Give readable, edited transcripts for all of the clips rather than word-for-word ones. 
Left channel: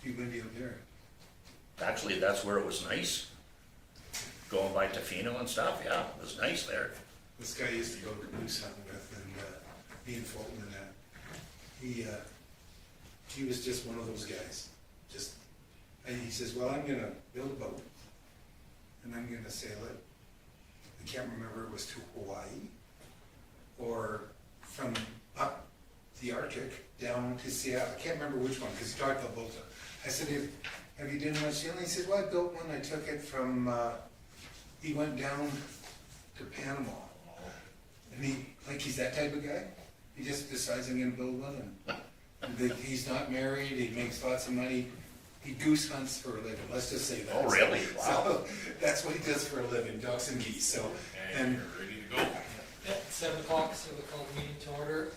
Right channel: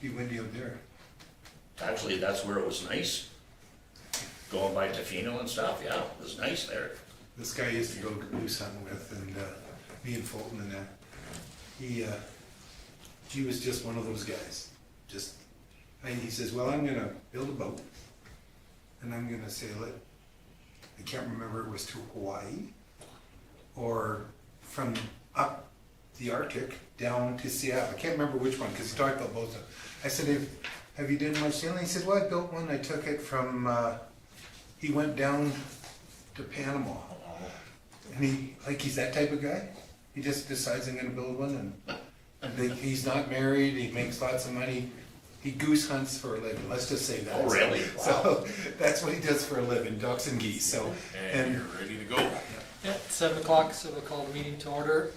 be windy out there. Actually, that's where it was nice. Going by Tofino and stuff, yeah, it was nice there. This guy used to go goose hunting with, and me and Fulton and that. He was just one of those guys. And he says, well, I'm gonna build a boat, and I'm gonna sail it. I can't remember, it was to Hawaii, or from up the Arctic down to Seattle. I can't remember which one, because he talked about both of them. I said, have you done much sailing? He said, well, I built one. I took it from, he went down to Panama. And he's that type of guy. He just decides I'm gonna build one, and he's not married, he makes lots of money. He goose hunts for a living, let's just say that. Oh, really? Wow. So that's what he does for a living, ducks and geese, so. And you're ready to go. Yeah, 7 o'clock, so we'll call the meeting to order.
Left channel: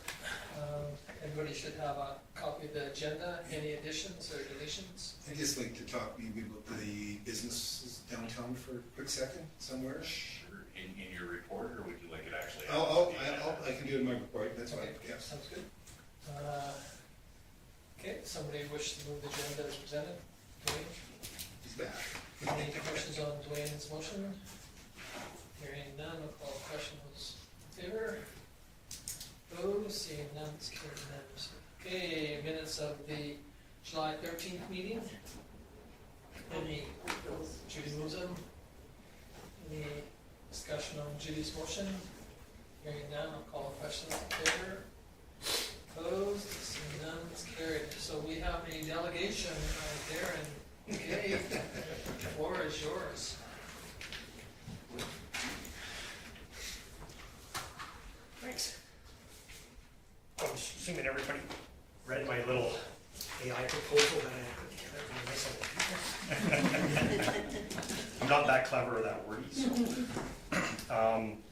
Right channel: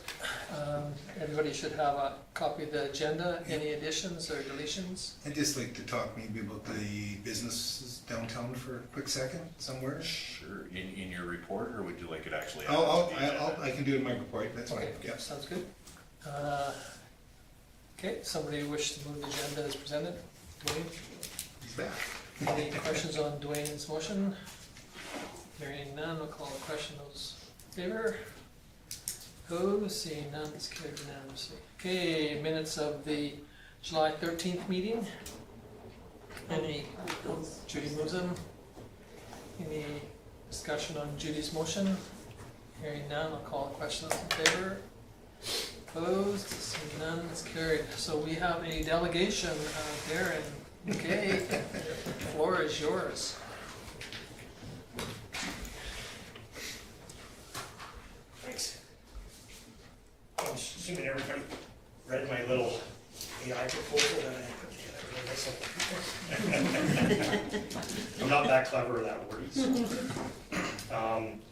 Everybody should have a copy of the agenda. Any additions or deletions? I'd just like to talk maybe about the businesses downtown for a quick second, somewhere. Sure. In your report, or would you like it actually? I can do it in my report, that's fine, Okay, yeah. sounds good. Okay, somebody wish to move the agenda as presented? Dwayne? He's back. Any questions on Dwayne's motion? Hearing none, I'll call the question. Those in favor? Opposed? Seeing none, it's carried unanimously. Okay, minutes of the July 13th meeting. Judy moves them. Any discussion on Judy's motion? Hearing none, I'll call the question. Those in favor? Opposed? Seeing none, it's carried. So we have a delegation, Darren. Okay, the floor is yours. Thanks. I'm assuming everybody read my little AI proposal that I put together for myself. I'm not that clever or that wordy. So.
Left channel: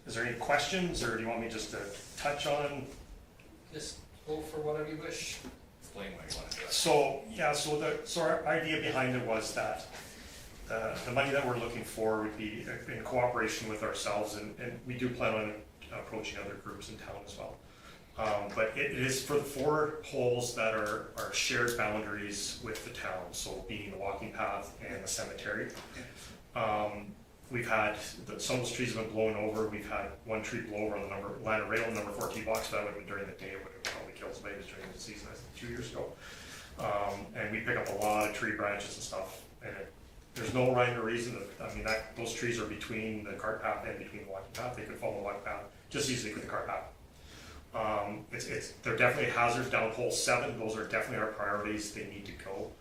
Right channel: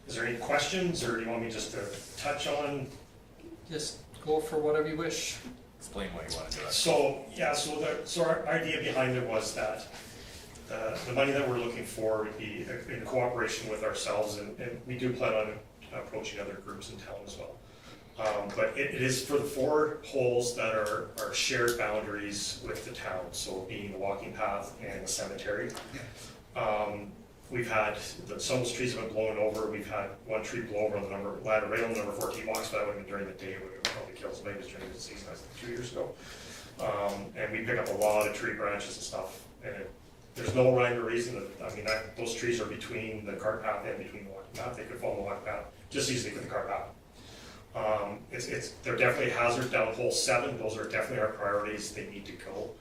Is there any questions, or do you want me just to touch on? Just go for whatever you wish. Explain why you want to do it. So our idea behind it was that the money that we're looking for would be in cooperation with ourselves, and we do plan on approaching other groups in town as well. But it is for the 4 holes that are shared boundaries with the town, so being the walking path and the cemetery. We've had, some of those trees have been blown over. We've had one tree blow over on the ladder rail number 14 blocks. That would have been during the day. It would have probably killed somebody. It was during the season, I think 2 years ago. And we pick up a lot of tree branches and stuff. And there's no rhyme or reason. Those trees are between the cart path and between the walking path. They could follow the walking path just easily with the cart path. They're definitely a hazard down hole 7. Those are definitely our priorities. They need to go.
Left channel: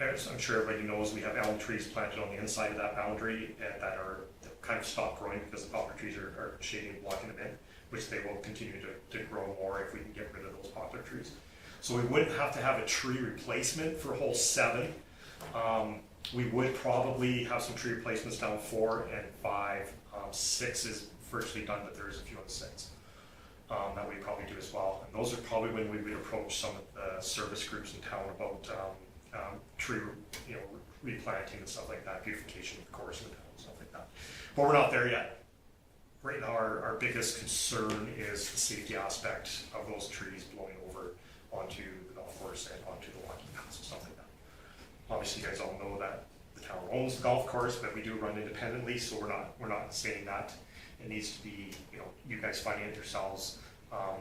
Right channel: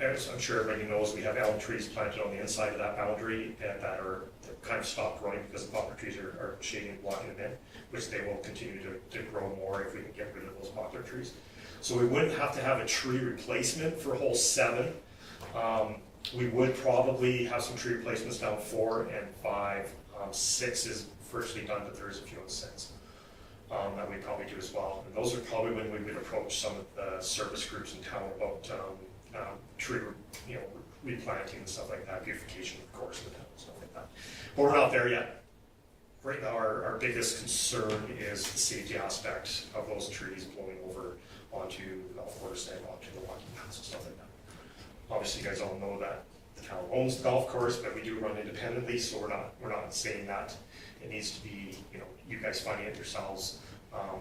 As I'm sure everybody knows, we have elm trees planted on the inside of that boundary that are kind of stopped growing because the poplar trees are shading and blocking them in, which they will continue to grow more if we can get rid of those poplar trees. So we wouldn't have to have a tree replacement for hole 7. We would probably have some tree replacements down 4 and 5. 6 is virtually done, but there is a few on 6 that we probably do as well. And those are probably when we would approach some of the service groups in town about tree, replanting and stuff like that, beautification, of course, in the town, stuff like that. But we're not there yet. Right now, our biggest concern is the safety aspect of those trees blowing over onto the golf course and onto the walking paths and stuff like that. Obviously, you guys all know that the town owns the golf course, but we do run independently, so we're not saying that it needs to be, you guys funding it yourselves.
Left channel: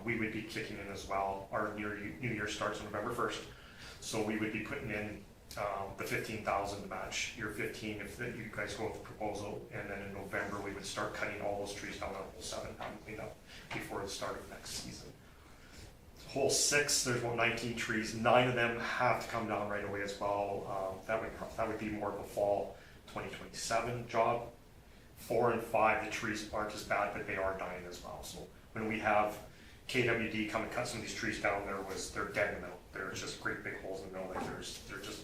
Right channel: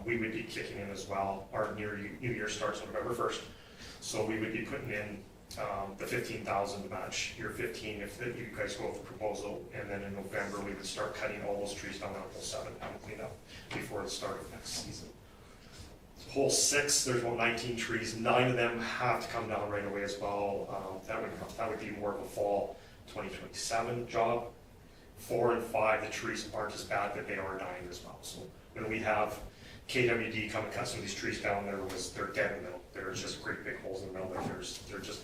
We would be kicking in as well. Our New Year starts on November 1st, so we would be putting in the $15,000 to match year 15 if you guys go with the proposal, and then in November we would start cutting all those trees down on hole 7, having cleaned up before the start of next season. Hole 6, there's about 19 trees. 9 of them have to come down right away as well. That would be more of a fall 2027 job. 4 and 5, the trees aren't as bad, but they are dying as well. So when we have KWD come and cut some of these trees down, they're dead in the middle. There's just great big holes in the middle. They're just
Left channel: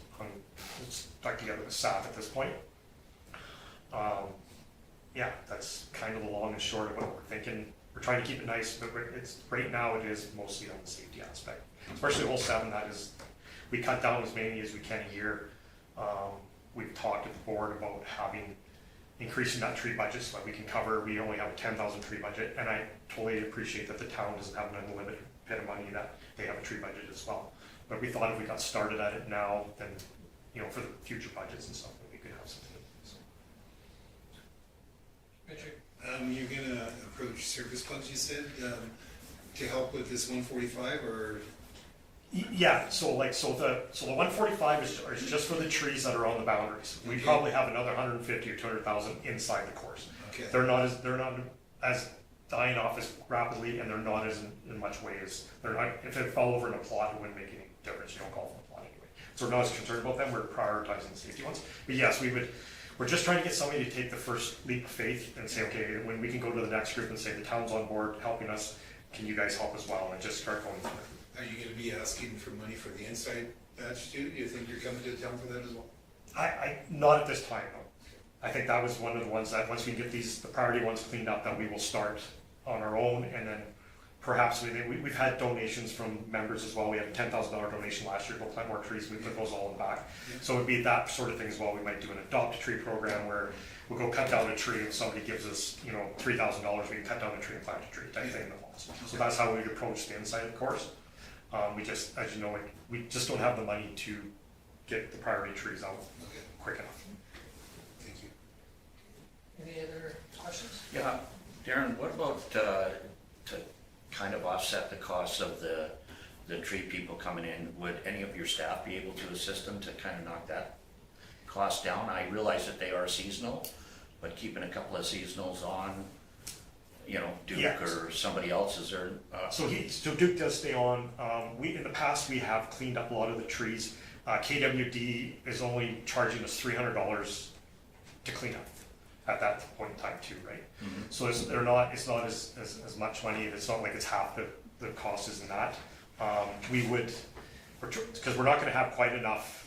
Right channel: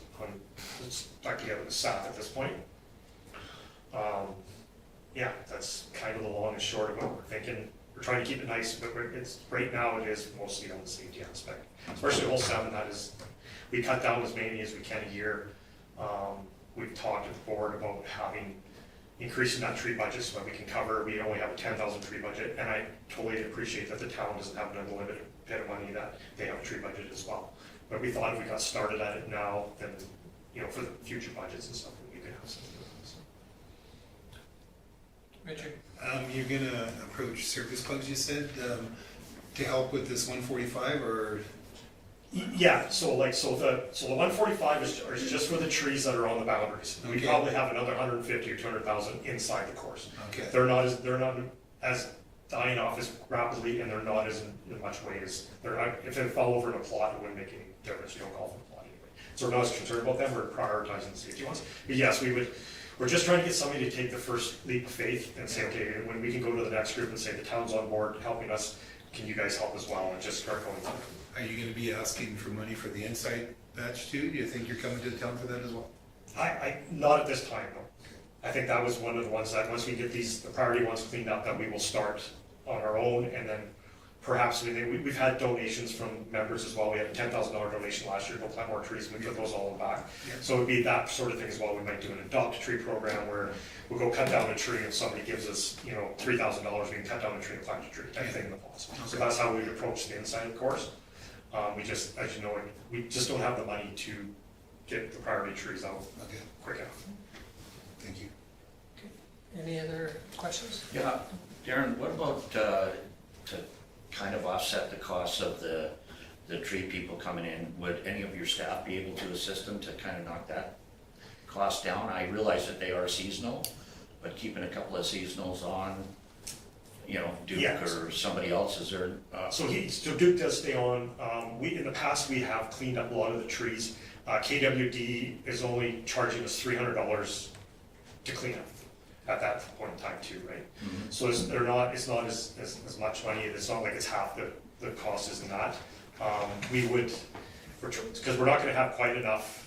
stuck together with sap at this point. That's kind of the long and short of what we're thinking. We're trying to keep it nice, but right now it is mostly on the safety aspect. Especially hole 7, we cut down as many as we can a year. We've talked at the board about increasing that tree budget so that we can cover. We only have a 10,000 tree budget, and I totally appreciate that the town doesn't have an unlimited bit of money, that they have a tree budget as well. But we thought if we got started at it now, then, you know, for the future budgets and stuff, we could have something. So. Richard? You're gonna approach service clubs, you said, to help with this 145, or? Yeah, so the 145 is just for the trees that are on the boundaries. We Okay. probably have another 150 or 200,000 inside the course. Okay. They're not as dying off as rapidly, and they're not as in much way as they're not. If they fell over in a plot, it wouldn't make any difference. You don't call them a plot anyway. So we're not as concerned about them. We're prioritizing the safety ones. But yes, we would. We're just trying to get somebody to take the first leap of faith and say, okay, when we can go to the next group and say the town's on board helping us, can you guys help as well, and just start going from there. Are you gonna be asking for money for the inside batch too? Do you think you're coming to the town for that as well? I not at this time, no. I think that was one of the ones that once we get the priority ones cleaned up, that we will start on our own, and then perhaps we've had donations from members as well. We had a $10,000 donation last year to go plant more trees. We put those all in the back. Yeah. So it'd be that sort of thing as well. We might do an adopt a tree program where we'll go cut down a tree and somebody gives us, you know, $3,000. We can cut down a tree and plant a tree type thing in the falls. So Okay. that's how we would approach the inside of the course. We just, as you know, we just don't have the money to get the priority trees out Okay, quick enough. thank you. Any other questions? Yeah, Darren, what about, to kind of offset the costs of the tree people coming in? Would any of your staff be able to assist them to kind of knock that cost down? I realize that they are seasonal, but keeping a couple of seasonals on, you know, Duke Yeah. or somebody else, is there, So Duke does stay on. In the past, we have cleaned up a lot of the trees. KWD is only charging us $300 to clean up at that point in time too, right? Mhm. So it's not as much money. It's not like it's half the cost is in that. Because we're not going to have quite enough.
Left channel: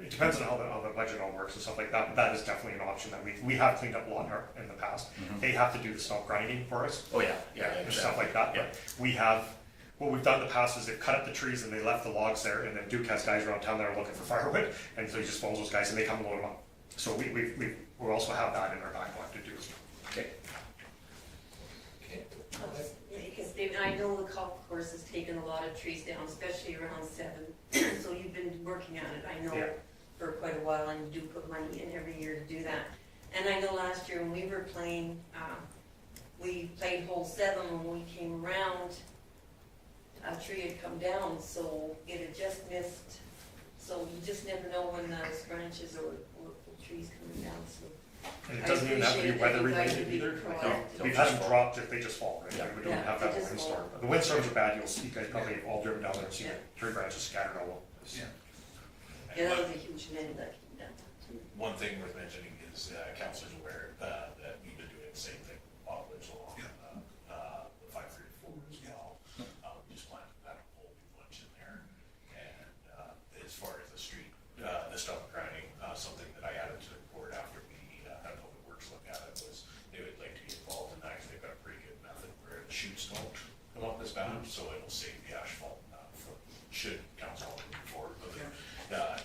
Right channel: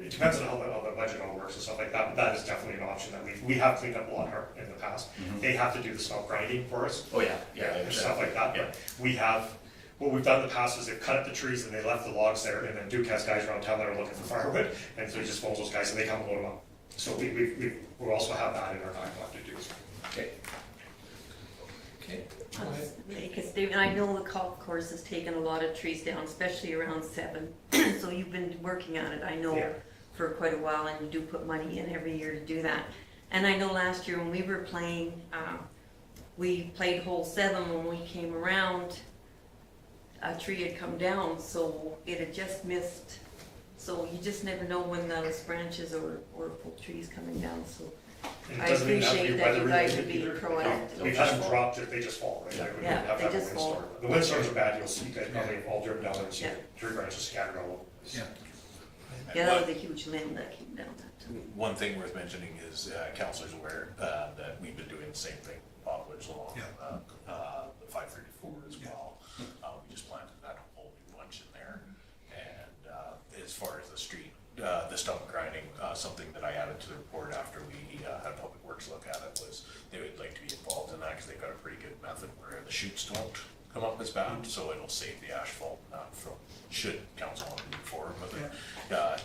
It depends on how the budget all works and stuff like that. But that is definitely an option that we have cleaned up a lot in the past. Mhm. They have to do the stump grinding for us. oh yeah, yeah, And exactly. stuff like that. Yeah. But what we've done in the past is they've cut up the trees and they left the logs there, and then Duke has guys around town that are looking for firewood, and so he just phones those guys and they come and load them up. So we also have that in our backlog to do as well. Okay. Okay, go ahead. Because David, I know the golf course has taken a lot of trees down, especially around 7. So you've been working on it, I know, Yeah. for quite a while, and you do put money in every year to do that. And I know last year when we were playing, we played hole 7. When we came around, a tree had come down, so it had just missed. So you just never know when those branches or trees coming down, so And I it doesn't even have to be appreciate that weather you guys are related being either. proactive. We've had them dropped if they just fall, right? Yeah. Like we Yeah, don't have they that just fall. windstorm. The windstorms are bad. You'll see, you guys probably have all driven down there and seen Yeah. the tree branches scattered all over. the place. Yeah. Yeah, that was a huge limb that came down. One thing worth mentioning is councilors aware that we've been doing the same thing, Bogwoods along Yeah. the 534 as well. We just planted that whole new bunch in there. And as far as the street, the stump grinding, something that I added to the report after we had Public Works look at it was they would like to be involved in that because they've got a pretty good method where the chutes don't come up as bad, so it'll save the asphalt from, should council want to move forward with it.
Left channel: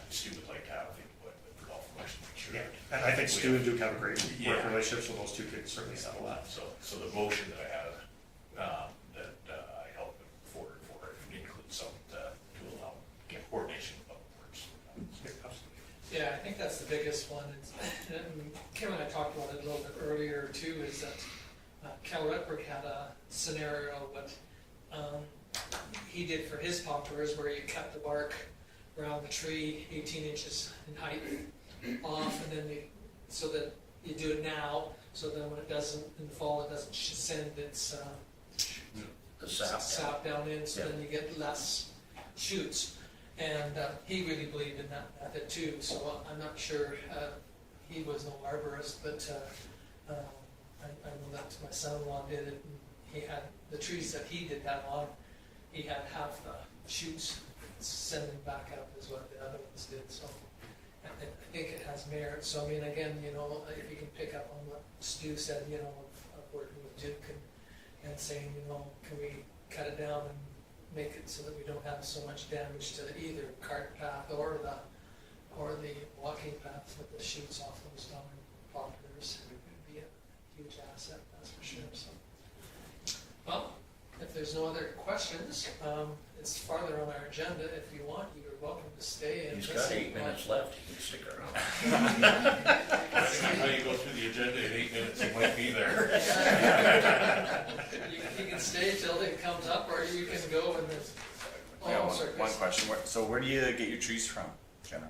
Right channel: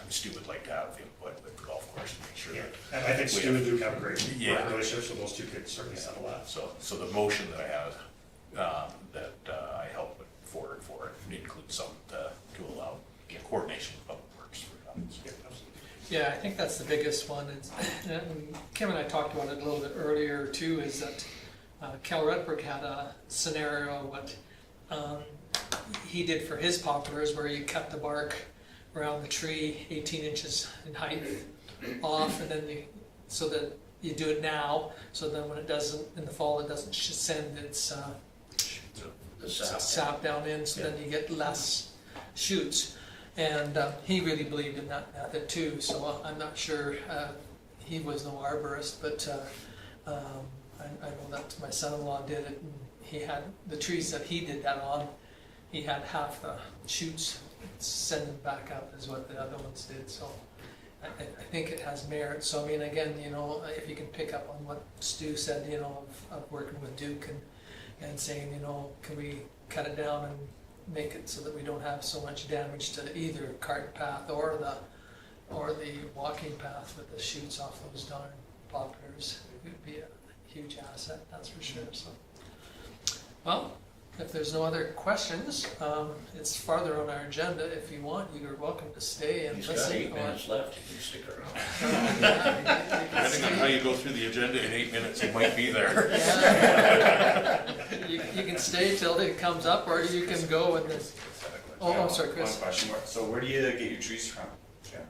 Stu would like to have input with the golf course to make sure. Yeah, that and I think we Stu and Duke have a great Yeah. working relationship, so those two could certainly settle that. So the motion that I had, that I helped put forward for it includes some to allow coordination of public works for that. Yeah, absolutely. Yeah, I think that's the biggest one. And Kim and I talked about it a little bit earlier too, is that Cal Rutberg had a scenario what he did for his poplars where he cut the bark around the tree 18 inches in height off, and then so that you do it now, so then when it doesn't, in the fall, it doesn't send its The sap. sap down in, so then you get less shoots. And he really believed in that method too, so I'm not sure, he was no arborist, but I know that my son-in-law did it, and he had, the trees that he did that on, he had half the shoots sending back up is what the other ones did, so I think it has merit. So I mean, again, you know, if you can pick up on what Stu said, you know, of working with Duke and saying, you know, can we cut it down and make it so that we don't have so much damage to either cart path or the walking path with the shoots off those darn poplars. It would be a huge asset, that's for sure. So, well, If there's no other questions, it's farther on our agenda. If you want, you're welcome to stay and He's listen. got 8 minutes left, he can stick around. Depending on how you go through the agenda in 8 minutes, it might be there. You can stay till it comes up, or you can go and then. Oh, I'm sorry, One Chris. question, so where do you get your trees from, John?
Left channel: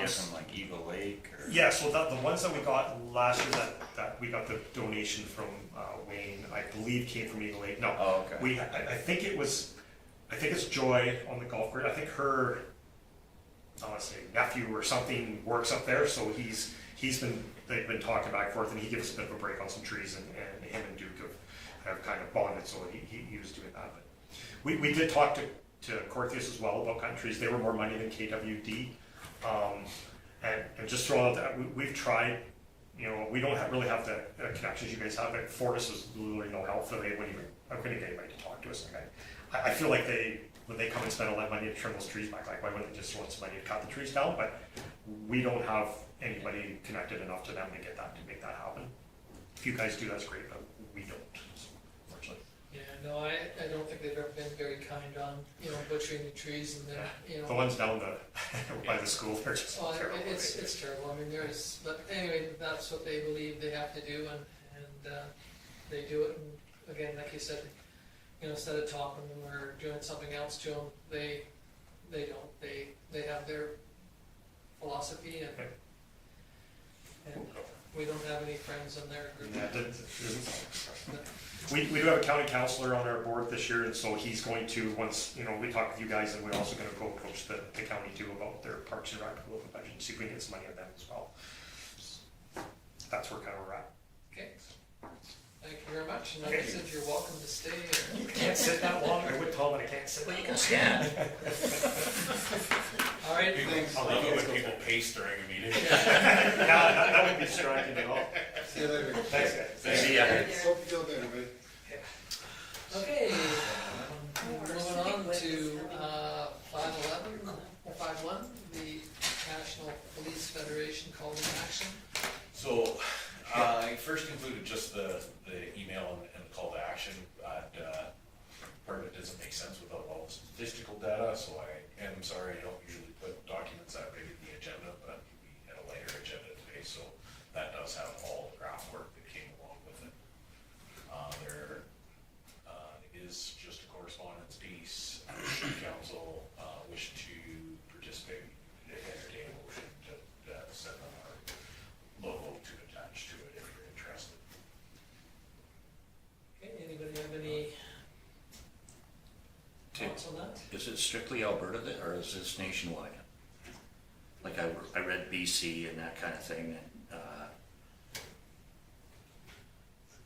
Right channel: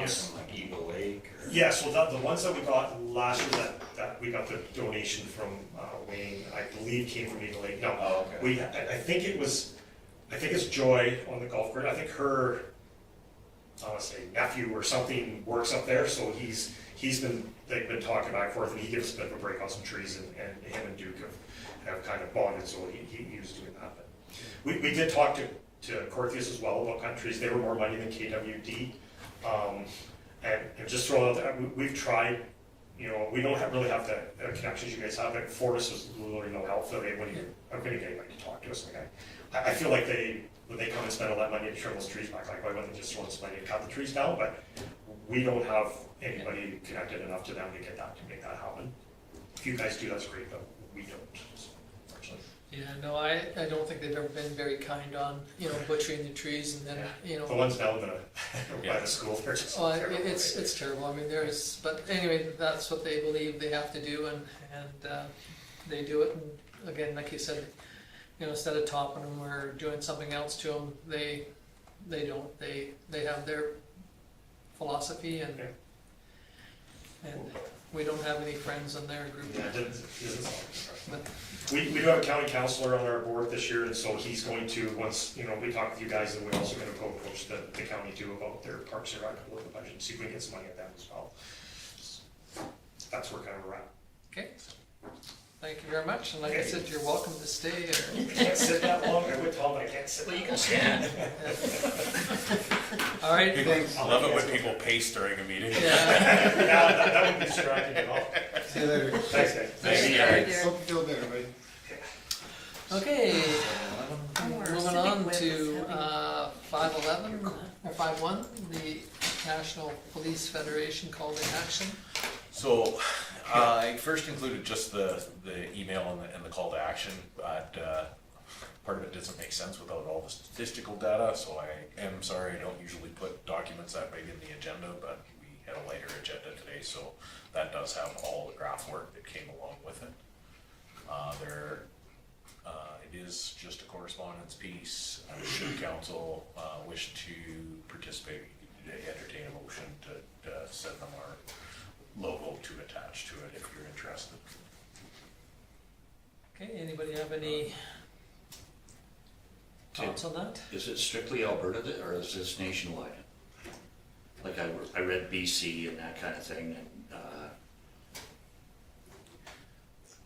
Get from like Eagle Lake or? Yeah, so the ones that we got last year, that we got the donation from Wayne, I believe came from Eagle Lake. No, Oh, okay. I think it's Joy on the golf course. I think her, I want to say nephew or something works up there, so they've been talking back and forth, and he gives us a bit of a break on some trees, and him and Duke have kind of bonded, so he was doing that. But we did talk to Corthius as well about kind of trees. They were more money than KWD. And just throwing out that we've tried, we don't really have the connections you guys have. But Fortis is literally no help for them when you get anybody to talk to us. Like I feel like when they come and spend all that money to trim those trees back, like why wouldn't they just want somebody to cut the trees down? But we don't have anybody connected enough to them to make that happen. If you guys do, that's great, but we don't. Unfortunately. Yeah, no, I don't think they've ever been very kind on, butchering the trees and then, The ones down by the school, they're just Well, terrible. it's terrible. I mean, but anyway, that's what they believe they have to do, and they do it. And again, like you said, instead of topping them or doing something else to them, they don't. They have their philosophy, and we don't have any friends in their group. But We do have a county councillor on our board this year, and so he's going to, once, we talk with you guys, and we're also gonna go approach the county too about their Parks and Rec local budget, and see if we can get some money of them as well. That's where kind of we're at. okay, thank you very much. And like I said, you're welcome to stay. Can't sit that long, I would Tom, but I can't sit. Well, you can stand. All right. I love it when people pace during a meeting. Yeah. That would be distracting at all. See you later. Thanks, guys. Maybe, Hope you feel better, right? Okay, moving on to 511 or 51, the National Police Federation call to action. So, I first included just the email and the call to action, but part of it doesn't make sense without all the statistical data, so I am sorry, I don't usually put documents that big in the agenda, but we had a lighter agenda today, so that does have all the graph work that came along with it. It is just a correspondence piece. Should council wish to participate, entertain a motion to send them our logo to attach to it if you're interested. Okay, anybody have any thoughts on that? Is it strictly Alberta or is this nationwide? Like I read BC and that kind of thing, and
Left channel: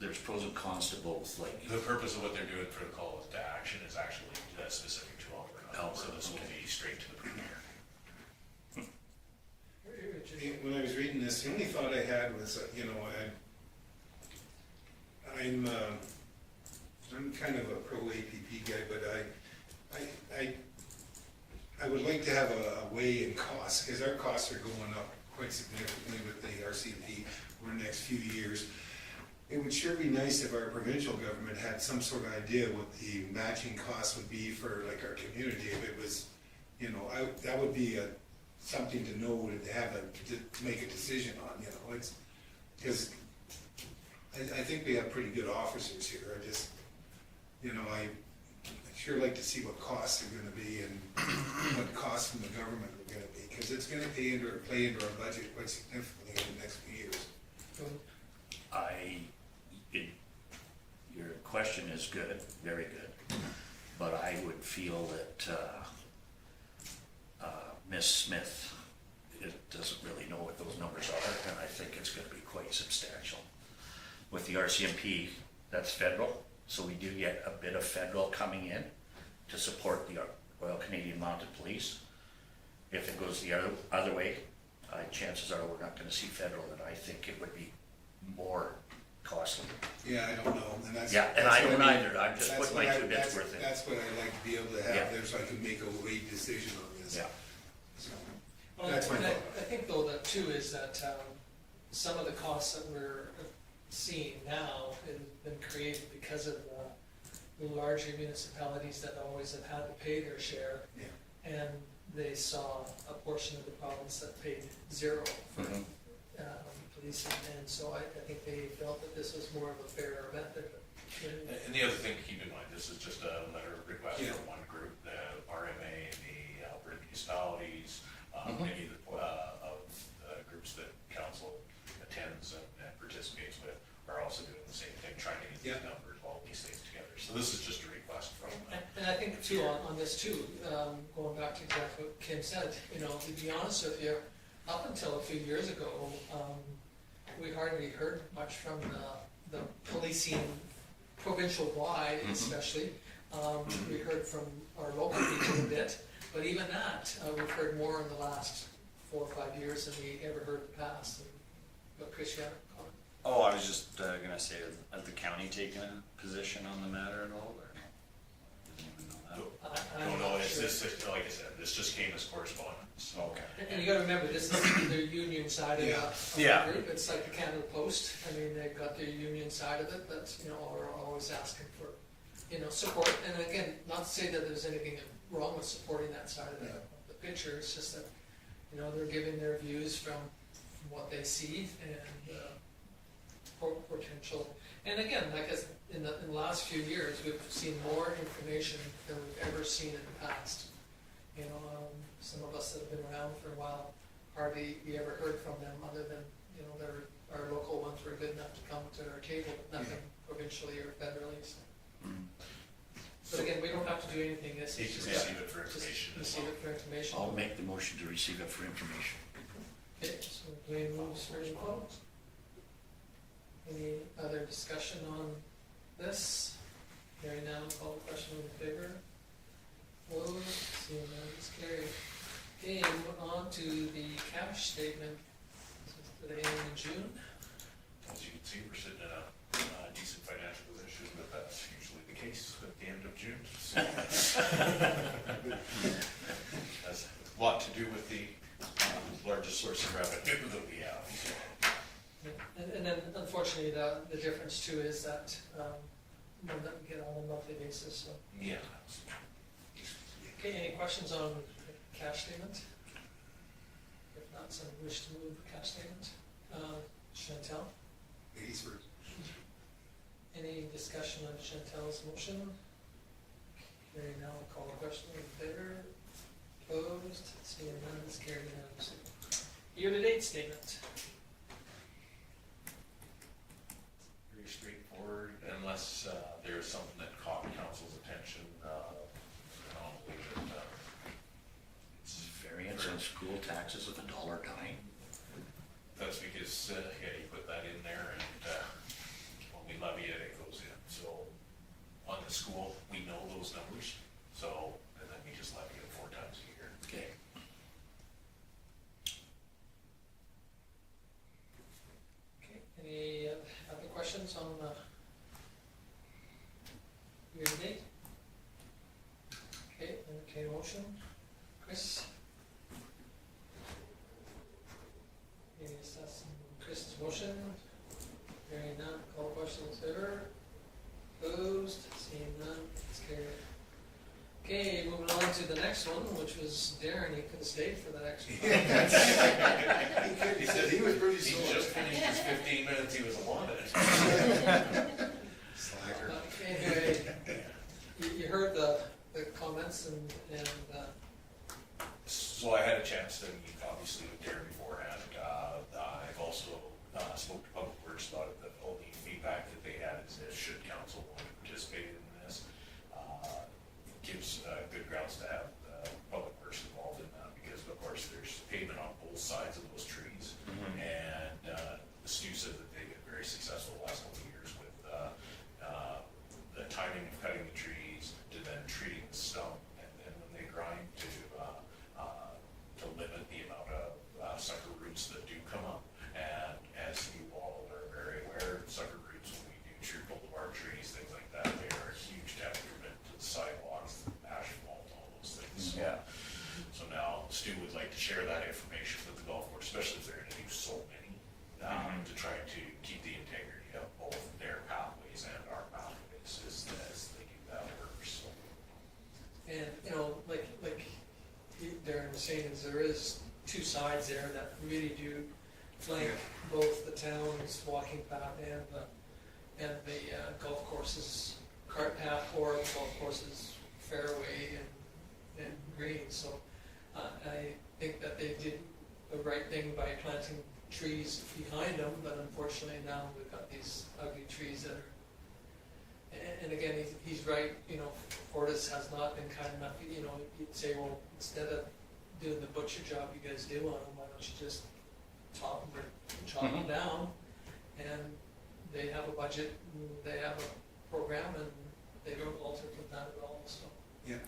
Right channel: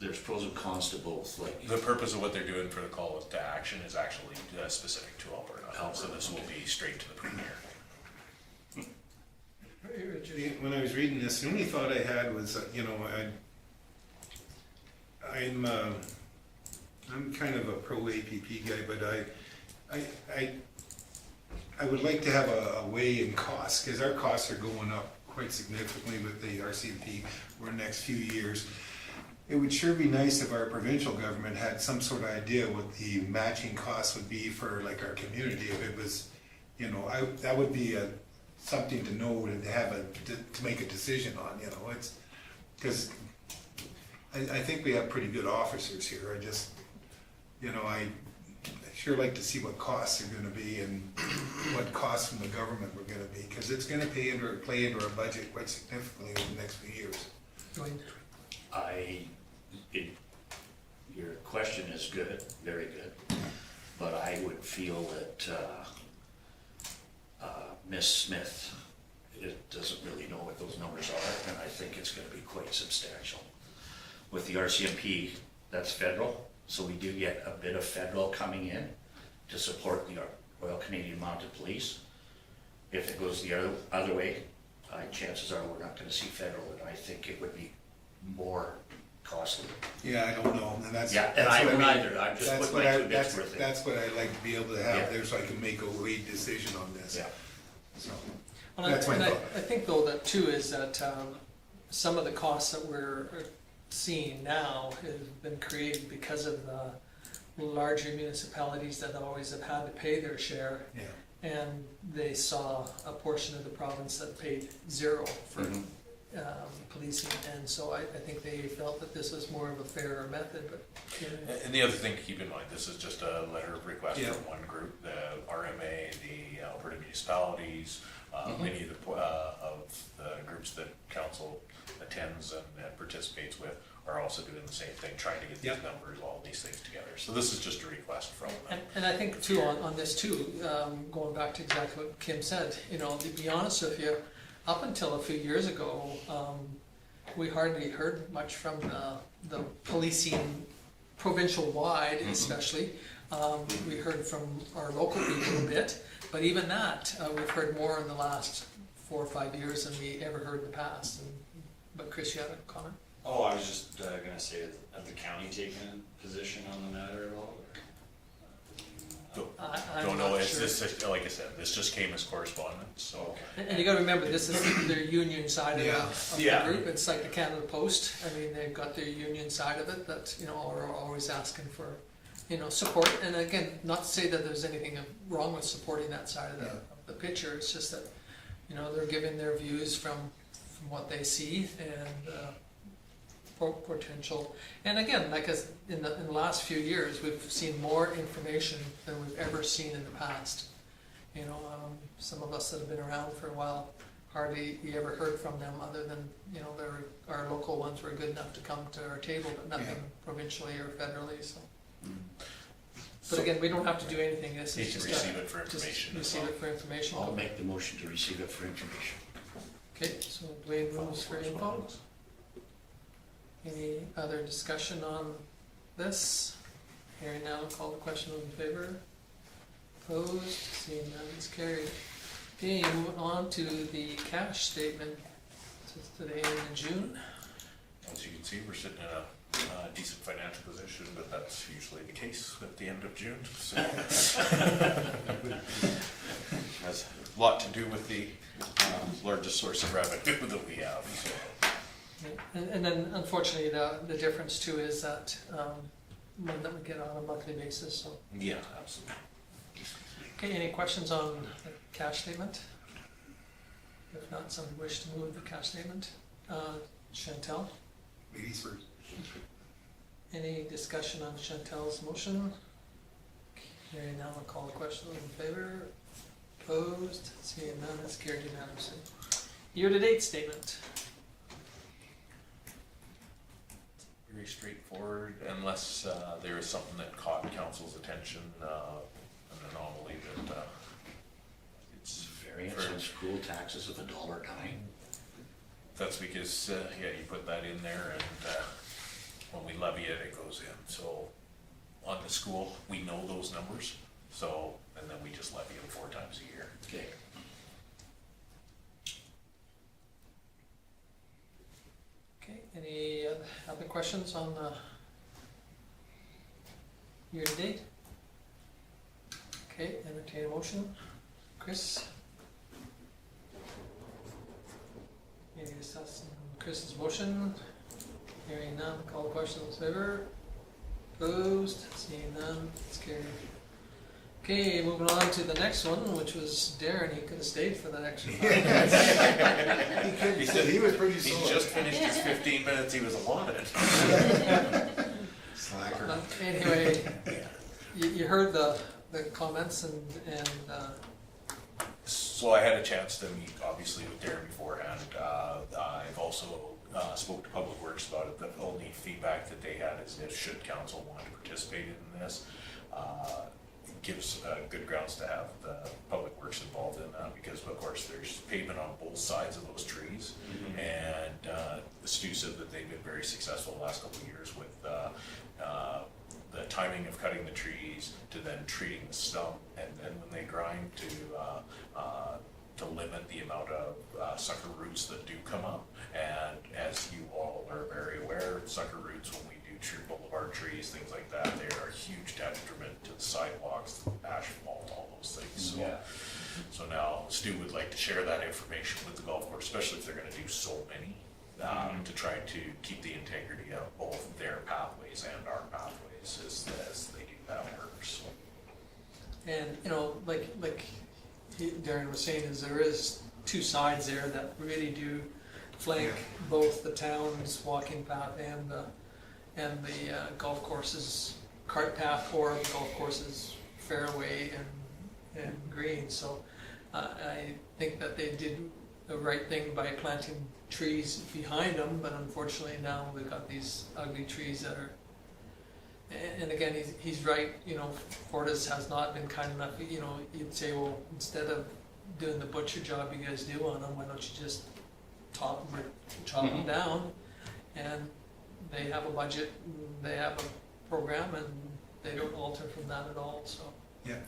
there's pros and cons to both. Like The purpose of what they're doing for the call to action is actually specific to Alberta, so this will be straight to the premier. When I was reading this, the only thought I had was, I'm kind of a pro APP guy, but I would like to have a weigh in costs, because our costs are going up quite significantly with the RCMP for the next few years. It would sure be nice if our provincial government had some sort of idea what the matching costs would be for like our community. If it was, that would be something to know to have to make a decision on. It's because I think we have pretty good officers here. I just, I sure like to see what costs are going to be and what costs from the government were going to be, because it's going to play into our budget quite significantly over the next few years. Going your question is good, very good, but I would feel that Miss Smith doesn't really know what those numbers are, and I think it's going to be quite substantial. With the RCMP, that's federal, so we do get a bit of federal coming in to support the Royal Canadian Mounted Police. If it goes the other way, chances are we're not going to see federal, and I think it would be more costly. Yeah, I don't know, and Yeah, and I don't either. I'm just putting my 2 bits worth in. That's what I like to be able to have Yeah. there, so I can make a weight decision on this. Yeah. So, And That's my I thought. think though that too is that some of the costs that we're seeing now has been created because of larger municipalities that always have had to pay their share, Yeah. and they saw a portion of the province that paid zero for Mhm. policing, and so I think they felt that this was more of a fairer method, but, you know, And the other thing to keep in mind, this is just a letter of request Yeah. from one group, the RMA, the Alberta municipalities, Mhm. many of the groups that council attends and participates with are also doing the same thing, trying to get these Yeah. numbers, all these things together. So this is just a request from them. and I think too, on this too, going back to exactly what Kim said, you know, to be honest with you, up until a few years ago, we hardly heard much from the policing provincial-wide especially. We heard from our local people a bit, but even that, we've heard more in the last 4 or 5 years than we ever heard in the past. But Chris, you had a comment? Oh, I was just gonna say, has the county taken a position on the matter at all? I'm Don't know, not it's sure. just, like I said, this just came as correspondence, so. And you gotta remember, this is their union side of Yeah. the Yeah. group, it's like the Canada Post, I mean, they've got their union side of it that, you know, are always asking for, you know, support, and again, not to say that there's anything wrong with supporting that side of Yeah. the picture, it's just that, you know, they're giving their views from what they see, and, potential, and again, like as in the last few years, we've seen more information than we've ever seen in the past. You know, some of us that have been around for a while, hardly you ever heard from them, other than, you know, our local ones were good enough to come to our table, but nothing provincially or federally, so. But again, we don't have to do anything, this Need is to just receive it for just information as receive well. it for information. I'll make the motion to receive it for information. Okay, so Dwayne moves for info. Any other discussion on this? Hearing now, call the question in favor. Opposed, seeing none, it's carried. Okay, moving on to the cash statement. This is today in June. As you can see, we're sitting in a decent financial position, but that's usually the case at the end of June, so. Has a lot to do with the largest source of revenue that we have. Yeah, and then unfortunately, the difference too is that one that we get on a monthly basis, so. Yeah, absolutely. Okay, any questions on the cash statement? If not, somebody wish to move the cash statement? Chantel, Ladies first. any discussion on Chantel's motion? Hearing now, I'll call the question in favor. Opposed, seeing none, it's carried unanimously. Year-to-date statement. Very straightforward, unless there is something that caught council's attention, an anomaly that it's Variance on school taxes of $1.09. That's because, yeah, you put that in there, and when we levy it, it goes in. So on the school, we know those numbers, so, and then we just levy them 4 times a year. Okay. Okay, any other questions on the year-to-date? Okay, entertain a motion. Chris? Any discussing Chris's motion? Hearing none, call the question in favor. Opposed, seeing none, it's carried. Okay, moving on to the next one, which was Darren, he could have stayed for that extra 5 minutes. He could, he said he was pretty He slow. just finished his 15 minutes he was allotted. Slacker. Anyway, you heard the comments and So I had a chance to meet, obviously, with Darren beforehand. I've also spoke to Public Works about it. The only feedback that they had is if should council want to participate in this, it gives good grounds to have the Public Works involved in that, because of course there's pavement on both sides of those trees. And Stu said that they've been very successful the last couple of years with the timing of cutting the trees to then treating the stump, and then when they grind to limit the amount of sucker roots that do come up. And as you all are very aware, sucker roots, when we do tree boulevard trees, things like that, they are a huge detriment to the sidewalks, asphalt, all those things. So, so now Stu would like to share that information with the golf course, especially if they're going to do so many, to try to keep the integrity of both their pathways and our pathways as they do that. And, you know, Darren was saying, is there is two sides there that really do flank both the town's walking path and the golf course's cart path, or the golf course's fairway and green. So I think that they did the right thing by planting trees behind them, but unfortunately now we've got these ugly trees that are. And again, he's right, you know, Fortis has not been kind enough, you know, you'd say, well, instead of doing the butcher job you guys do on them, why don't you just chop them down? And they have a budget, and they have a program, and they don't alter from that at all, so. Yeah.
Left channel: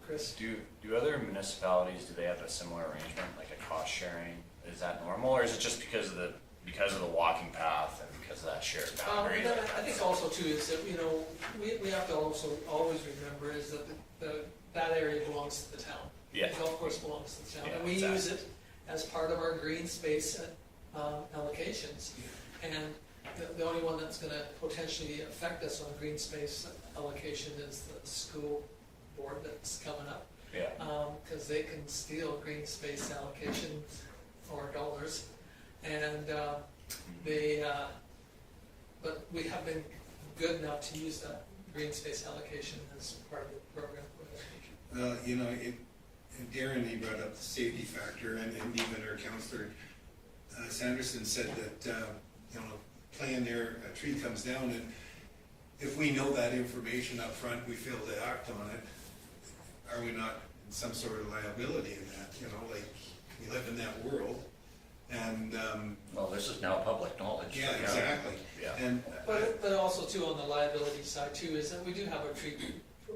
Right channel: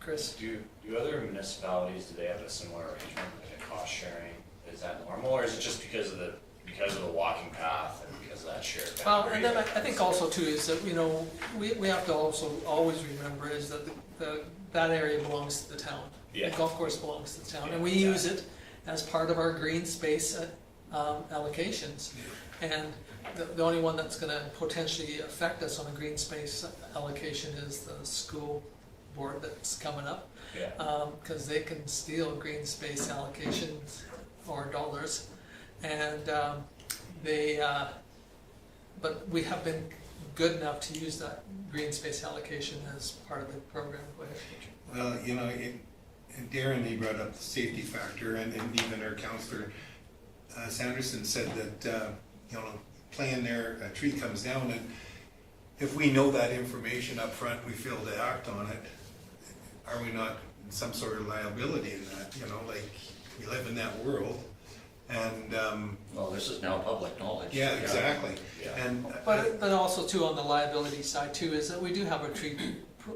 Chris? Do other municipalities, do they have a similar arrangement, like a cost sharing? Is that normal, or is it just because of the walking path and because of that shared boundary? And then I think also too is that, you know, we have to also always remember is that that area belongs to the town. Yeah. The golf course belongs to the town, Yeah, and we exactly. use it as part of our green space allocations. And the only one that's gonna potentially affect us on a green space allocation is the school board that's coming up. Yeah. Cause they can steal green space allocations or dollars. And but we have been good enough to use that green space allocation as part of the program. Go ahead. Well, you know, and Darren, he brought up the safety factor, and even our counselor, Sanderson, said that, you know, playing there, a tree comes down, and if we know that information up front, we fail to act on it, are we not in some sort of liability in that, you know, like, we live in that world, and, Well, this is now public knowledge. yeah, exactly. Yeah. And, But also too, on the liability side too, is that we do have a tree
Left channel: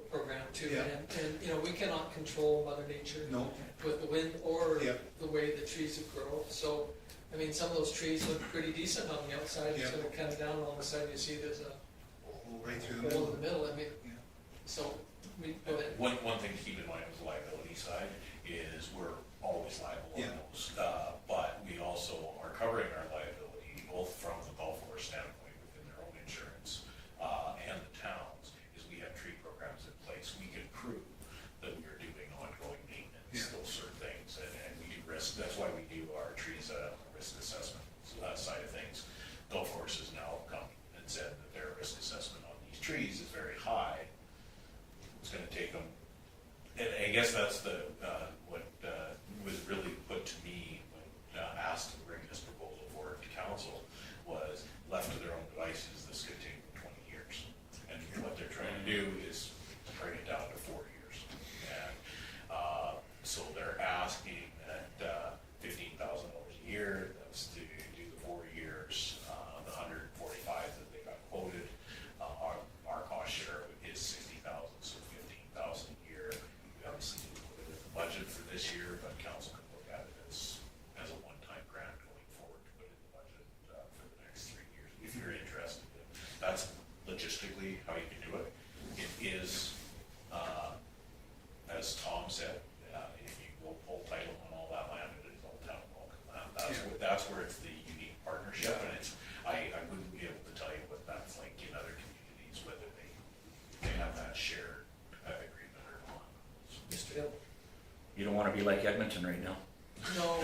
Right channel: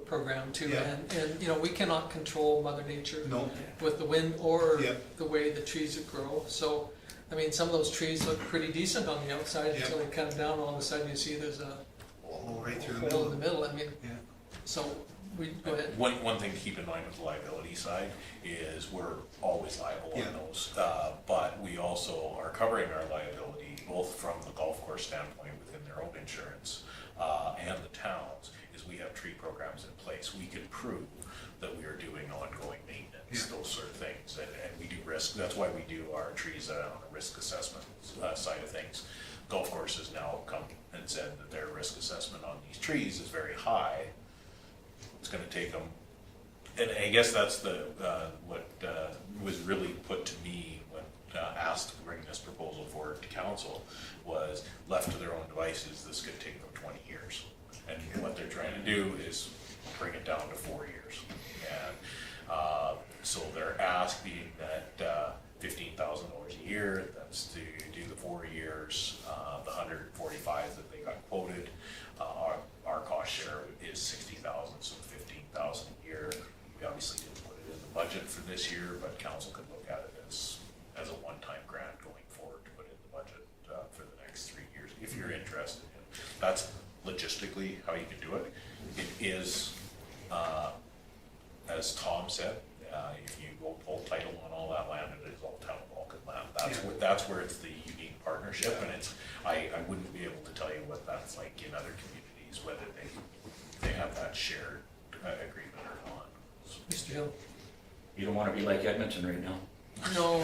program too. Yeah. And, you know, we cannot control Mother Nature no, with the wind or Yeah. the way the trees grow. So, I mean, some of those trees look pretty decent on the outside Yeah. until they come down, all of a sudden you see there's a hole right through the hole in middle. the middle. I mean, Yeah. so we, go ahead. One thing to keep in mind with the liability side is we're always liable Yeah. on those. But we also are covering our liability both from the golf course standpoint within their own insurance and the towns, is we have tree programs in place. We can prove that we are doing ongoing maintenance, Yeah. those sort of things. And we do risk, that's why we do our trees on the risk assessment side of things. Golf courses now have come and said that their risk assessment on these trees is very high. It's gonna take them, and I guess that's what was really put to me when asked to bring this proposal forward to council, was left to their own devices, this could take them 20 years. And what they're trying to do is bring it down to 4 years. And so their ask being that $15,000 a year, that's to do the 4 years, the 145 that they got quoted. Our cost share is 60,000, so 15,000 a year. We obviously didn't put it in the budget for this year, but council could look at it as a one-time grant going forward to put in the budget for the next 3 years, if you're interested. That's logistically how you can do it. It is, as Tom said, if you go pull title on all that land, it is all town Vulcan land. That's where it's the unique partnership, and it's, I wouldn't be able to tell you what that's like in other communities, whether they have that shared agreement or not. Mr. Hill? You don't want to be like Edmonton right now. No.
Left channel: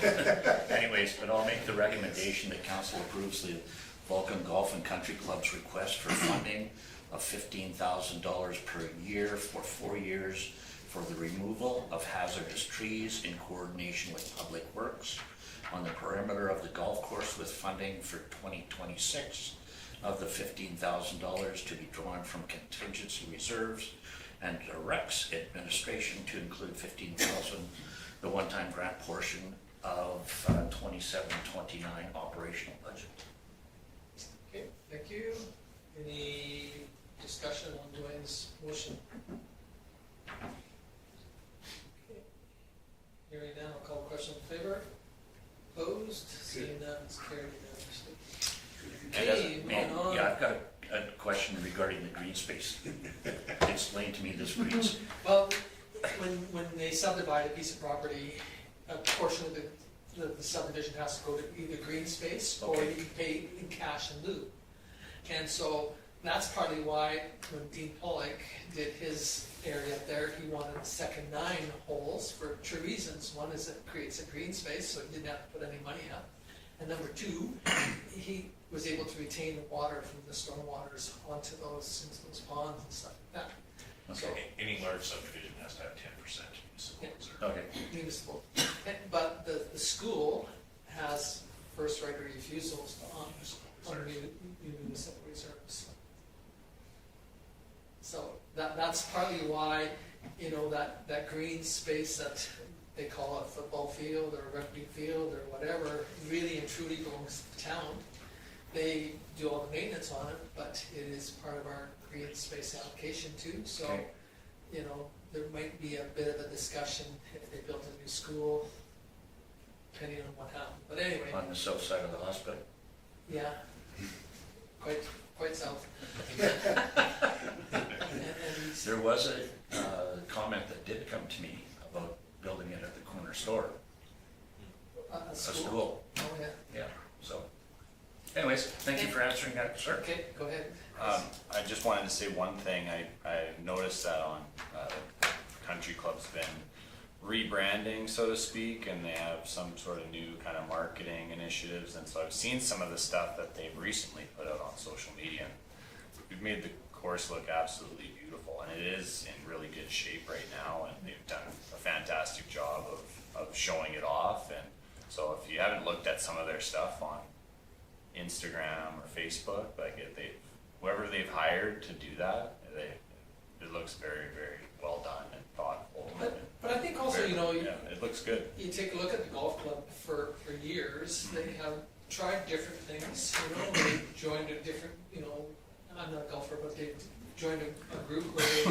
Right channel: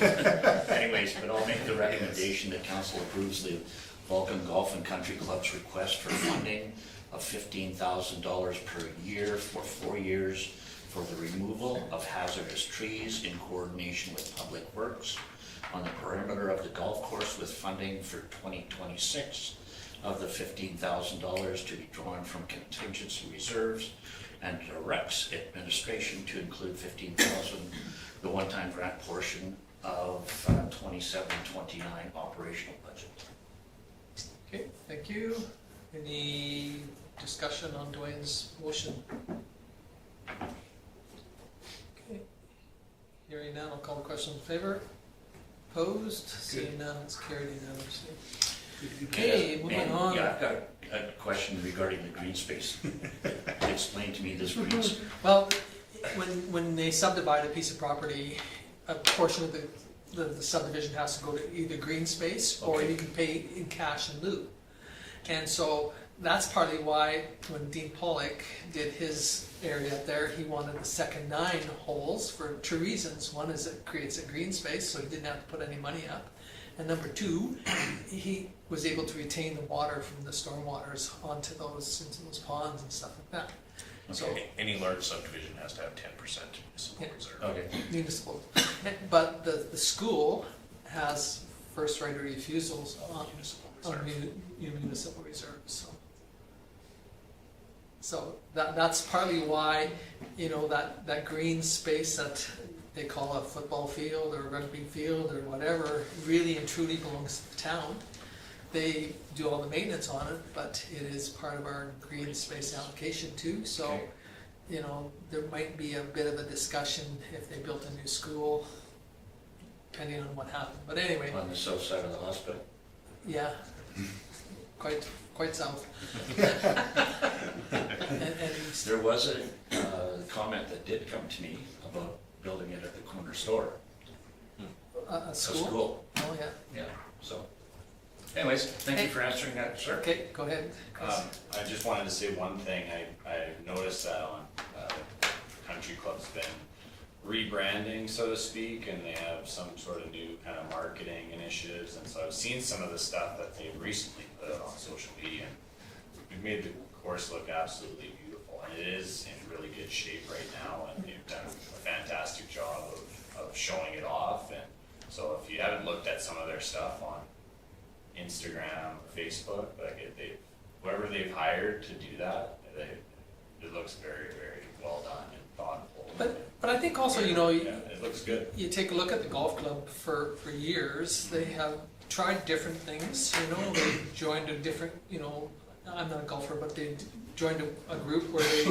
Anyways, but I'll make the recommendation that council approves the Vulcan Golf and Country Club's request for funding of $15,000 per year for 4 years for the removal of hazardous trees in coordination with Public Works on the perimeter of the golf course, with funding for 2026 of the $15,000 to be drawn from contingency reserves, and directs administration to include $15,000, the one-time grant portion of 27-29 operational budget. Okay, thank you. Any discussion on Dwayne's motion? Okay. Hearing none, I'll call the question in favor. Opposed? Seeing none, it's carried unanimously. Okay, moving on. Yeah, I've got a question regarding the green space. Explain to me this green space. Well, when they subdivide a piece of property, a portion of the subdivision has to go to either green space or Okay. you can pay in cash in lieu. And so that's partly why when Dean Pollock did his area up there, he wanted the second 9 holes for 2 reasons. One is it creates a green space, so he didn't have to put any money up. And number 2, he was able to retain the water from the storm waters into those ponds and stuff like that. So Any large subdivision has to have 10% municipal Yeah. reserve. Okay. municipal, but the school has first right of refusals on Municipal on reserve. municipal reserves, so that's partly why, you know, that green space that they call a football field or rugby field or whatever, really and truly belongs to the town. They do all the maintenance on it, but it is part of our green space allocation too, so, Okay. you know, there might be a bit of a discussion if they built a new school, depending on what happened, but anyway. On the south side of the hospital. Yeah, quite south. and There was a comment that did come to me about building it at the corner store, a a school. school. Oh yeah. Yeah, so. Anyways, thank you for answering that, sir. Okay, go ahead. Chris. I just wanted to say one thing. I noticed that on Country Club's been rebranding, so to speak, and they have some sort of new kind of marketing initiatives. And so I've seen some of the stuff that they've recently put out on social media, and we've made the course look absolutely beautiful. And it is in really good shape right now, and they've done a fantastic job of showing it off. And so if you haven't looked at some of their stuff on Instagram or Facebook, like whoever they've hired to do that, it looks very, very well done and thoughtful. But I think also, you know, Yeah, it looks good. you take a look at the golf club for years, they have tried different things, you know, they joined a different, you know, I'm not a golfer, but they joined a group where they,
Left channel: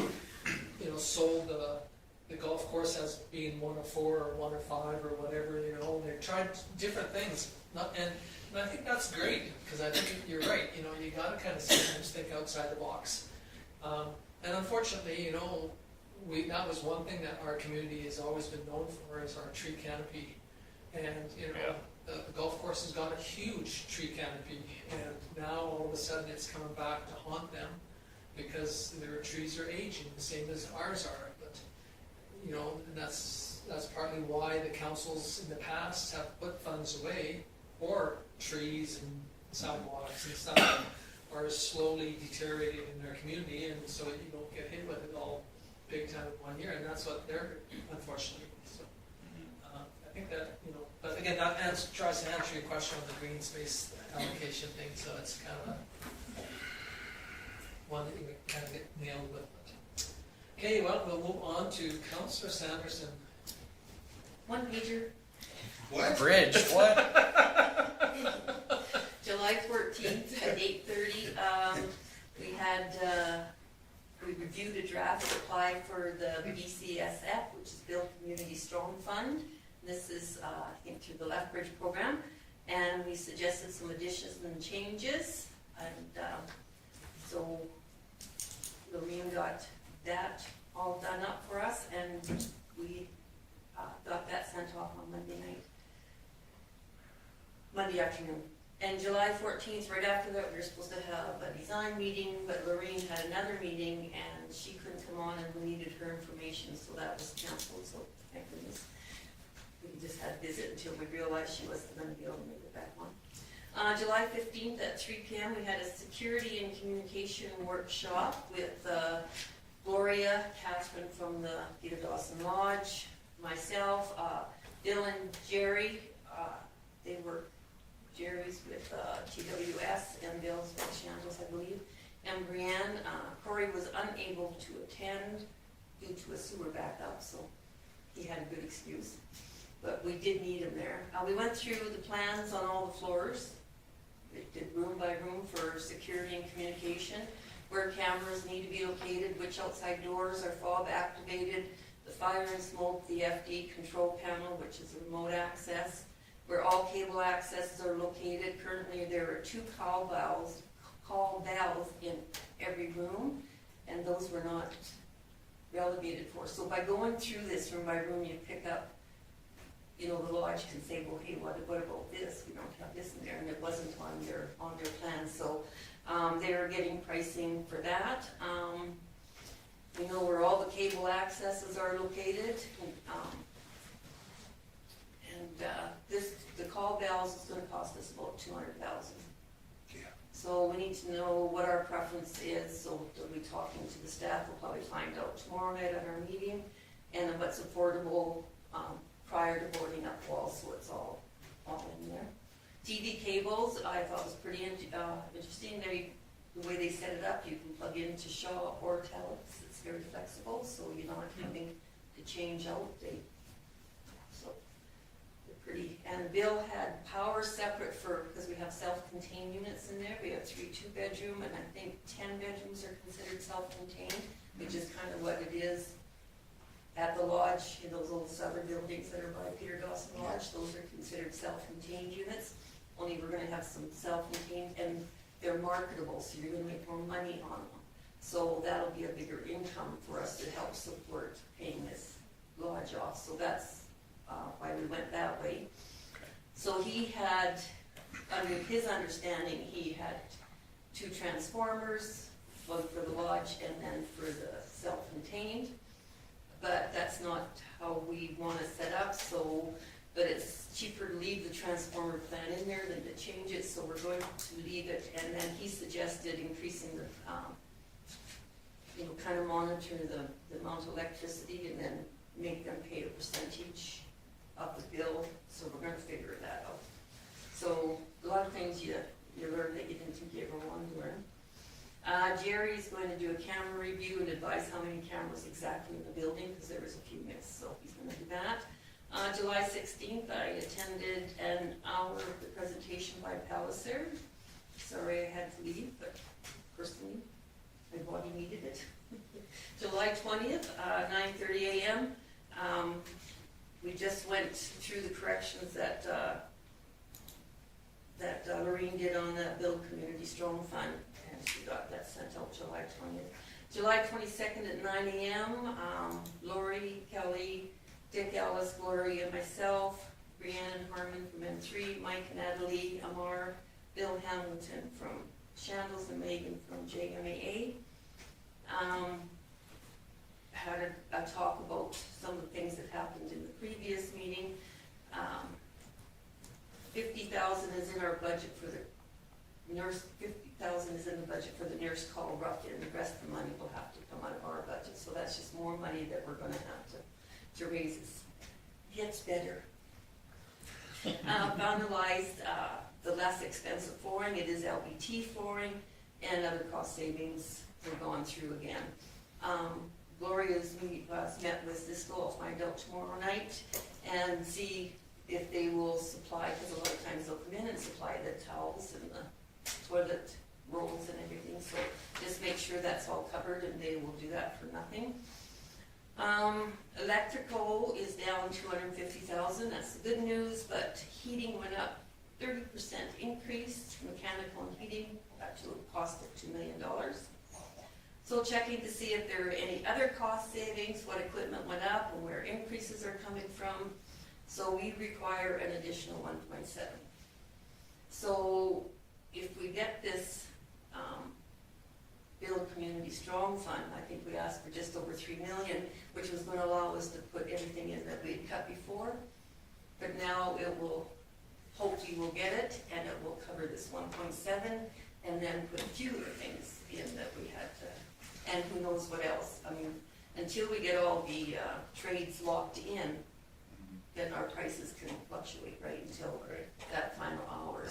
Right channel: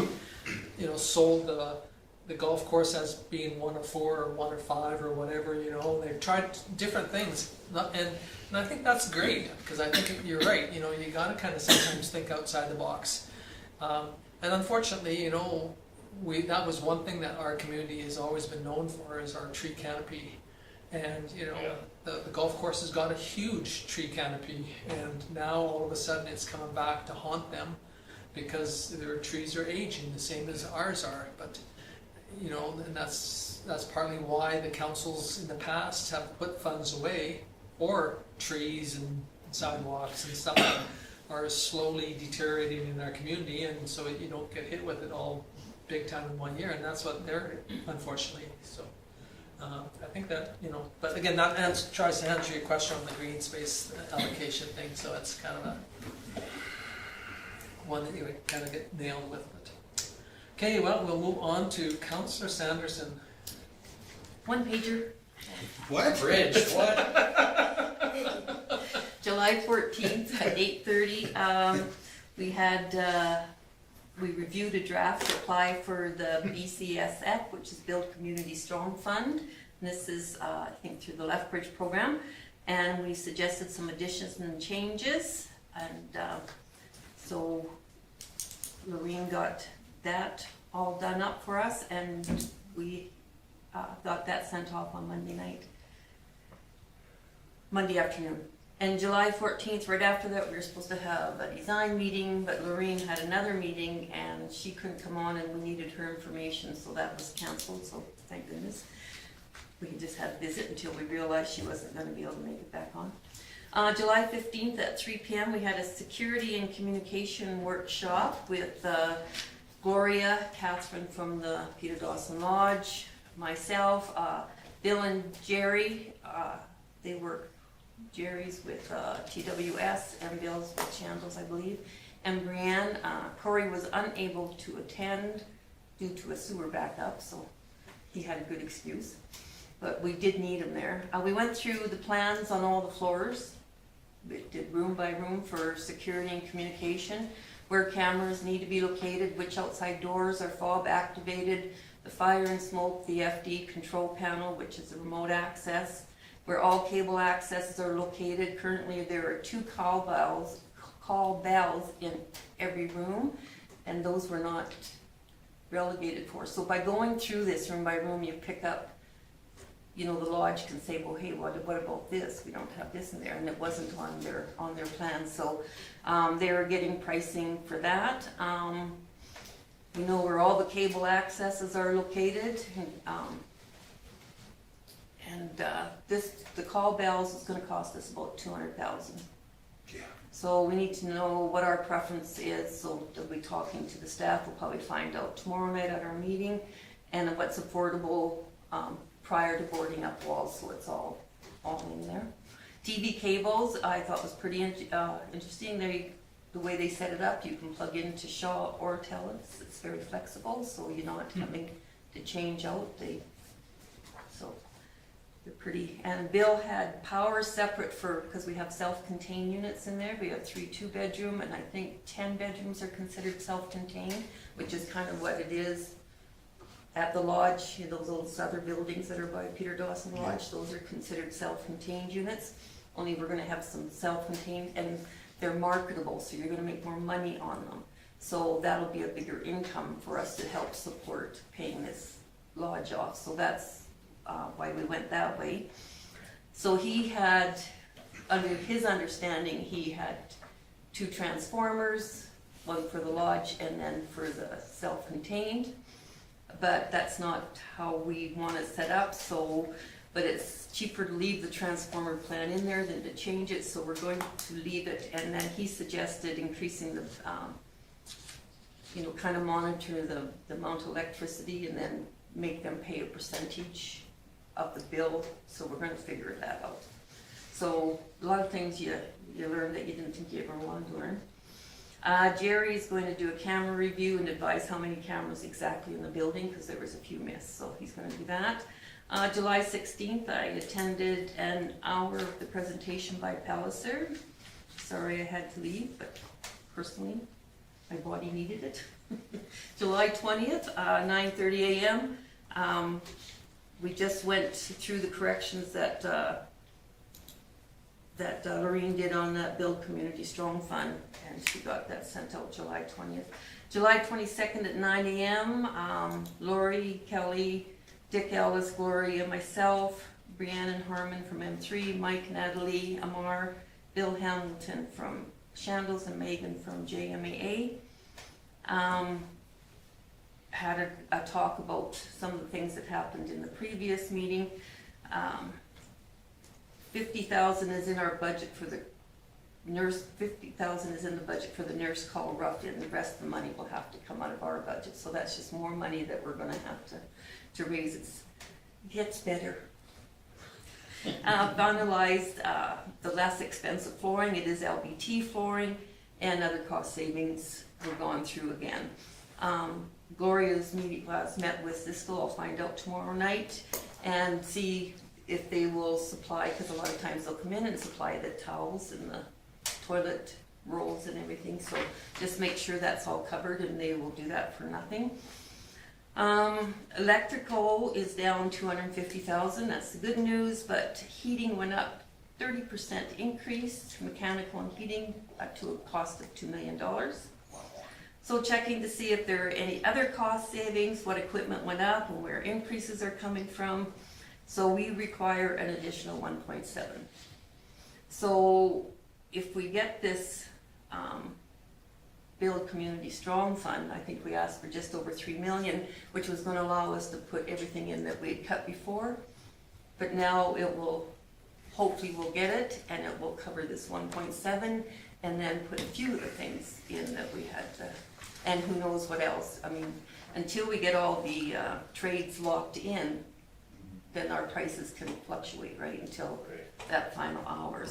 you know, sold the golf course as being 1 of 4 or 1 of 5 or whatever, you know, they've tried different things. And I think that's great, because I think you're right, you know, you gotta kind of sometimes think outside the box. And unfortunately, you know, that was one thing that our community has always been known for, is our tree canopy. And, you know, the golf course has got a huge tree canopy, and now all of a sudden it's coming back to haunt them because their trees are aging, the same as ours are. But, you know, and that's partly why the councils in the past have put funds away for trees and sidewalks and stuff that are slowly deteriorating in our community, and so you don't get hit with it all big time in 1 year, and that's what they're, unfortunately, so. I think that, you know, but again, that tries to answer your question on the green space allocation thing, so that's kind of a one that you would kind of get nailed with. But. Okay, well, we'll move on to Councillor Sanderson. 1 pager, What? Bridge, what? July 14th at 8:30. We reviewed a draft to apply for the BCSF, which is Build Community Storm Fund. And this is, I think, through the Lethbridge program. And we suggested some additions and changes. And so Lorene got that all done up for us, and we got that sent off on Monday afternoon. And July 14th, right after that, we were supposed to have a design meeting, but Lorene had another meeting and she couldn't come on, and we needed her information, so that was canceled, so thank goodness. We just had a visit until we realized she wasn't going to be able to make it back on. July 15th at 3 p.m. we had a security and communication workshop with Gloria, Catherine from the Peter Dawson Lodge, myself, Bill and Jerry. They were Jerry's with TWS and Bill's with Shambles, I believe. And Brianne, Corey was unable to attend due to a sewer backup, so he had a good excuse. But we did need him there. We went through the plans on all the floors. We did room by room for security and communication, where cameras need to be located, which outside doors are fob activated, the fire and smoke, the FD control panel, which is the remote access, where all cable accesses are located. Currently there are 2 call bells in every room, and those were not relegated for. So by going through this room by room, you pick up, you know, the lodge can say, well, hey, what about this? We don't have this in there, and it wasn't on their plan. So They are getting pricing for that. We know where all the cable accesses are located. The call bells is gonna cost us about 200,000. Yeah. So we need to know what our preference is, so they'll be talking to the staff, we'll probably find out tomorrow night at our meeting, and what's affordable, prior to boarding up walls, so it's all in there. TV cables, I thought was pretty interesting, the way they set it up, you can plug into Shaw or Telus, it's very flexible, so you're not having to change out, so they're pretty, and Bill had power separate because we have self-contained units in there, we have 3 2-bedroom, and I think 10 bedrooms are considered self-contained, which is kind of what it is at the lodge, those old other buildings that are by Peter Dawson Lodge, those are considered self-contained units, only we're gonna have some self-contained, and they're marketable, so you're gonna make more money on them. So that'll be a bigger income for us to help support paying this lodge off, so that's why we went that way. So he had, under his understanding, he had 2 transformers, one for the lodge and then for the self-contained. But that's not how we want to set up, but it's cheaper to leave the transformer plan in there than to change it, so we're going to leave it. And then he suggested increasing the, kind of monitor the amount of electricity and then make them pay a percentage of the bill, so we're gonna figure that out. So a lot of things you learn that you didn't think you ever wanted to learn. Jerry's going to do a camera review and advise how many cameras exactly in the building, because there was a few missed, so he's gonna do that. July 16th, I attended an hour of the presentation by Palliser. Sorry I had to leave, but personally, my body needed it. July 20th, 9:30 a.m. We just went through the corrections that Lorraine did on that Build Community Strong Fund, and she got that sent out July 20th. July 22nd at 9 a.m., Lori, Kelly, Dick Ellis, Gloria, myself, Brianne and Harmon from M3, Mike, Natalie, Amar, Bill Hamilton from Shandles, and Megan from JMAA. Had a talk about some of the things that happened in the previous meeting. 50,000 is in our budget for the nurse, 50,000 is in the budget for the nurse call Ruffian. The rest of the money will have to come out of our budget, so that's just more money that we're gonna have to raise. It gets better. Vandalized the less expensive flooring, it is LVT flooring, and other cost savings we're going through again. Gloria's met with Cisco, I'll find out tomorrow night, and see if they will supply, because a lot of times they'll come in and supply the towels and the toilet rolls and everything, so just make sure that's all covered, and they will do that for nothing. Electrical is down 250,000, that's the good news, but heating went up 30% increase, mechanical and heating up to a cost of $2 million. So checking to see if there are any other cost savings, what equipment went up and where increases are coming from. So we require an additional 1.7. So if we get this Build Community Strong Fund, I think we asked for just over 3 million, which was going to allow us to put everything in that we'd cut before. But now it will, hopefully we'll get it, and it will cover this 1.7, and then put a few other things in that we had to, and who knows what else. I mean, until we get all the trades locked in, then our prices can fluctuate, right, until that final hour,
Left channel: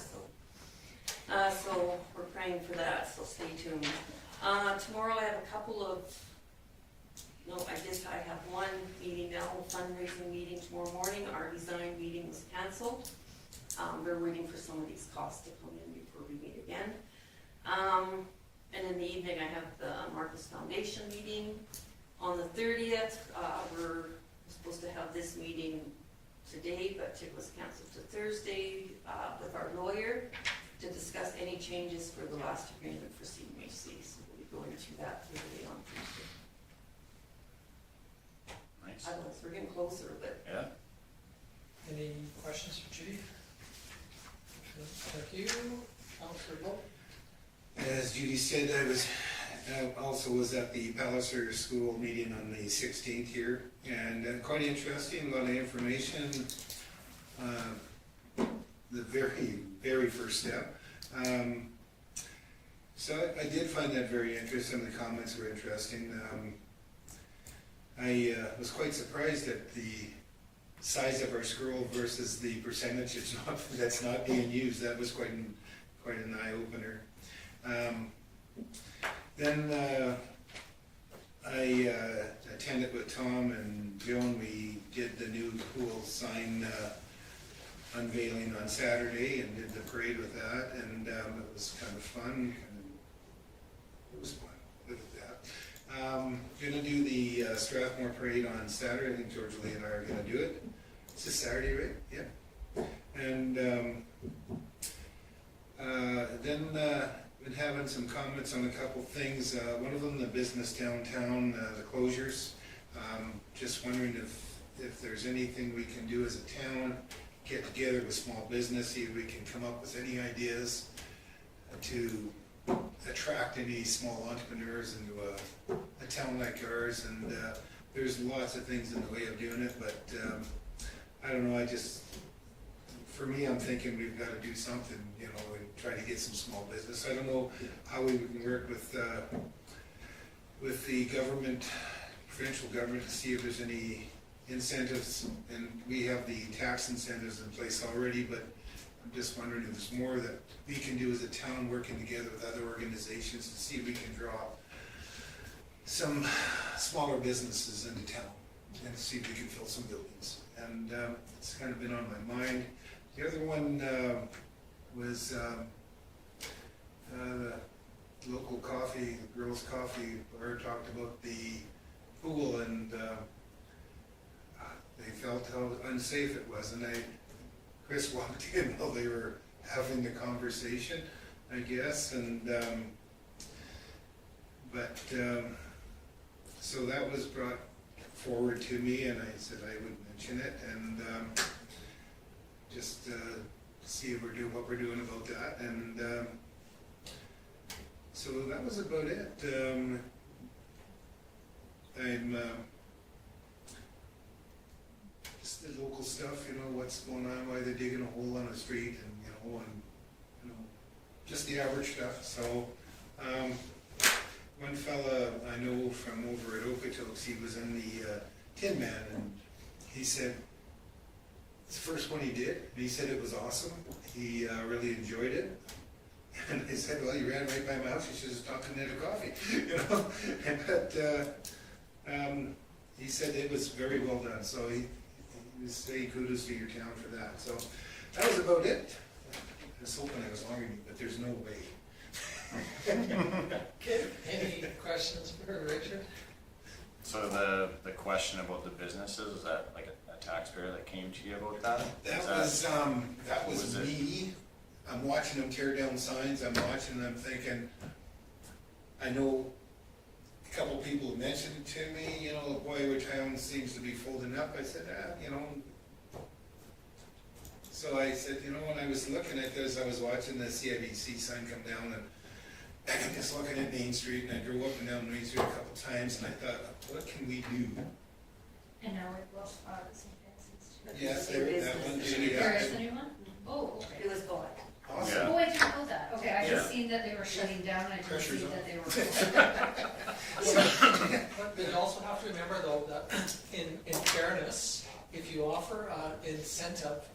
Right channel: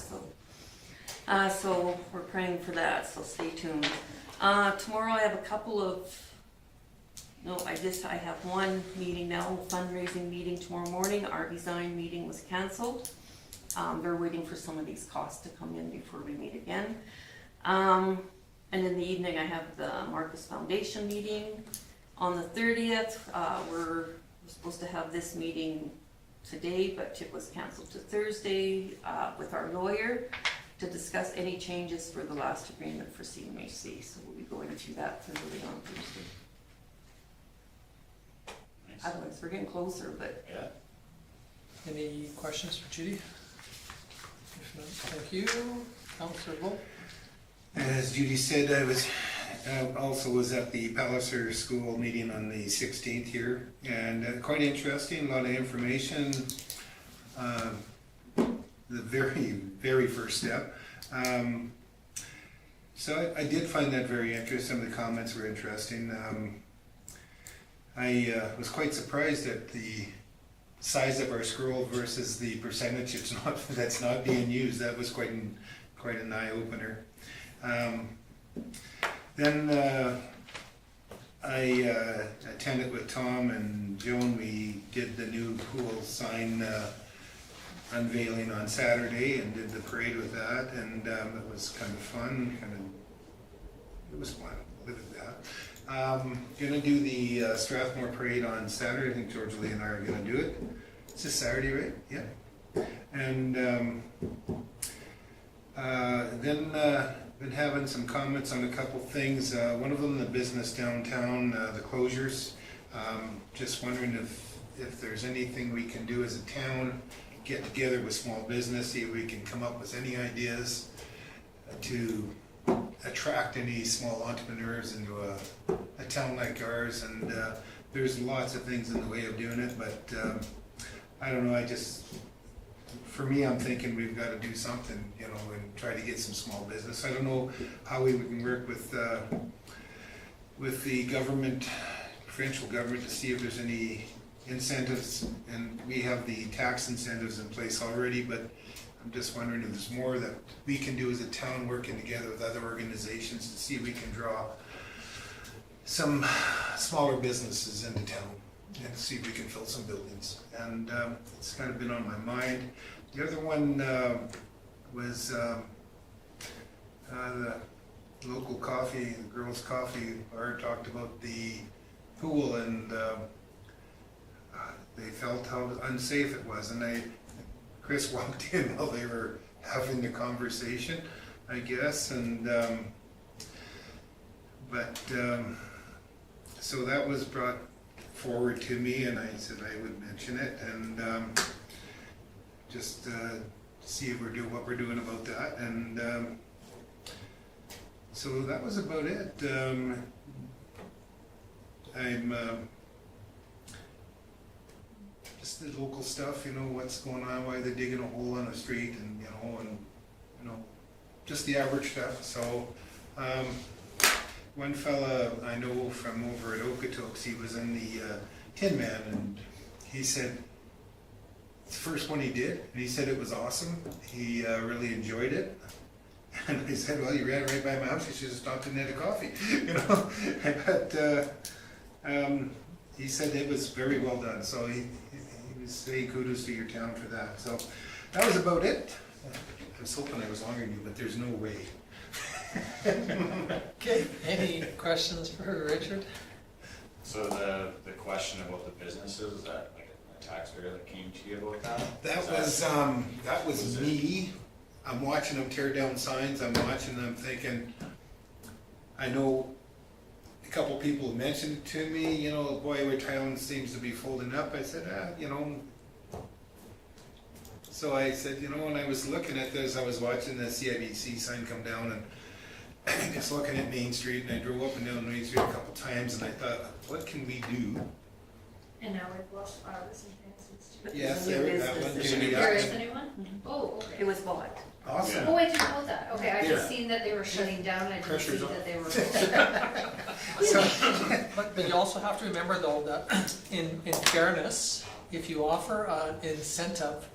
so we're praying for that, so stay tuned. Tomorrow I have a couple of, I have one meeting now, a fundraising meeting tomorrow morning. Our design meeting was canceled. They're waiting for some of these costs to come in before we meet again. And in the evening I have the Marcus Foundation meeting. On the 30th, we're supposed to have this meeting today, but it was canceled to Thursday with our lawyer to discuss any changes for the last agreement for CMHC. So we'll be going through that Thursday on Thursday. Nice. Otherwise, we're getting closer, but Yeah. Any questions for Judy? If not, thank you. Councillor Wolf? As Judy said, I was also was at the Palliser School meeting on the 16th here, and quite interesting. A lot of information. The very first step. So I did find that very interesting. The comments were interesting. I was quite surprised at the size of our school versus the percentage that's not being used. That was quite an eye opener. Then I attended with Tom and Joan. We did the new pool sign unveiling on Saturday and did the parade with that, and it was kind of fun. It was fun. I'll live with that. Gonna do the Strathmore parade on Saturday. I think George Lee and I are gonna do it. It's a Saturday, right? Yeah. And then been having some comments on a couple things. One of them, the business downtown, the closures. Just wondering if there's anything we can do as a town, get together with small business, see if we can come up with any ideas to attract any small entrepreneurs into a town like ours. And there's lots of things in the way of doing it, but I don't know, for me, I'm thinking we've got to do something, you know, and try to get some small business. I don't know how we can work with the government, provincial government, to see if there's any incentives, and we have the tax incentives in place already, but I'm just wondering if there's more that we can do as a town, working together with other organizations to see if we can draw some smaller businesses into town and see if we can fill some buildings. And it's kind of been on my mind. The other one was the local coffee, the girls' coffee bar talked about the pool, and they felt how unsafe it was. And Chris walked in while they were having the conversation, I guess, and so that was brought forward to me, and I said I would mention it, and just see if we're doing what we're doing about that. And so that was about it. I'm just the local stuff, you know, what's going on, why they're digging a hole on the street, and you know, just the average stuff. So one fella I know from over at Okotoks, he was in the Tin Man, and he said it's the first one he did, and he said it was awesome. He really enjoyed it. And I said, well, you ran right by my house, you should have stopped and had a coffee, you know. But he said it was very well done, so he was saying kudos to your town for that. So that was about it. I was hoping I was longer than you, but there's no way. Okay, any questions for Richard? So the question about the businesses, is that like a taxpayer that came to you about that? That was me. I'm watching them tear down signs. I'm watching them thinking, I know a couple people mentioned it to me, you know, boy, our town seems to be folding up. I said, you know. So I said, you know, when I was looking at this, I was watching the CIBC sign come down, and just looking at Main Street, and I drove up and down Main Street a couple times, and I thought, what can we do? And now we've lost the St. Vincent's too. Yes, New there, that one business. too. There is Yeah. a new one? Oh, It okay. was bought. Awesome. Oh, I didn't know that. Okay, I just Yeah. seen that they were shutting down, I didn't see Pressure's on. that they were. But you also have to remember though that in fairness, if you offer an incentive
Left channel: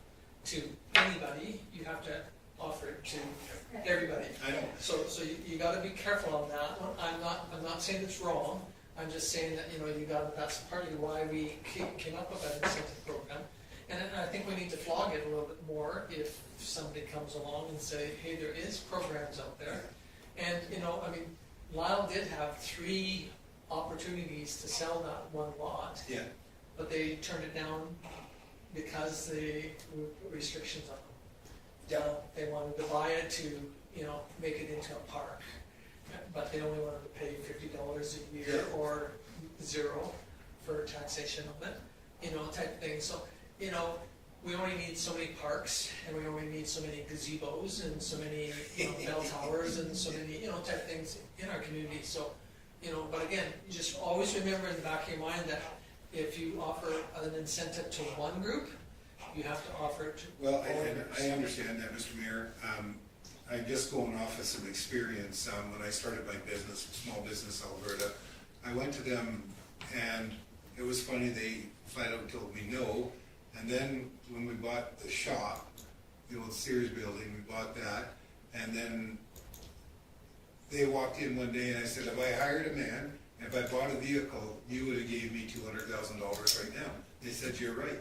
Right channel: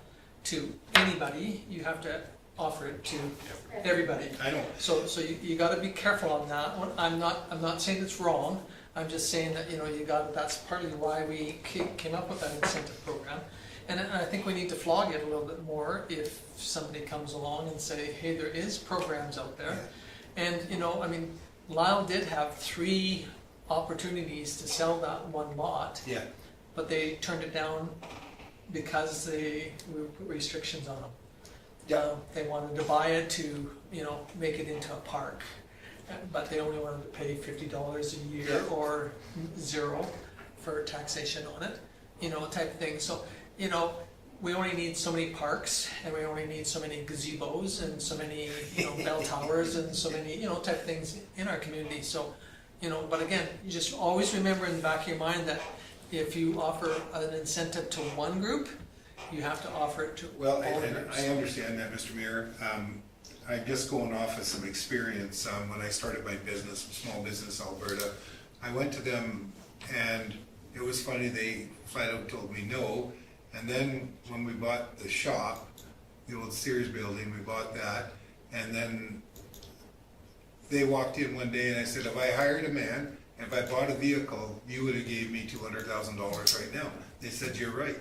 to anybody, you have to offer it to everybody. I know. So you gotta be careful on that one. I'm not saying it's wrong. I'm just saying that, you know, that's partly why we came up with that incentive program. And I think we need to flog it a little bit more if somebody comes along and say, hey, there is programs out there. And, you know, I mean, Lyle did have 3 opportunities to sell that one lot, Yeah. but they turned it down because they were restrictions on them. Yeah. They wanted to buy it to, you know, make it into a park, but they only wanted to pay $50 a year Yeah. or 0 for taxation on it, you know, type of thing. So, you know, we only need so many parks, and we only need so many gazebos, and so many, bell towers, and so many, type things in our community, so, but again, you just always remember in the back of your mind that if you offer an incentive to one group, you have to offer it to Well, all and groups. I understand that, Mr. Mayor. I'm just going off of some experience. When I started my business, Small Business Alberta, I went to them and it was funny, they flat out told me no. And then when we bought the shop, the old Sears building, we bought that. And then they walked in one day and I said, if I hired a man, and if I bought a vehicle, you would have gave me $200,000 right now. They said, you're right.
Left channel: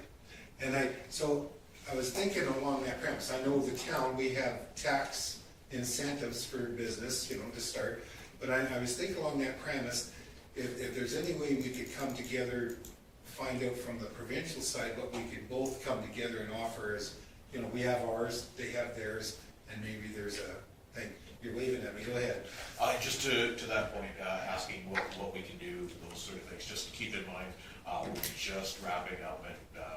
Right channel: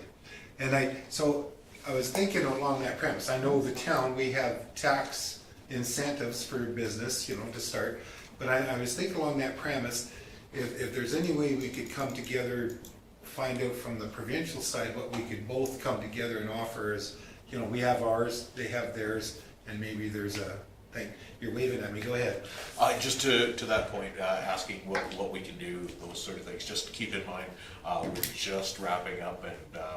And so I was thinking along that premise. I know the town, we have tax incentives for business, to start. But I was thinking along that premise, if there's any way we could come together, find out from the provincial side what we could both come together and offer as, we have ours, they have theirs, and maybe there's a thing. You're waving at me, go ahead. Just to that point, asking what we can do, those sort of things, just keep in mind, we're just wrapping up and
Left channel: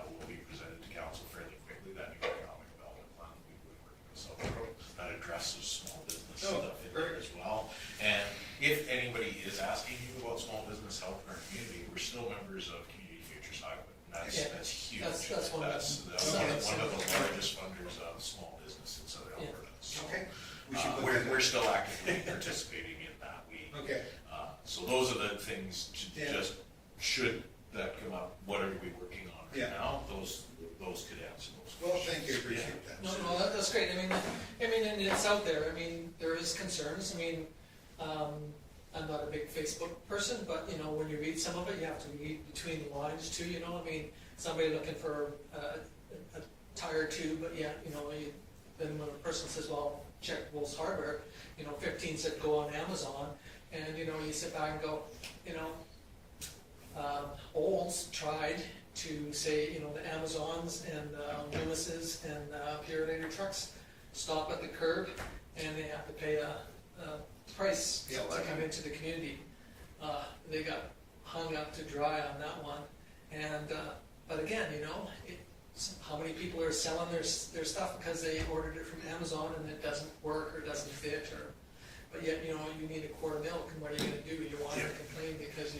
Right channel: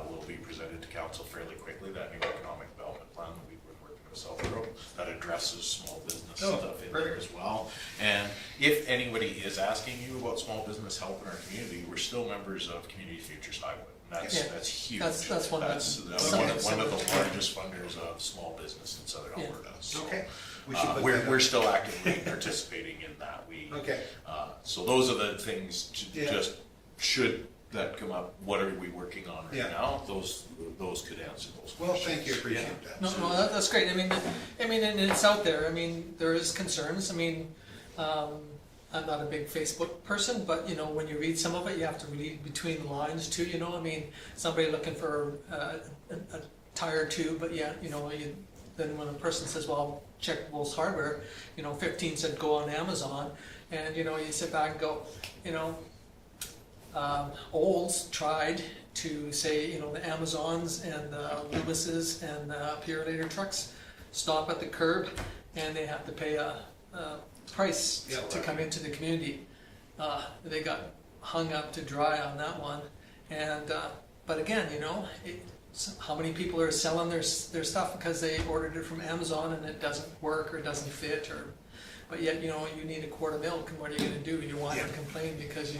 will be presented to council fairly quickly, that new economic development plan that we've been working with South Road, that addresses small business stuff in there as well. And if anybody is asking you about small business help in our community, we're still members of Community Futures Highway. That's huge. That's one of the- one of the largest funders of small business in Southern Yeah. Alberta. So, Okay. We should put we're that we're up. still actively participating in that. Okay. So those are the things, Yeah. just should that come up, what are we working on right Yeah. now? Those could answer those questions. Well, thank you, appreciate that. No, that's great. I mean, and it's out there. I mean, there is concerns. I mean, I'm not a big Facebook person, but when you read some of it, you have to read between the lines too. I mean, somebody looking for a tire tube, but yeah, then when a person says, "Well, check Wolf's Hardware," 15 said go on Amazon, and you sit back and go, Olds tried to say, the Amazons and the Lewises and the Purolator trucks stop at the curb and they have to pay a price Yeah, to come into the community. They got hung up to dry on that one. And but again, how many people are selling their stuff because they ordered it from Amazon and it doesn't work or it doesn't fit, but yet you need a quart of milk, and what are you going to do? You want to complain because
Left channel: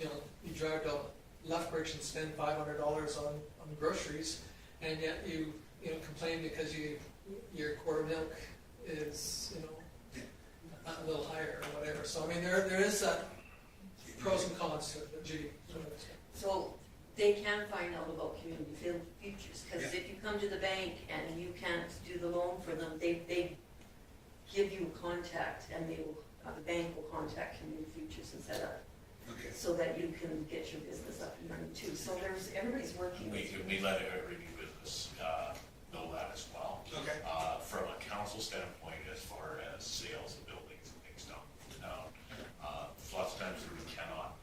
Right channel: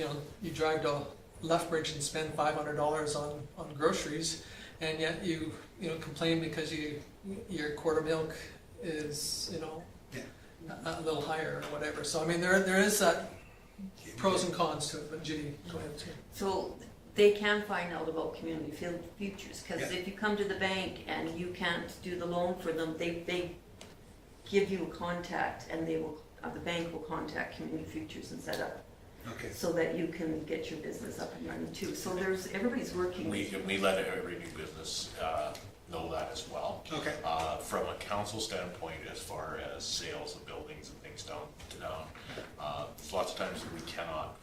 you drive to Lethbridge and spend $500 on groceries, and yet you complain because your quart of milk is a little higher or whatever. So I mean there is that pros and cons to it. But Judy, go ahead. Sir. So they can find out about community futures, because Yeah. if you come to the bank and you can't do the loan for them, they give you a contact, and the bank will contact community futures and set up, Okay. so that you can get your business up and running too. So everybody's working. We let every new business know that as well. Okay. From a council standpoint, as far as sales of buildings and things down, lots of times we cannot,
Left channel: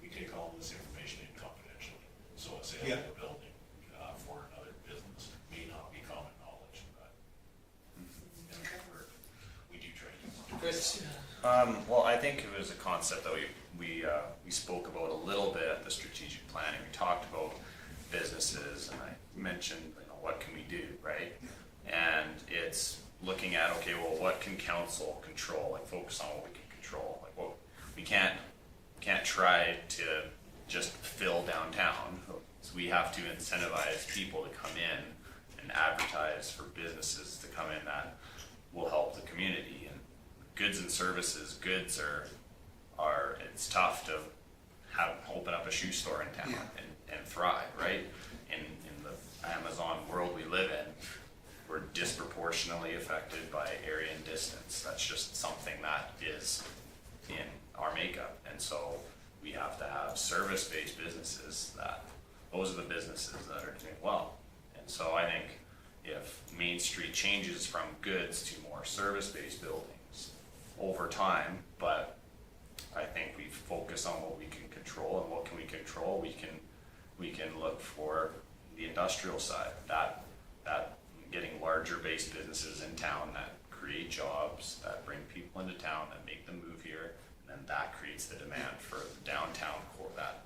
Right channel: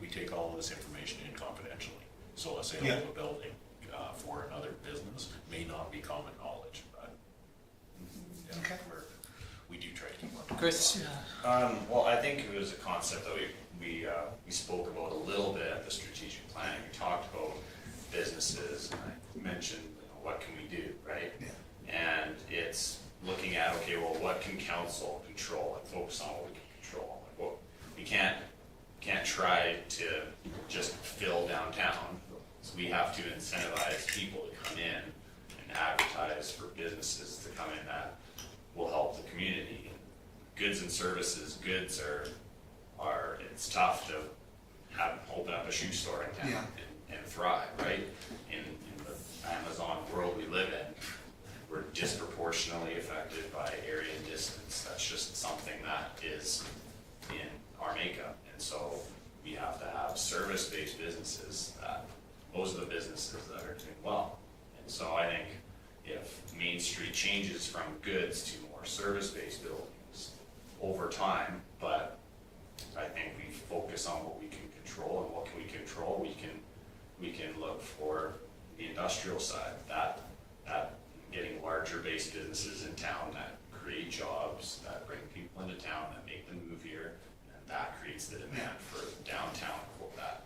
we take all of this information in confidentially. So a sale Yeah. of a building for another business may not be common knowledge, but Okay. we do try to keep on. Chris. Well, I think it was a concept that we spoke about a little bit at the strategic planning. We talked about businesses, and I mentioned, what can we do, right? Yeah. And it's looking at, okay, well, what can council control? Like, focus on what we can control. Like, well, we can't try to just fill downtown. So we have to incentivize people to come in and advertise for businesses to come in that will help the community. And goods and services, goods are it's tough to open up a shoe store in town Yeah. and thrive, right? In the Amazon world we live in, we're disproportionately affected by area and distance. That's just something that is in our makeup. And so we have to have service-based businesses those are the businesses that are doing well. And so I think if Main Street changes from goods to more service-based buildings over time, but I think we focus on what we can control, and what can we control, we can look for the industrial side, that getting larger based businesses in town that create jobs, that bring people into town, that make them move here, and then that creates the demand for downtown for that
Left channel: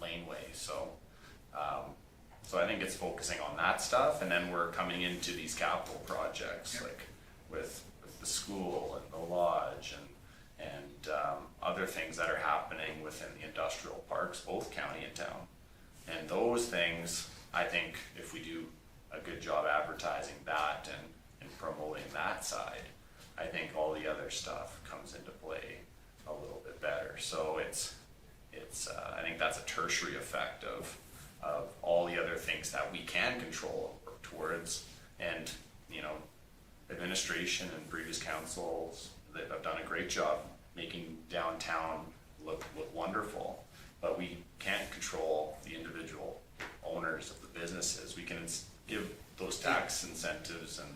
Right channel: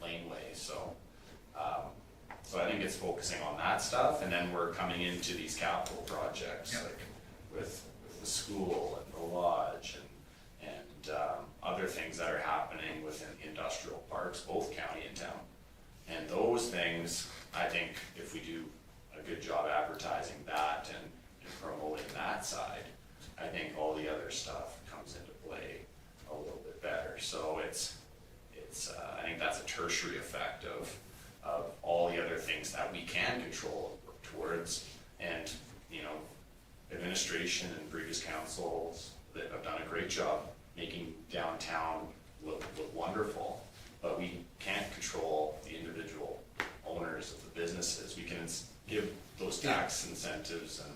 laneway. So So I think it's focusing on that stuff, and then we're coming into these capital projects, Yeah. like with the school and the lodge and other things that are happening within the industrial parks, both county and town. And those things, I think if we do a good job advertising that and promoting that side, I think all the other stuff comes into play a little bit better. So it's I think that's a tertiary effect of all the other things that we can control and work towards. And, you know, administration and previous councils that have done a great job making downtown look wonderful, but we can't control the individual owners of the businesses. We can give those tax incentives and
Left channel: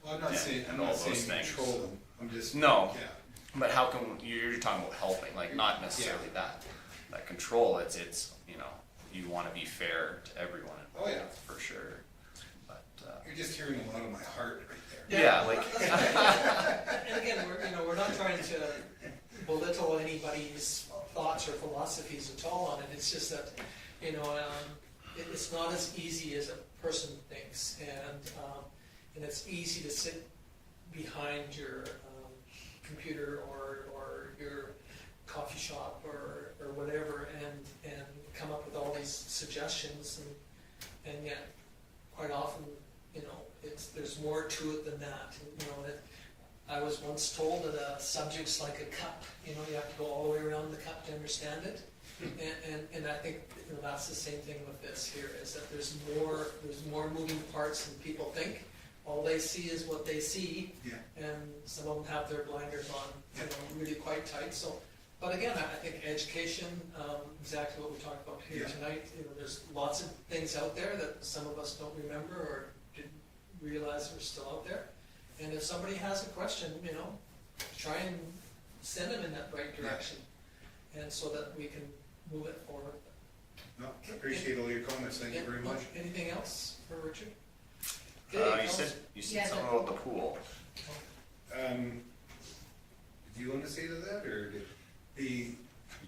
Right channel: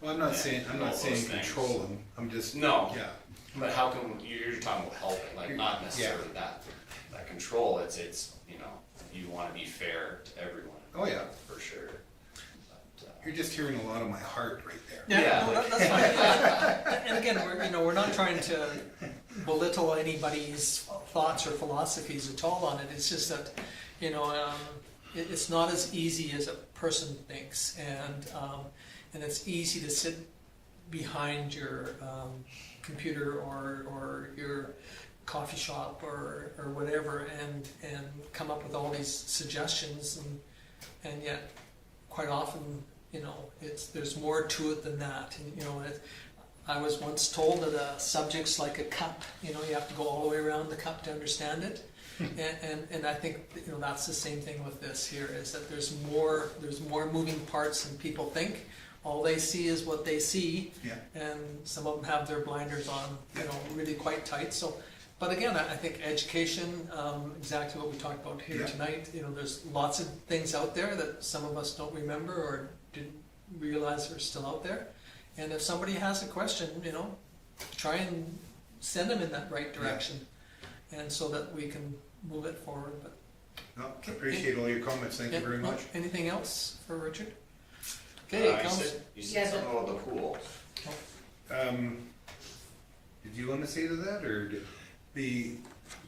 Well, I'm not Yeah, saying, I'm all not those saying things. control them, I'm just. No. Yeah, But how can you're talking about helping, like not necessarily that control. It's you know, you want to be fair to everyone. Oh, yeah. For sure. But you're just hearing a lot of my heart right there. Yeah, no, like- that's fine. And again, we're not trying to belittle anybody's thoughts or philosophies at all on it. It's just that, it's not as easy as a person thinks, and it's easy to sit behind your computer or your coffee shop or whatever and come up with all these suggestions, and yet quite often, there's more to it than that. And, I was once told that a subject's like a cup. You have to go all the way around the cup to understand it. And I think that's the same thing with this here, is that there's more moving parts than people think. All they see is what they see, Yeah. and some of them have their blinders on, really quite tight. So, but again, I think education, exactly what we talked about here Yeah. tonight. There's lots of things out there that some of us don't remember or didn't realize are still out there. And if somebody has a question, try and send them in that right direction, and so that we can move it forward. But No, I appreciate all your comments, thank you very no, much. Anything else for Richard? you Council- said Yeah, something about the pool. Did you want to say to that, or did the, You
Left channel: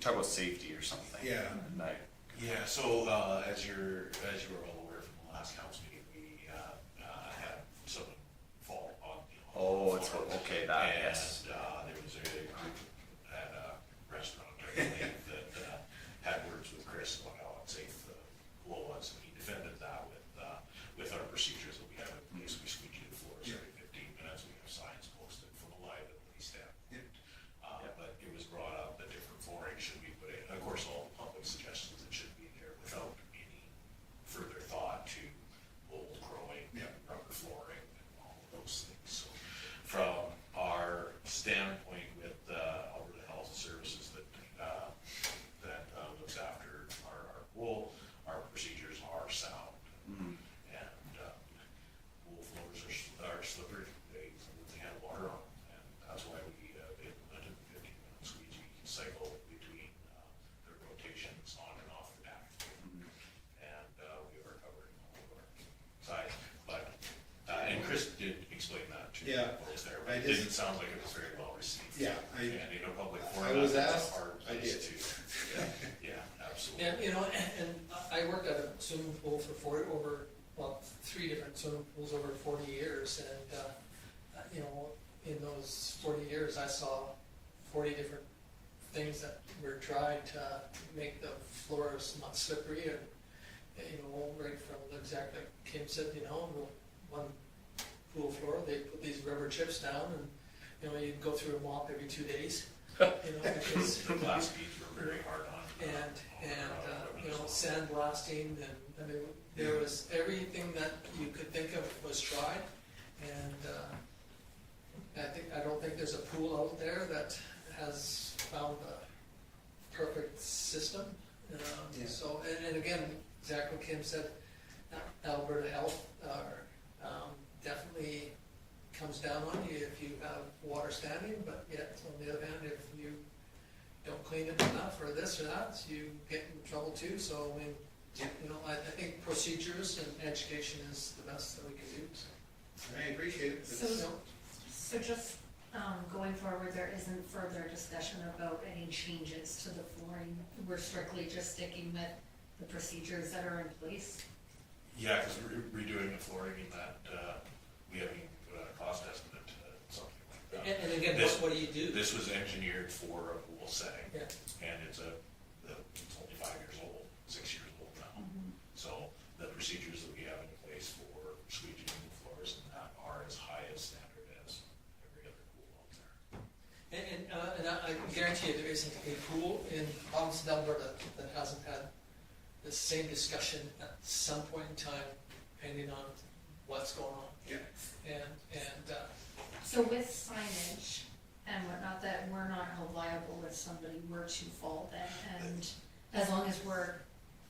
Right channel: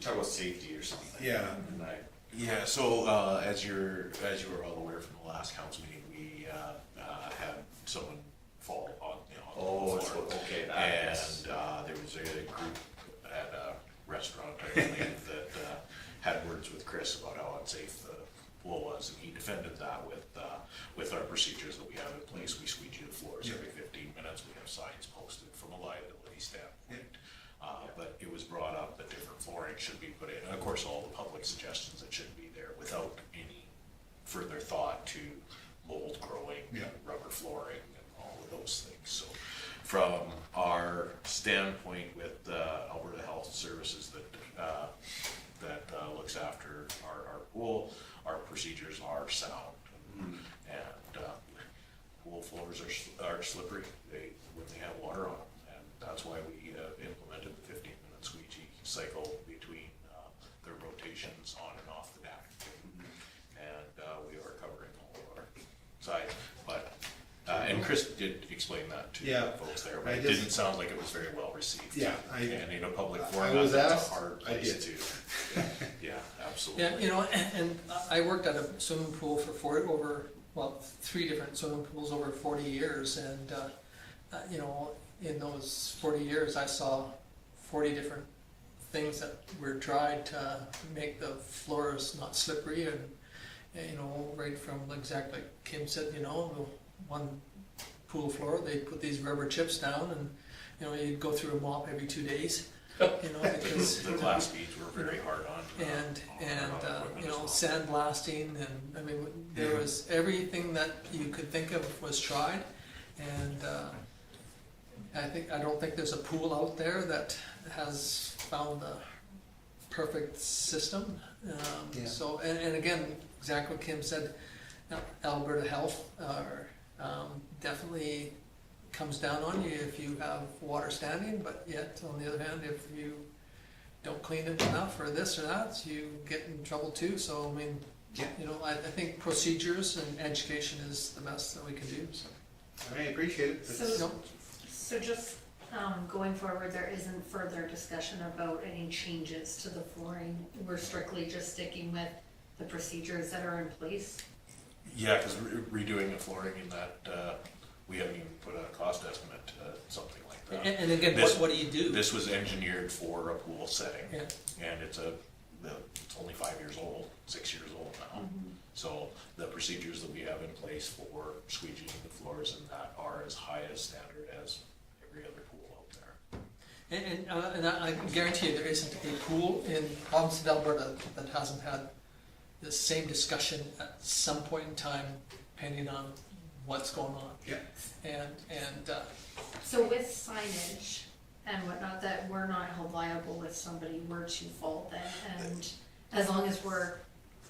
talk about safety or something. yeah, Right. Yeah, so as you were all aware from the last council meeting, we had someone fall on, Oh, the it's floor. okay. That And yes. there was a group at a restaurant, I believe, that had words with Chris about how unsafe the pool was, and he defended that with our procedures that we have in place. We squeegee the floors Yeah. every 15 minutes. We have signs posted from a liability standpoint. Yeah. But it was brought up that different flooring should be put in. And of course, all the public suggestions that should be there without any further thought to mold growing, Yeah. and rubber flooring, and all of those things. So, from our standpoint with Alberta Health Services that looks after our pool, our procedures are sound. Mhm. And pool floors are slippery. When they have water on them, and that's why we implemented the 15-minute squeegee cycle between the rotations on and off the deck. And we are covering all of our sides. But and Chris did explain that to Yeah. the folks there, but I it just- didn't sound like it was very well received. Yeah, And in a public I forum, was that's asked, a hard I place did. to. Yeah, absolutely. Yeah, and I worked at a swimming pool for 3 different swimming pools over 40 years, and in those 40 years, I saw 40 different things that were tried to make the floors not slippery, and right from exactly like Kim said, the one pool floor, they put these rubber chips down, and you'd go through a mop every 2 days, because The glass beads were very hard on. and equipment as well. sandblasting, and I mean there was everything that you could think of was tried, and I don't think there's a pool out there that has found the perfect system. Yeah. So and again, exactly what Kim said, Alberta Health definitely comes down on you if you have water standing, but yet on the other hand, if you don't clean it enough or this or that, you get in trouble too. So I mean, Yeah. I think procedures and education is the best that we can do. So, I appreciate it. So- It's- So just going forward, there isn't further discussion about any changes to the flooring. We're strictly just sticking with the procedures that are in place. Yeah, because redoing the flooring in that, we haven't even put a cost estimate to something like that. And again, This- what do you do? This was engineered for a pool setting, Yeah. and it's only 5 years old, 6 years old now. So the procedures that we have in place for squeegeeing the floors and that are as high a standard as every other pool out there. And I can guarantee you there isn't a pool in province of Alberta that hasn't had the same discussion at some point in time, depending on what's going on. Yeah. And So with signage and whatnot, that we're not held liable if somebody were to fall then, and as long as we're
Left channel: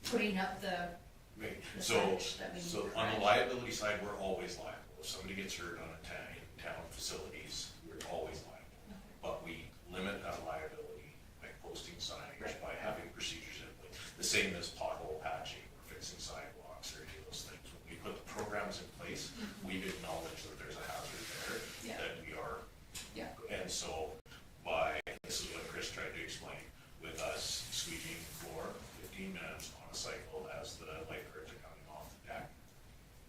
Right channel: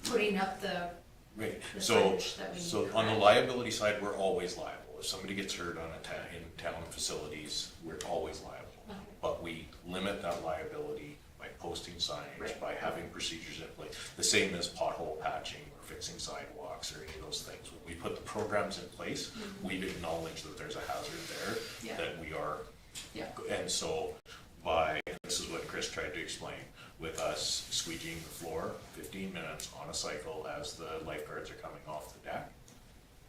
putting up the Right, The so, signage that we need, so on the correct? liability side, we're always liable. If somebody gets hurt on in town facilities, we're always liable. Okay. But we limit that liability by posting signage, Right. by having procedures in place. The same as pothole patching or fixing sidewalks or any of those things. When we put the programs in place, we've acknowledged that there's a hazard there, Yeah. that we are. Yeah. And so this is what Chris tried to explain, with us squeegeeing the floor 15 minutes on a cycle as the lifeguards are coming off the deck.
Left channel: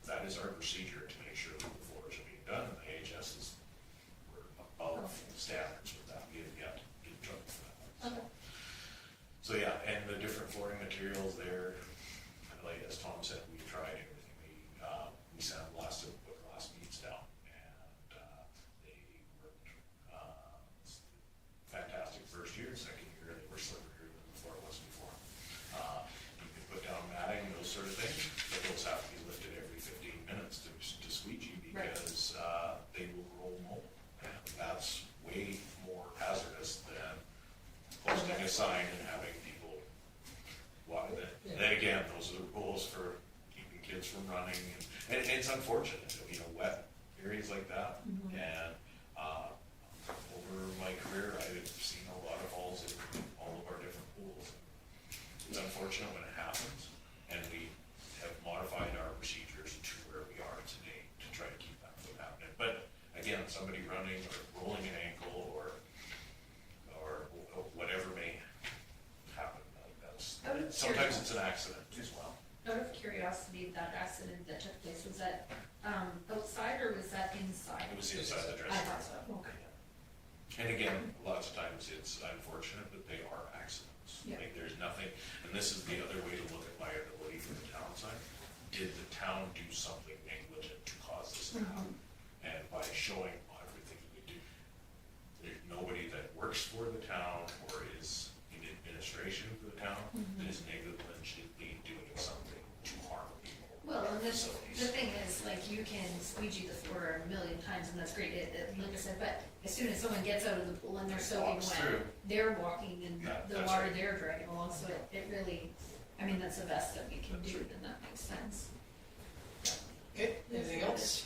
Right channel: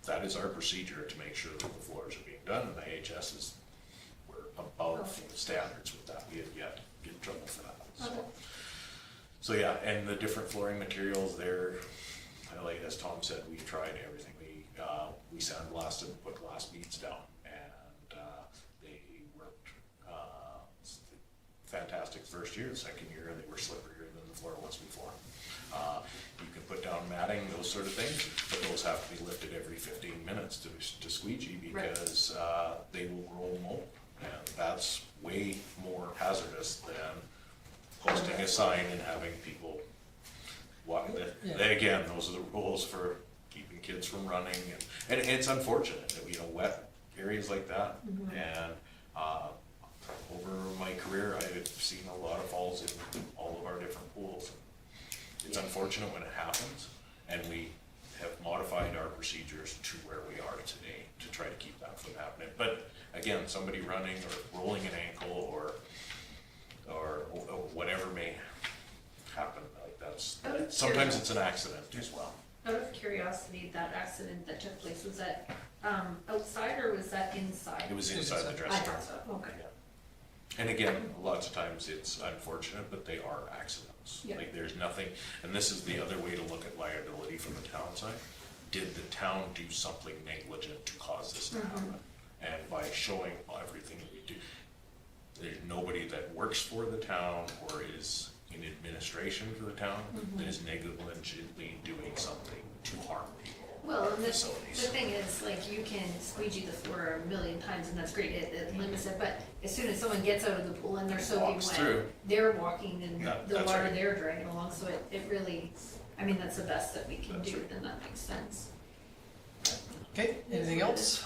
That is our procedure to make sure that the floors are being done, and the AHS is, we're above Okay. the standards with that. We have yet to get in trouble for that. Okay. So yeah, and the different flooring materials there, like as Tom said, we've tried everything. We sandblasted and put glass beads down, and they worked fantastic first year. Second year, they were slipperier than the floor was before. You can put down matting, those sort of things, but those have to be lifted every 15 minutes to squeegee Right. because they will grow mold, and that's way more hazardous than posting a sign and having people walk. Yeah. Then again, those are the rules for keeping kids from running, and it's unfortunate that wet areas like that. And over my career, I've seen a lot of falls in all of our different pools. It's unfortunate when it happens, and we have modified our procedures to where we are today to try to keep that from happening. But again, somebody running or rolling an ankle or whatever may happen, like Out of sometimes it's an accident as well. Out of curiosity, that accident that took place, was that outside or was that inside? It was inside the I dressing room. thought so, okay. And again, lots of times it's unfortunate, but they are accidents. Yeah. Like there's nothing, and this is the other way to look at liability from the town side. Did the town do something negligent to cause this to happen? And by showing everything that we do, there's nobody that works for the town or is in administration for the town that is negligently doing something to harm people. Well, and the Facilities. thing is, like, you can squeegee the floor a million times and that's great, it limits it, but as soon as someone gets out of the pool and they're soaking Walks wet, through. they're walking in Yeah, the that's water right. they're dragging along, so it really, I mean, that's the best that we can That's do, right. then that makes sense. okay, anything else?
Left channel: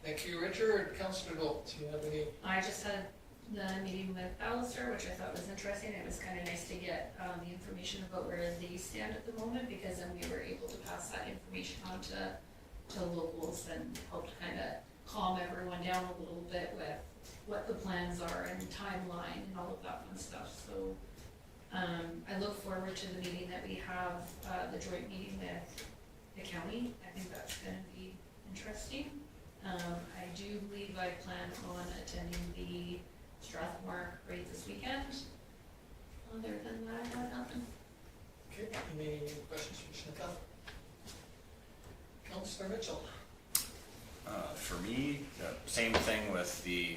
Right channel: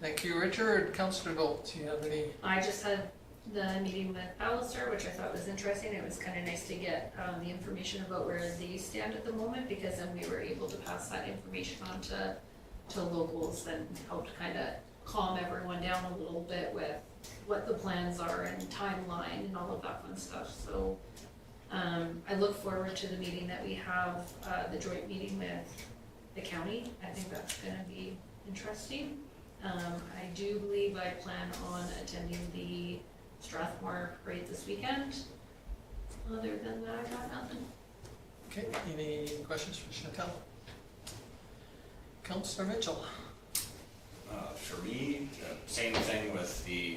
Thank you, Richard. Councillor Gold, do you have any? I just had the meeting with Palliser, which I thought was interesting. It was kind of nice to get the information about where they stand at the moment, because then we were able to pass that information on to locals and help to kind of calm everyone down a little bit with what the plans are and timeline and all of that fun stuff. So I look forward to the meeting that we have, the joint meeting with the county. I think that's going to be interesting. I do believe I plan on attending the Strathmore parade this weekend. Other than that, I got nothing. Okay, any questions for Chantal? Councillor Mitchell? For me, same thing with the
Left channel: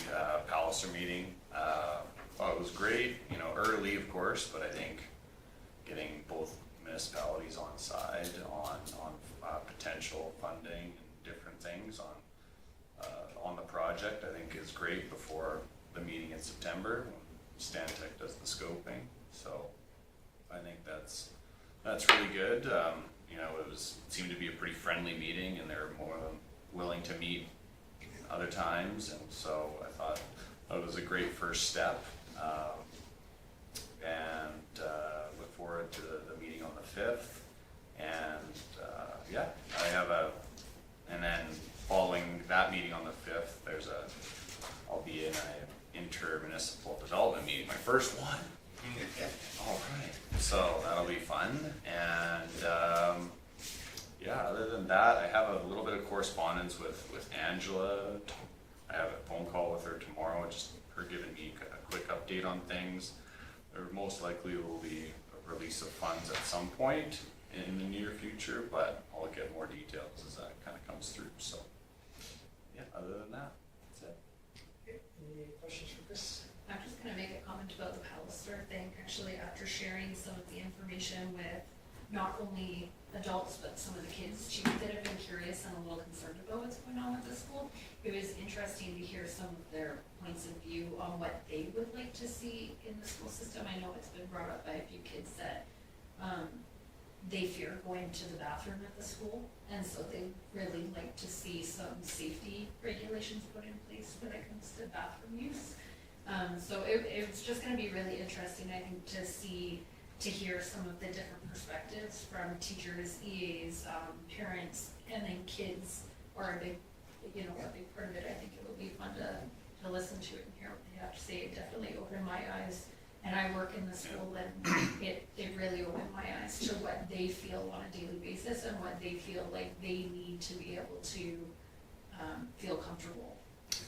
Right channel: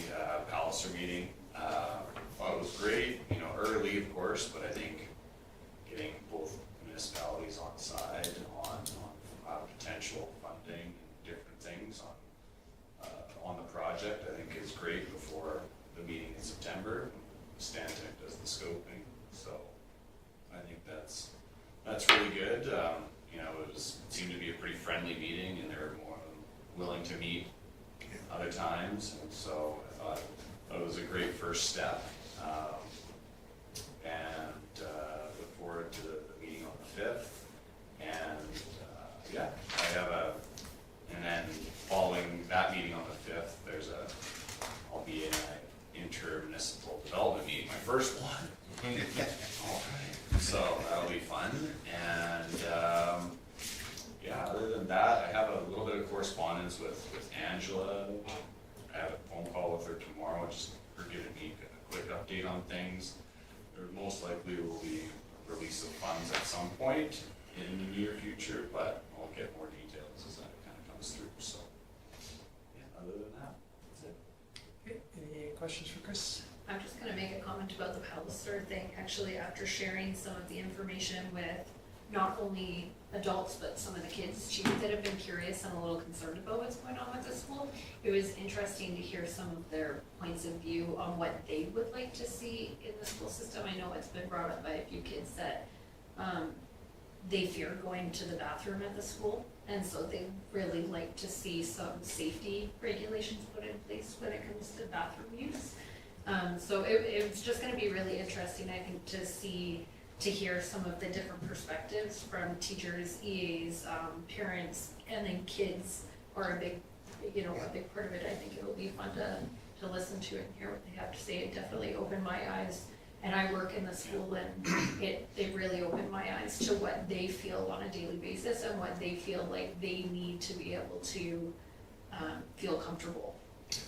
Palliser meeting. Thought it was great, early of course, but I think getting both municipalities on side on potential funding and different things on the project, I think is great before the meeting in September. Stantec does the scoping, so I think that's really good. It seemed to be a pretty friendly meeting, and they were more than willing to meet other times, and so I thought it was a great first step. And look forward to the meeting on the 5th. And and then following that meeting on the 5th, I'll be in an intermunicipal development meeting, my first one. All right. So that'll be fun. And other than that, I have little bit of correspondence with Angela. I have a phone call with her tomorrow, just her giving me a quick update on things. There most likely will be a release of funds at some point in the near future, but I'll get more details as that kind of comes through. So, yeah, other than that, that's it. Okay, any questions for Chris? I'm just gonna make a comment about the Palliser thing, actually, after sharing some of the information with not only adults, but some of the kids too, that have been curious and a little concerned about what's going on with the school. It was interesting to hear some of their points of view on what they would like to see in the school system. I know it's been brought up by a few kids that, they fear going to the bathroom at the school, and so they really like to see some safety regulations put in place when it comes to bathroom use. So it's just gonna be really interesting, I think, to hear some of the different perspectives from teachers, EAs, parents, and then kids are a big part of it. I think it'll be fun to listen to it and hear what they have to say. It definitely opened my eyes. And I work in the school, and it really opened my eyes to what they feel on a daily basis and what they feel like they need to be able to feel comfortable.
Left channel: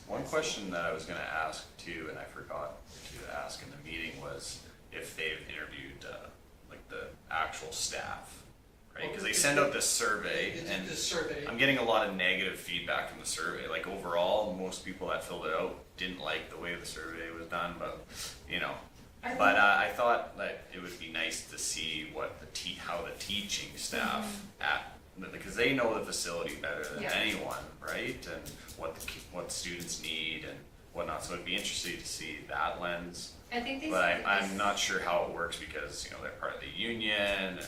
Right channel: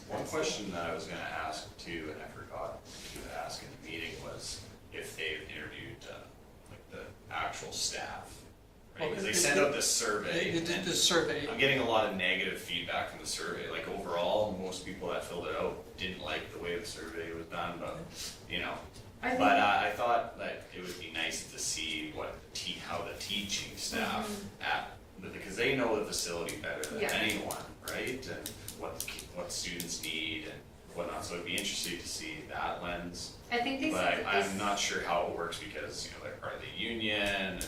One question that I was going to ask too, and I forgot to ask in the meeting, was if they've interviewed like the actual staff, right? Because they send out this survey. They did and the survey. I'm getting a lot of negative feedback from the survey. Like overall, most people that filled it out didn't like the way the survey was done, but you know. But I thought that it would be nice to see what how the teaching staff because they know the facility better than anyone, right? And what students need and whatnot. So it'd be interesting to see that lens. I think they But I'm not sure how it works because they're part of the union, and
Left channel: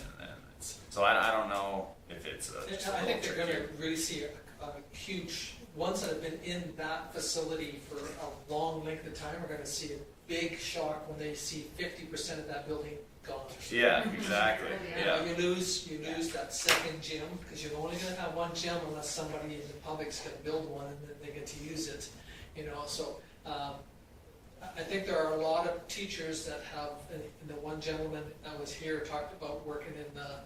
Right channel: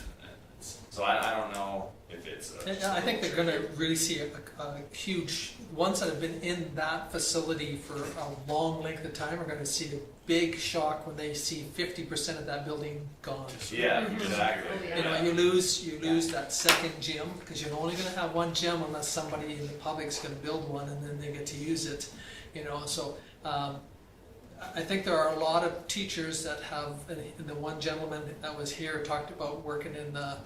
so I don't know if it's. I think they're going to really see a huge. Ones that have been in that facility for a long length of time are going to see a big shock when they see 50% of that building gone. Yeah, exactly. Oh, You know, you lose that second gym because you're only going to have one gym unless somebody in the public's going to build one and then they get to use it. You know, so I think there are a lot of teachers that have. And the one gentleman that was here talked about working in the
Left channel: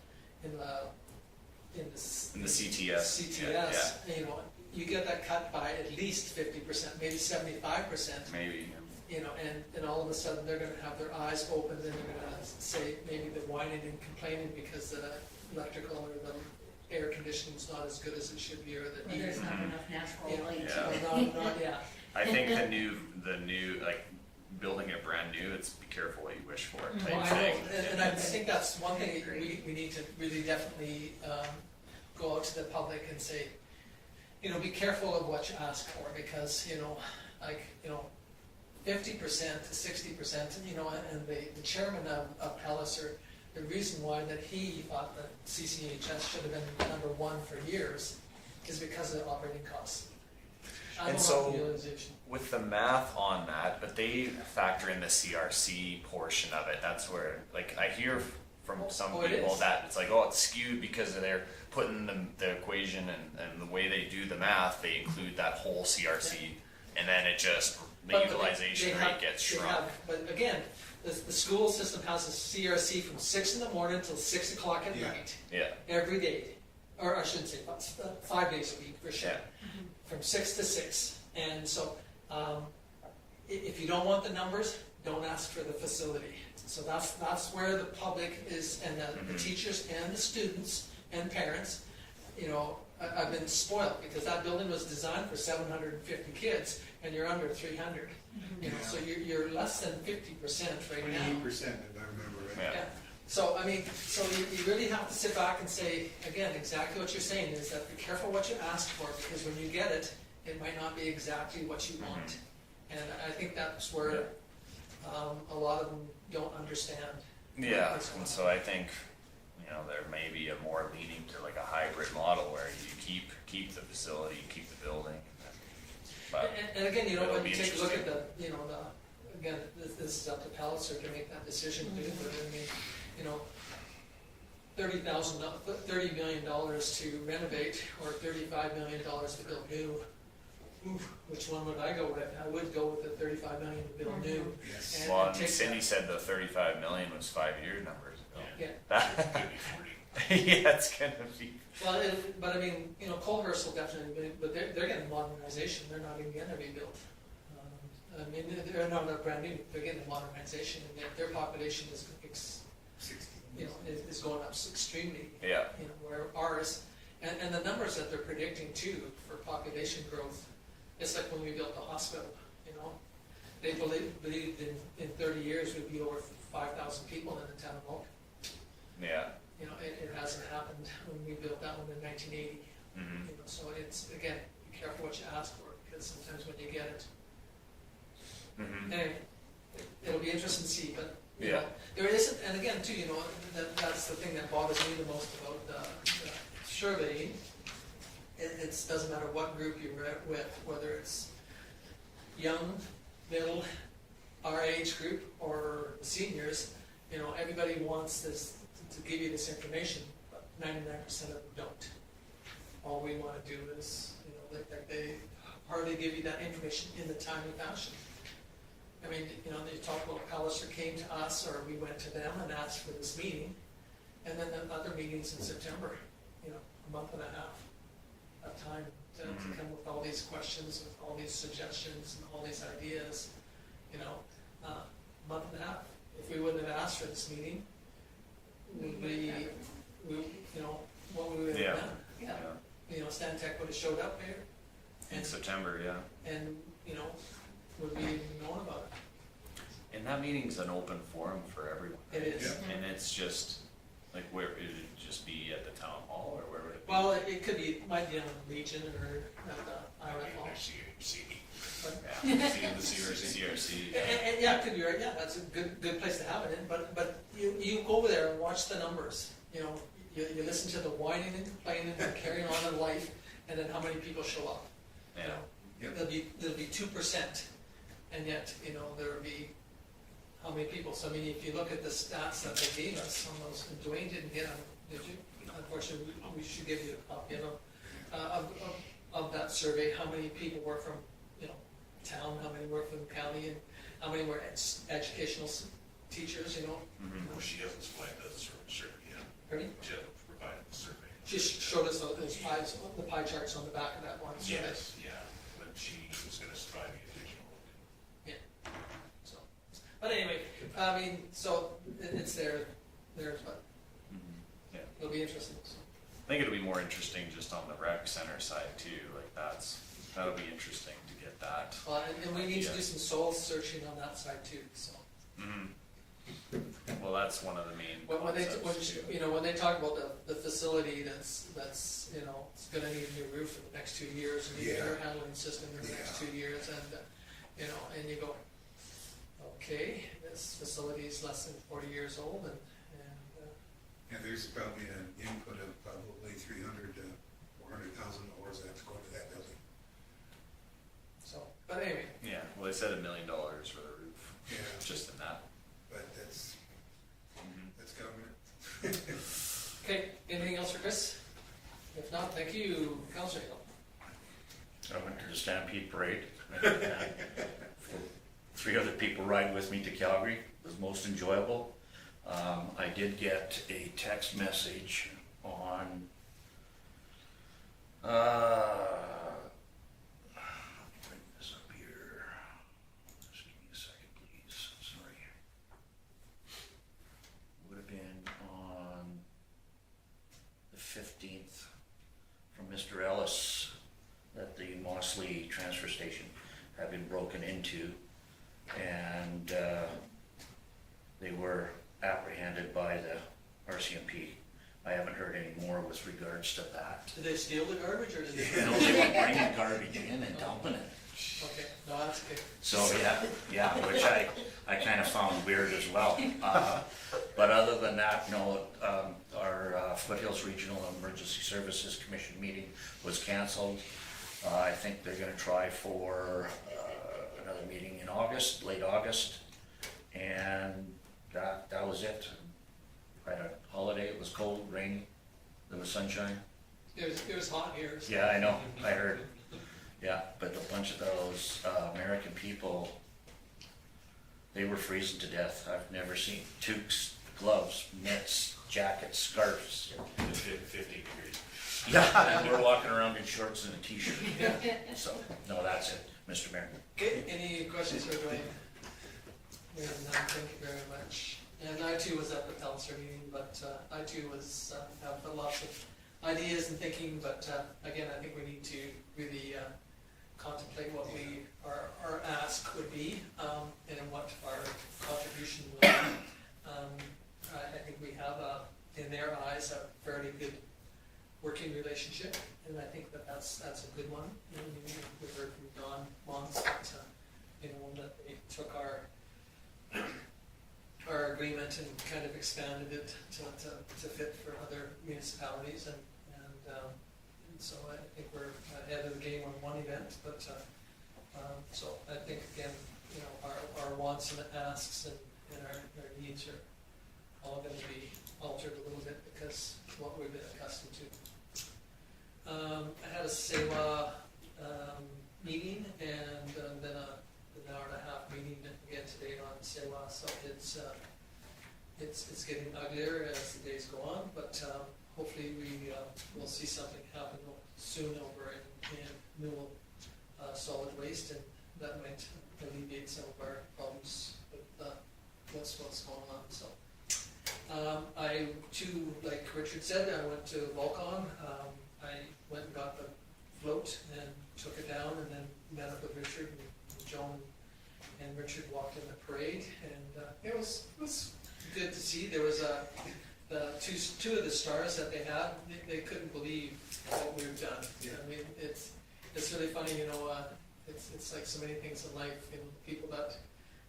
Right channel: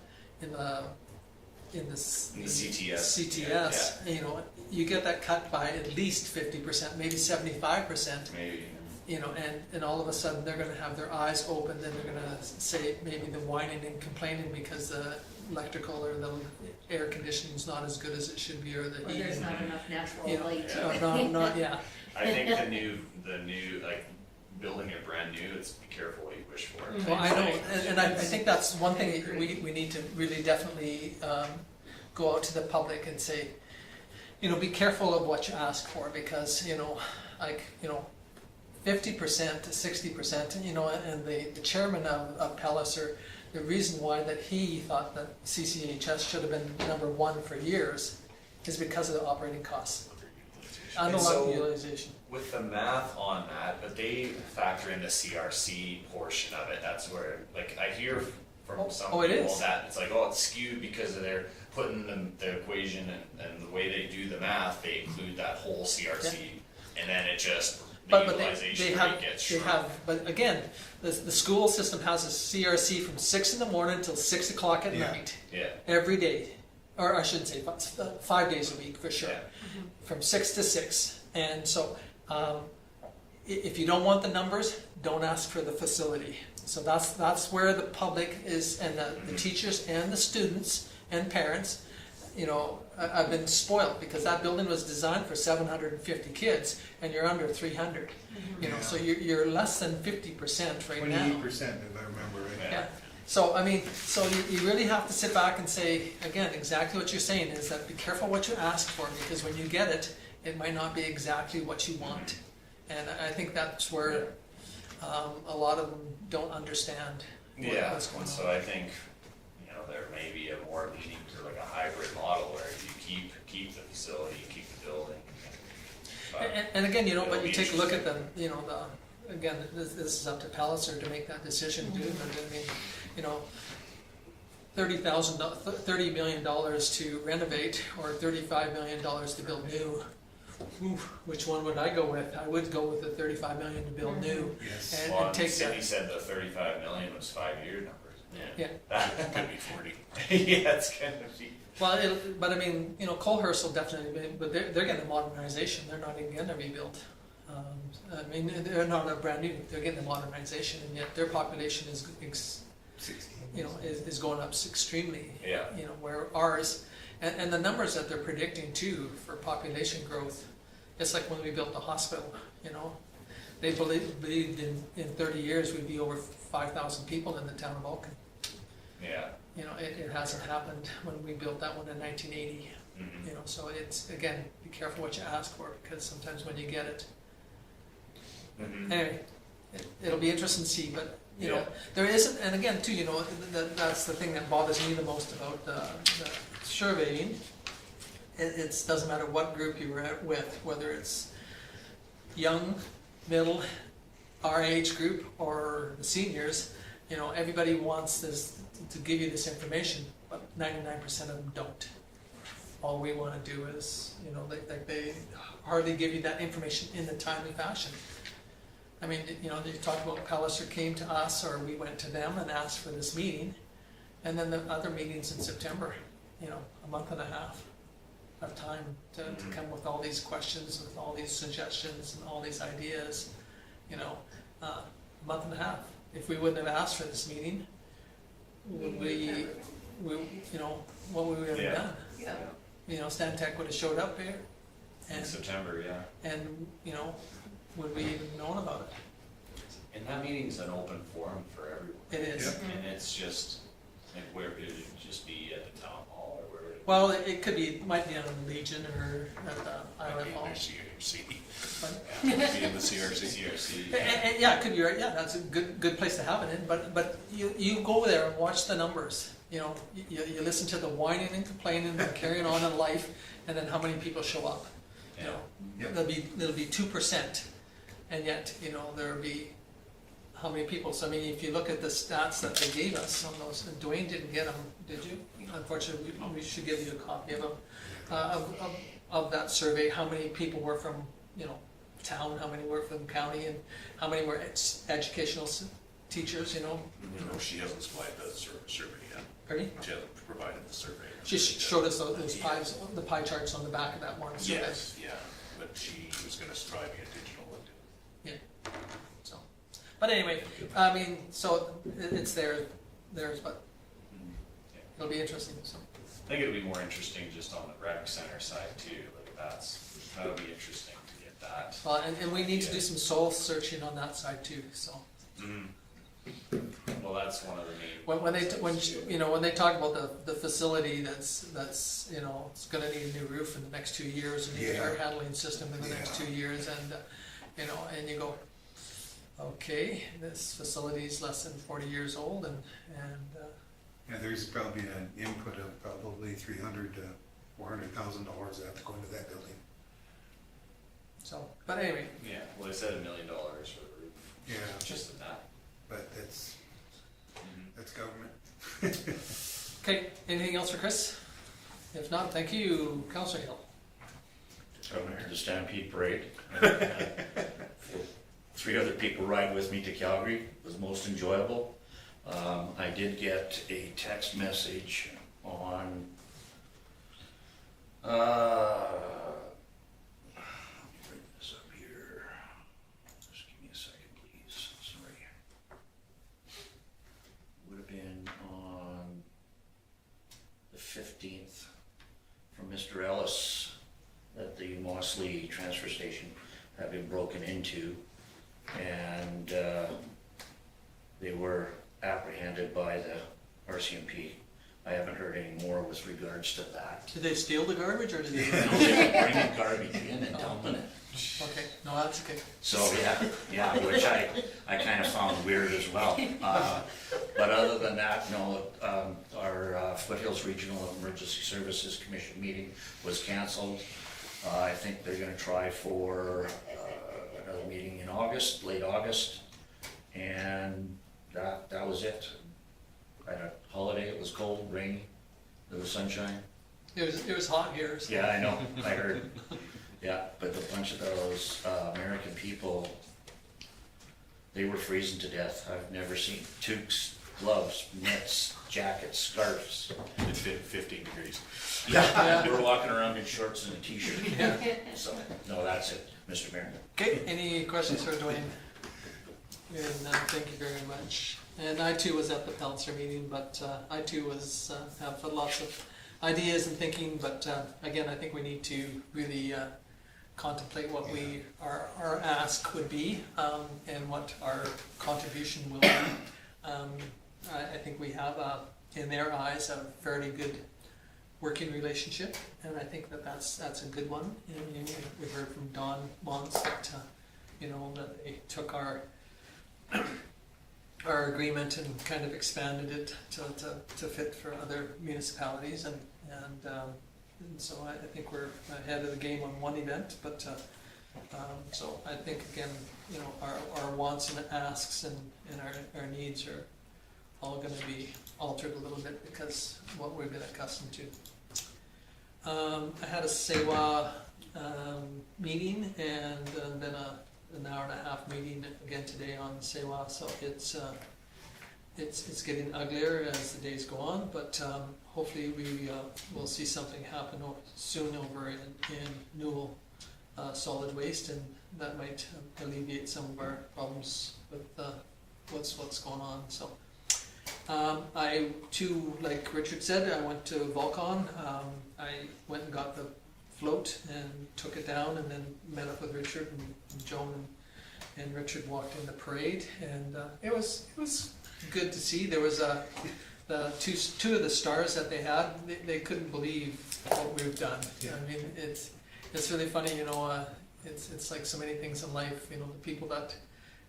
CTS. CTS. Yeah. You know, you get that cut by at least 50%, maybe 75%. Maybe. You know, and all of a sudden they're going to have their eyes open. Then they're going to say maybe the whining and complaining because the electrical or the air conditioning is not as good as it should be, or the Or heating. there's not enough natural You know, light. not yeah. I think the new like building it brand new. It's be careful what you wish for. Well, I know, and I think that's one thing we need to really definitely go out to the public and say, you know, be careful of what you ask for, because, you know, like, you know, 50% to 60%, you know, and the chairman of Palliser, the reason why that he thought that CCHS should have been number one for years is because of the operating costs. And so, utilization. with the math on that, but they factor in the CRC portion of it. That's where, like, I hear from some it people is. that it's like, oh, it's skewed because they're putting the equation and the way they do the math, they include that whole CRC, and then it just, the utilization rate gets shrunk. But again, the school system has a CRC from 6 in the morning until 6 o'clock at night, Yeah. every day. Or I shouldn't say 5 days a week for sure. Yeah. From 6 to 6. And so if you don't want the numbers, don't ask for the facility. So that's where the public is, and the teachers and the students and parents, you know, I've been spoiled because that building was designed for 750 kids and you're under 300. You know, so you're less than 50% right now. 28%, if I remember right. Yeah. Yeah. So, I mean, so you really have to sit back and say, again, exactly what you're saying is that be careful what you ask for, because when you get it, it might not be exactly what you want. And I think that's where a lot of them don't understand. Yeah, what's going and on. so I think, you know, there may be a more leaning to like a hybrid model where you keep the facility, keep the building. But And again, you know, it'll when you be take a look at the, you know, again, this is up to Palliser to make that decision, but I mean, you know, $30 million to renovate or $35 million to build new. Oof, which one would I go with? I would go with the $35 million to build new. Yes. And, well, and take Cindy that. said the 35 million was 5-year numbers. Yeah. That Could be 40. yeah, it's gonna be. Well, but I mean, you know, Colehurst will definitely be, but they're getting modernization, they're not even getting a rebuild. I mean, they're not a brand new, they're getting a modernization, and yet their population is, 16. you know, is going up extremely. Yeah. You know, where ours, and the numbers that they're predicting too for population growth, it's like when we built the hospital, you know, they believed in 30 years we'd be over 5,000 people in the town of Vulcan. Yeah. You know, it hasn't happened when we built that one in 1980. Mhm. You know, so it's, again, be careful what you ask for, because sometimes when you get it, Mhm. anyway, it'll be interesting to see, but, you know, Yeah. there isn't, and again, too, you know, that's the thing that bothers me the most about the surveying. It doesn't matter what group you were with, whether it's young, middle, our age group, or the seniors, you know, everybody wants this, to give you this information, but 99% of them don't. All we wanna do is, you know, they hardly give you that information in a timely fashion. I mean, you know, you talk about Palliser came to us, or we went to them and asked for this meeting, and then the other meetings in September, you know, a month and a half of time to come with all these questions, with all these suggestions and all these ideas, you know, a month and a half. If we wouldn't have asked for this meeting, we, you know, what we would have Yeah. done. Yeah. You know, Stantec would have showed up here, In and, September, yeah. and, you know, would we even known about it? And that meeting's an open forum for everyone. It is. Yeah. And it's just, like, where, would it just be at the town hall, or where would it be? Well, it could be, it might be on the Legion or at the Island Hall. CRC. But- Yeah, be in the CRC. CRC. And, yeah, it could be right. Yeah, that's a good place to have it in. But you go there and watch the numbers. You know, you listen to the whining and complaining and carrying on in life, and then how many people show up. You know, Yeah. there'll be 2%, and yet you know there'll be how many people. So I mean, if you look at the stats that they gave us on those, and Dwayne didn't get them, did you? Unfortunately, we should give you a copy of them of that survey. How many people were from town? How many were from county? And how many were educational teachers? You know. No, she hasn't supplied the survey yet. Pardon me? She hasn't provided the survey. She showed us those pies, the pie charts on the back of that one. So Yes, yeah, but she was gonna try to get digital and So, but anyway, I mean, so it's theirs, but Mhm. Yeah. it'll be interesting. So, I think it'll be more interesting just on the rec center side too, like that'll be interesting to get that. and we need to do some soul searching on that side too. So, Mhm. Well, that's one of the main. when they concepts, too. when they talk about the facility that's it's going to need a new roof in the next 2 years, and a Yeah. air handling system in the next 2 years, and and you go, okay, this facility is less than 40 years old, and Yeah, there's probably an input of probably $300,000 to $400,000 that have to go into that building. so. But anyway, Yeah, well, they said $1 million for the roof, Yeah, just in that. but that's government. okay. Anything else for Chris? If not, thank you, Councilor Hill. I went to the Stampede Parade. 3 other people ride with me to Calgary. It was most enjoyable. I did get a text message on let me bring this up here. Just give me a second, please. Sorry. Would have been on the 15th from Mr. Ellis that the Mossley transfer station had been broken into, and they were apprehended by the RCMP. I haven't heard any more with regards to that. Did they steal the garbage, or did they? No, they were bringing garbage in and dumping it. Okay, no, that's okay. So yeah, which I kind of found weird as well. But other than that, no, our Foothills Regional Emergency Services Commission meeting was canceled. I think they're going to try for another meeting in August, late August, and that was it. I had a holiday. It was cold, rainy. There was sunshine. It was hot here. So. Yeah, I know. I heard. Yeah, but a bunch of those American people, they were freezing to death. I've never seen Tukes gloves, mitts, jackets, scarves. It's 15 degrees. Yeah, we're walking around in shorts and a t-shirt. Yeah. So, no, that's it, Mr. Mayor. Okay, any questions for Dwayne? Hearing none, thank you very much. And I too was at the Pelzer meeting, but I too was, have lots of ideas and thinking, but again, I think we need to really contemplate what our ask would be, and what our contribution will be. I think we have, in their eyes, a fairly good working relationship, and I think that's a good one. And we heard from Don Mons that that they took our agreement and kind of expanded it to fit for other municipalities, and so I think we're ahead of the game on one event, but so I think again, our wants and asks and our needs are all going to be altered a little bit because what we've been accustomed to. I had a SEWA meeting and then an hour and a half meeting again today on SEWA, so it's getting uglier as the days go on, but hopefully we will see something happen soon over in Newell solid waste, and that might alleviate some of our problems with what's going on. So I too, like Richard said, I went to Volcon. I went and got the float and took it down, and then met up with Richard and Joan, and Richard walked in the parade, and it was good to see. There was the two of the stars that they had. They couldn't believe what we've done. Yeah. I mean, it's really funny. It's like so many things in life. The people that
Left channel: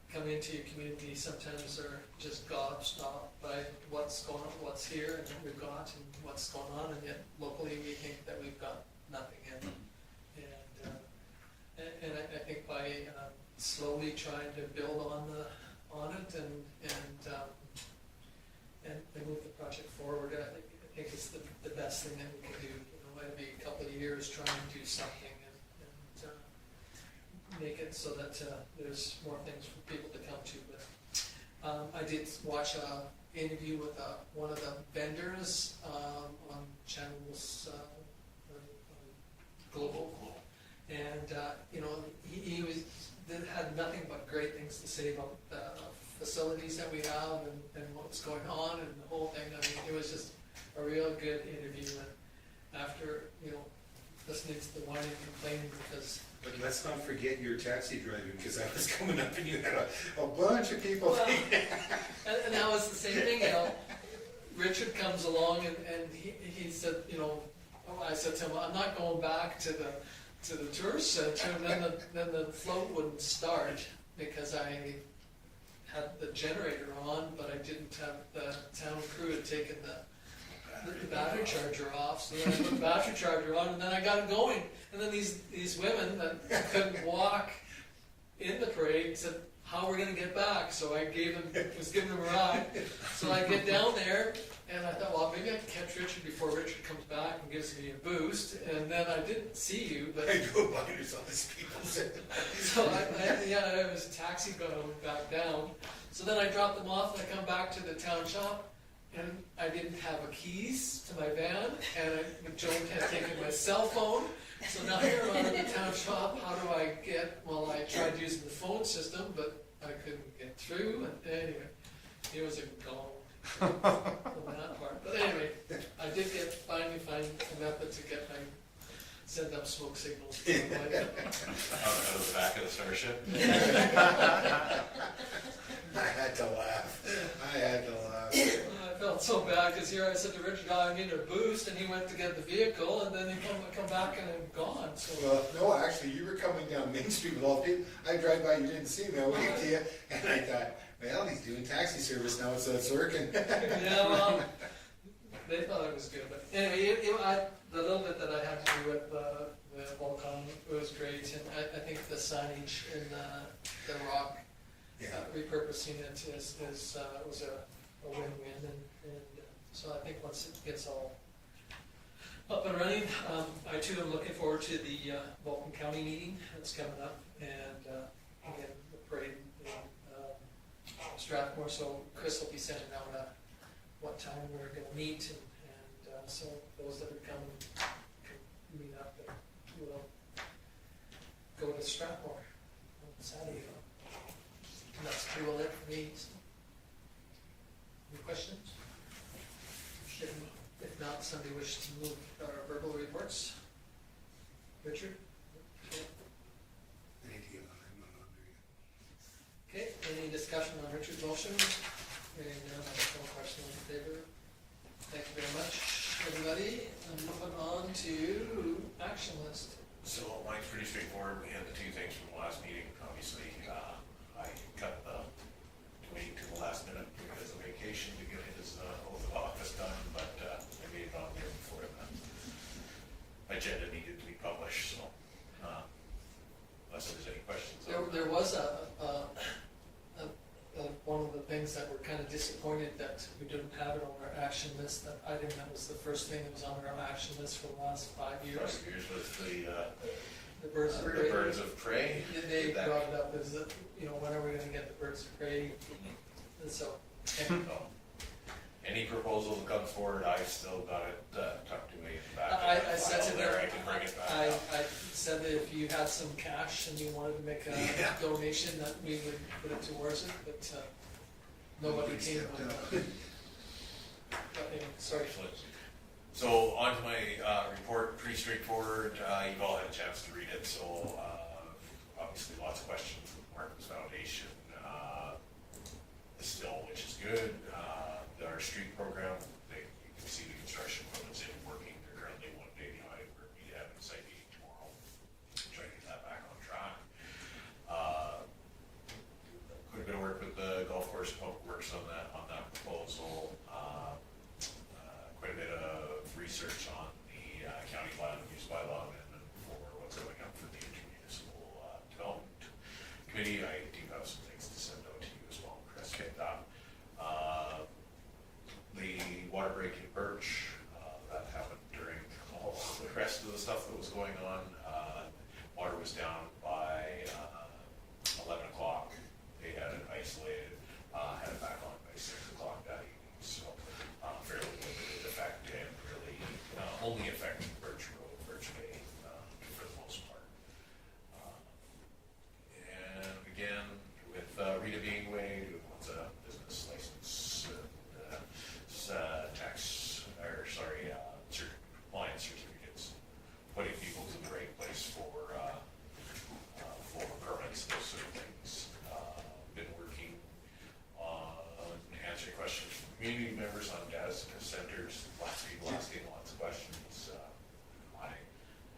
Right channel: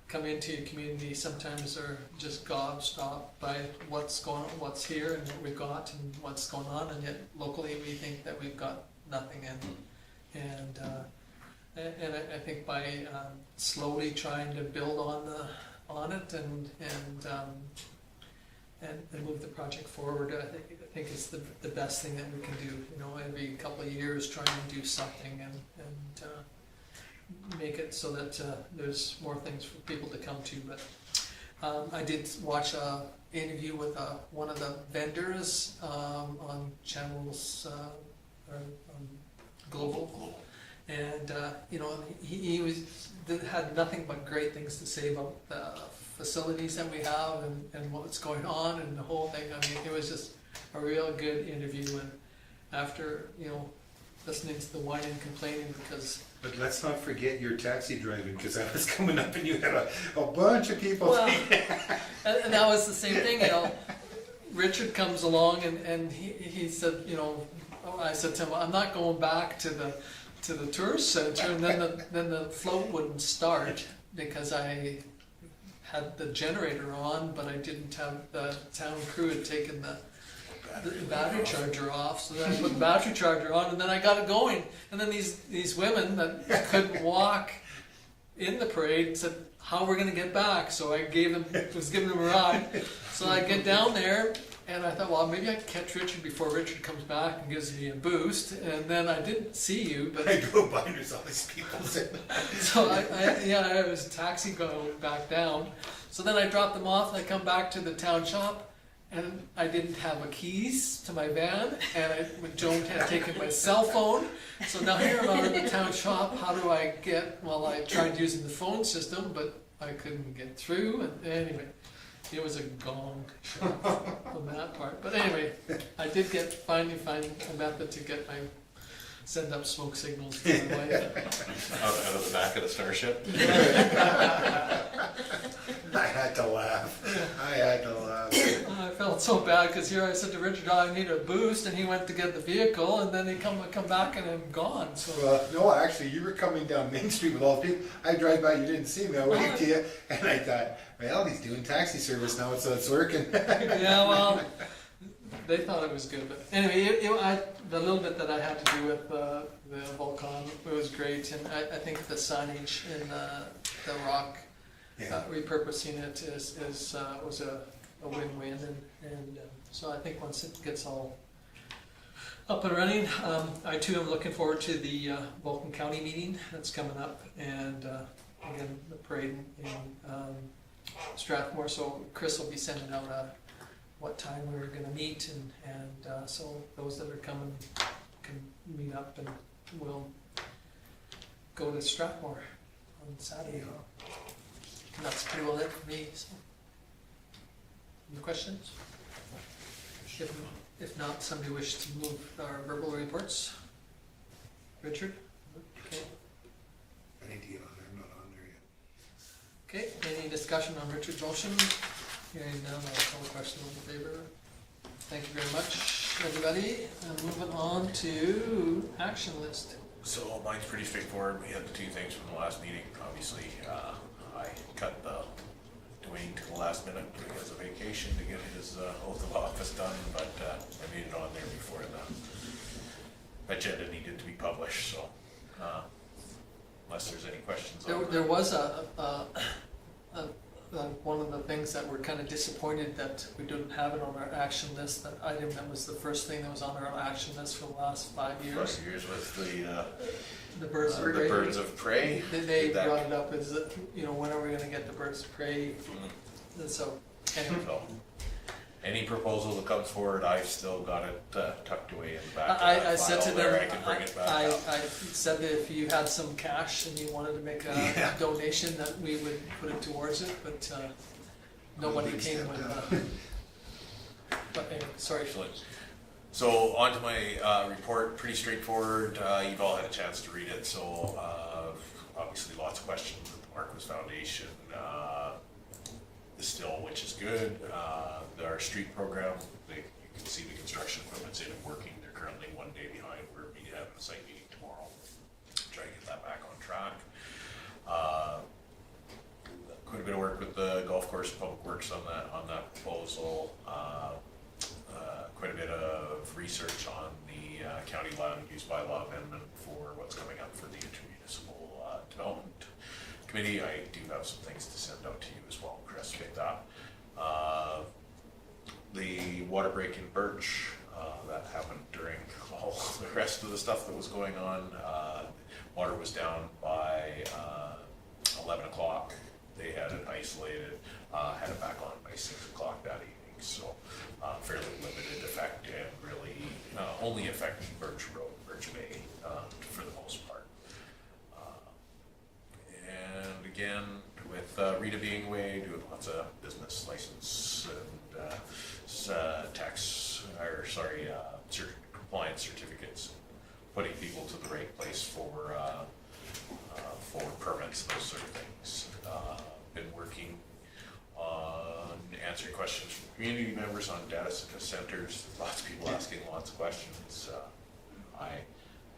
come into your community sometimes are just gobstopped by what's going on, what's here, and what we've got, and what's going on, and yet locally we think that we've got nothing. And I think by slowly trying to build on it and move the project forward, I think it's the best thing that we can do. Every couple of years try and do something and make it so that there's more things for people to come to. But I did watch an interview with one of the vendors on channels Global, and he had nothing but great things to say about the facilities that we have and what's going on and the whole thing. I mean, it was just a real good interview, and after listening to the whining and complaining, because But let's not forget your taxi driving, because I was coming up and you had a bunch of people. well, and that was the same thing. Richard comes along and he said, I said to him, I'm not going back to the tourist center, and then the float wouldn't start because I had the generator on, but I didn't have the town crew had taken the battery charger off, so then I put the battery charger on, and then I got it going. And then these women that couldn't walk in the parade said, how we're going to get back? So I was giving them a ride. So I get down there, and I thought, well, maybe I can catch Richard before Richard comes back and gives me a boost. And then I didn't see you, but I go by and there's all these people sitting. so I was a taxi going back down. So then I dropped them off, and I come back to the town shop, and I didn't have a keys to my van, and Joan had taken my cell phone. So now here I'm in the town shop. How do I get? Well, I tried using the phone system, but I couldn't get through. And anyway, it was a gong on that part. But anyway, I did finally find a method to get send up smoke signals to my wife. Out of the back of the Starship. I had to laugh. I felt so bad because here I said to Richard, I need a boost, and he went to get the vehicle, and then he come back and I'm gone. So Well, no, actually, you were coming down Main Street with all the people. I drive by, you didn't see me. I waved to you, and I thought, well, he's doing taxi service now, so it's working. yeah, well, they thought it was good, but anyway, the little bit that I had to do with the Volcon, it was great, and I think the signage in the rock, repurposing it was a win-win, and so I think once it gets all up and running, I too am looking forward to the Vulcan County meeting that's coming up, and again the parade in Strathmore. So Chris will be sending out what time we were gonna meet, and so those that are coming can meet up, and we'll go to Strathmore on Saturday. And that's pretty well it for me, so. Any questions? If not, somebody wish to move our verbal reports? Richard? Okay. Idea on there, not on there yet. Okay, any discussion on Richard's motion? Hearing none, I'll call a question in favor. Thank you very much, everybody. And moving on to action list. So mine's pretty straightforward. We had the two things from the last meeting. Obviously, I cut Dwayne to the last minute because of vacation to get his oath of office done, but I made it on there before the agenda needed to be published, so unless there's any questions on There was one of the things that we're kind of disappointed that we didn't have it on our action list, that item that was the first thing that was on our action list for the last 5 years. 5 years with The birds of the prey. birds of prey. They Did that- brought it up as, when are we gonna get the birds of prey? And so, anyway, So, any proposal that comes forward, I've still got it tucked away in the back of I that said to file there. them, I can bring it back I up. said that if you had some cash and you wanted to make a Yeah. donation, that we would put it towards it, but nobody came with that. But anyway, sorry. Excellent. So on to my report, pretty straightforward. You've all had a chance to read it, so obviously lots of questions with the Marcos Foundation still, which is good. Our street program, you can see the construction equipment's in and working. They're currently 1 day behind. We're having a site meeting tomorrow. Try to get that back on track. Quite a bit of work with the golf course, public works on that proposal. Quite a bit of research on the county land use bylaw amendment for what's coming up for the intermunicipal development committee. I do have some things to send out to you as well, Chris, with that. The water break in Birch, that happened during all the rest of the stuff that was going on. Water was down by 11 o'clock. They had it isolated, had it back on by 6 o'clock that evening. So fairly limited effect and really only affecting Birch Road, Birch Bay for the most part. And again, with Rita being away, doing lots of business license and compliance certificates, putting people to the right place for permits, those sort of things. Been working on answering questions from community members on data centers. Lots of people asking lots of questions. I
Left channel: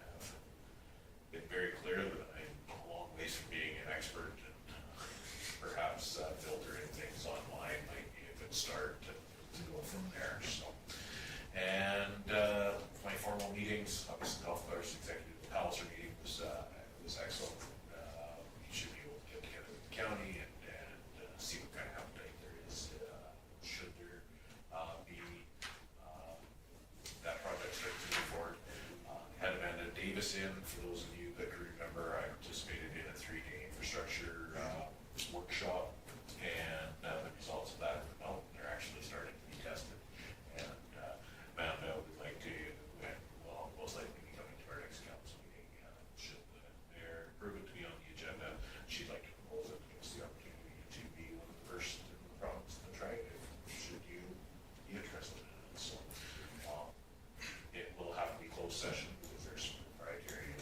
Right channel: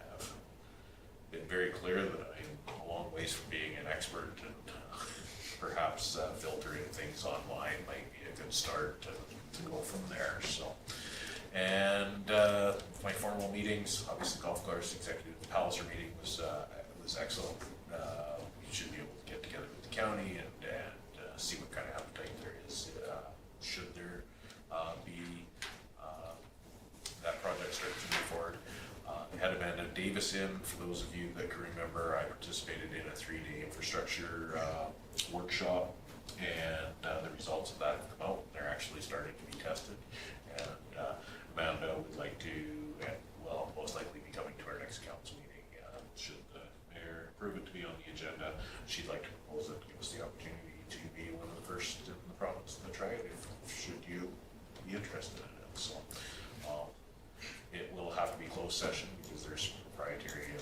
have been very clear that I'm a long ways from being an expert, and perhaps filtering things online might be a good start to go from there. So, and my formal meetings, obviously golf course executive Palliser meeting was excellent. We should be able to get together with the county and see what kind of appetite there is. Should there be that project start to move forward? Had Amanda Davis in. For those of you that can remember, I participated in a 3-day infrastructure workshop, and the results of that have come out. They're actually starting to be tested, and Amanda would like to, most likely be coming to our next council meeting. Should the mayor approve it to be on the agenda, she'd like to propose it to give us the opportunity to be one of the first in the province to try it, should you be interested in it. So it will have to be closed session because there's proprietary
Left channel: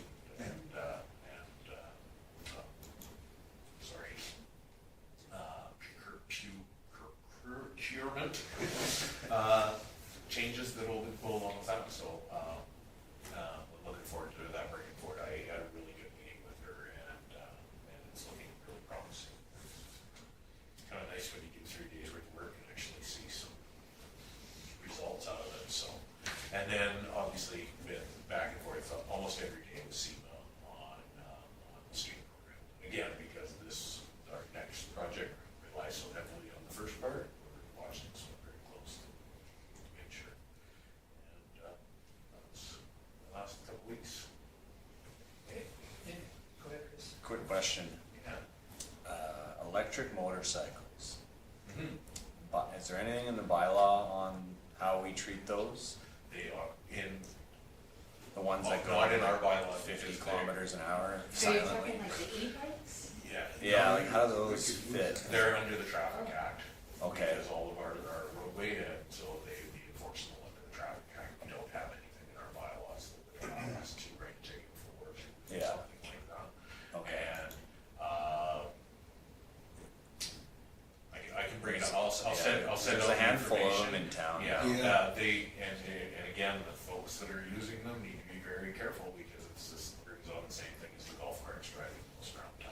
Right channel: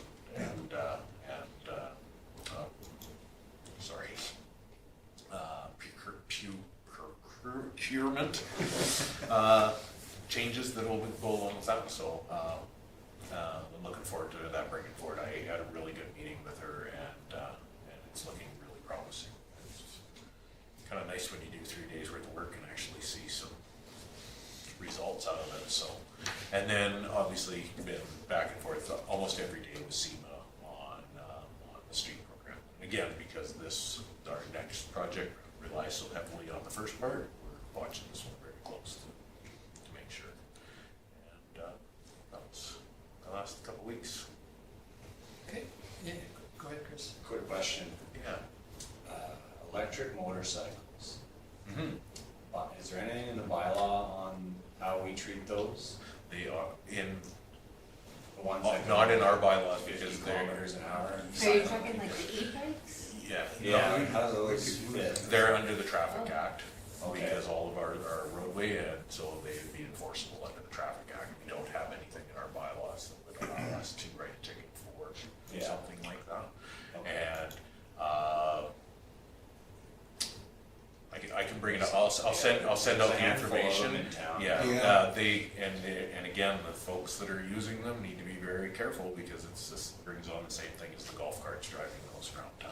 procurement changes that will go along with that. So I'm looking forward to that bringing forward. I had a really good meeting with her, and it's looking really promising. It's kind of nice when you do 3 days worth of work and actually see some results out of it. So, and then obviously been back and forth almost every day with SEMA on the street program. Again, because our next project relies so heavily on the first part, we're watching this one very close to make sure. And that was the last couple weeks. Okay, yeah, go ahead, Chris. Quick question. Yeah. Electric motorcycles. Mm-hmm. But Is there anything in the bylaw on how we treat those? They are in, The ones that go not in our bylaws, 50 because kilometers an hour? and So you're stuff? talking like the e-bikes? yeah. Yeah, no, like how do those fit? They're under the Traffic Act. Okay. Because all of our roadway, and so they would be enforceable under the Traffic Act. We don't have anything in our bylaws that would allow us to write a ticket for Yeah. something like that. Okay. And, I can bring it up, I'll send There's out a the handful of them information. in town. Yeah, Yeah. and again, the folks that are using them need to be very careful, because it's just brings on the same thing as the golf carts driving those around town.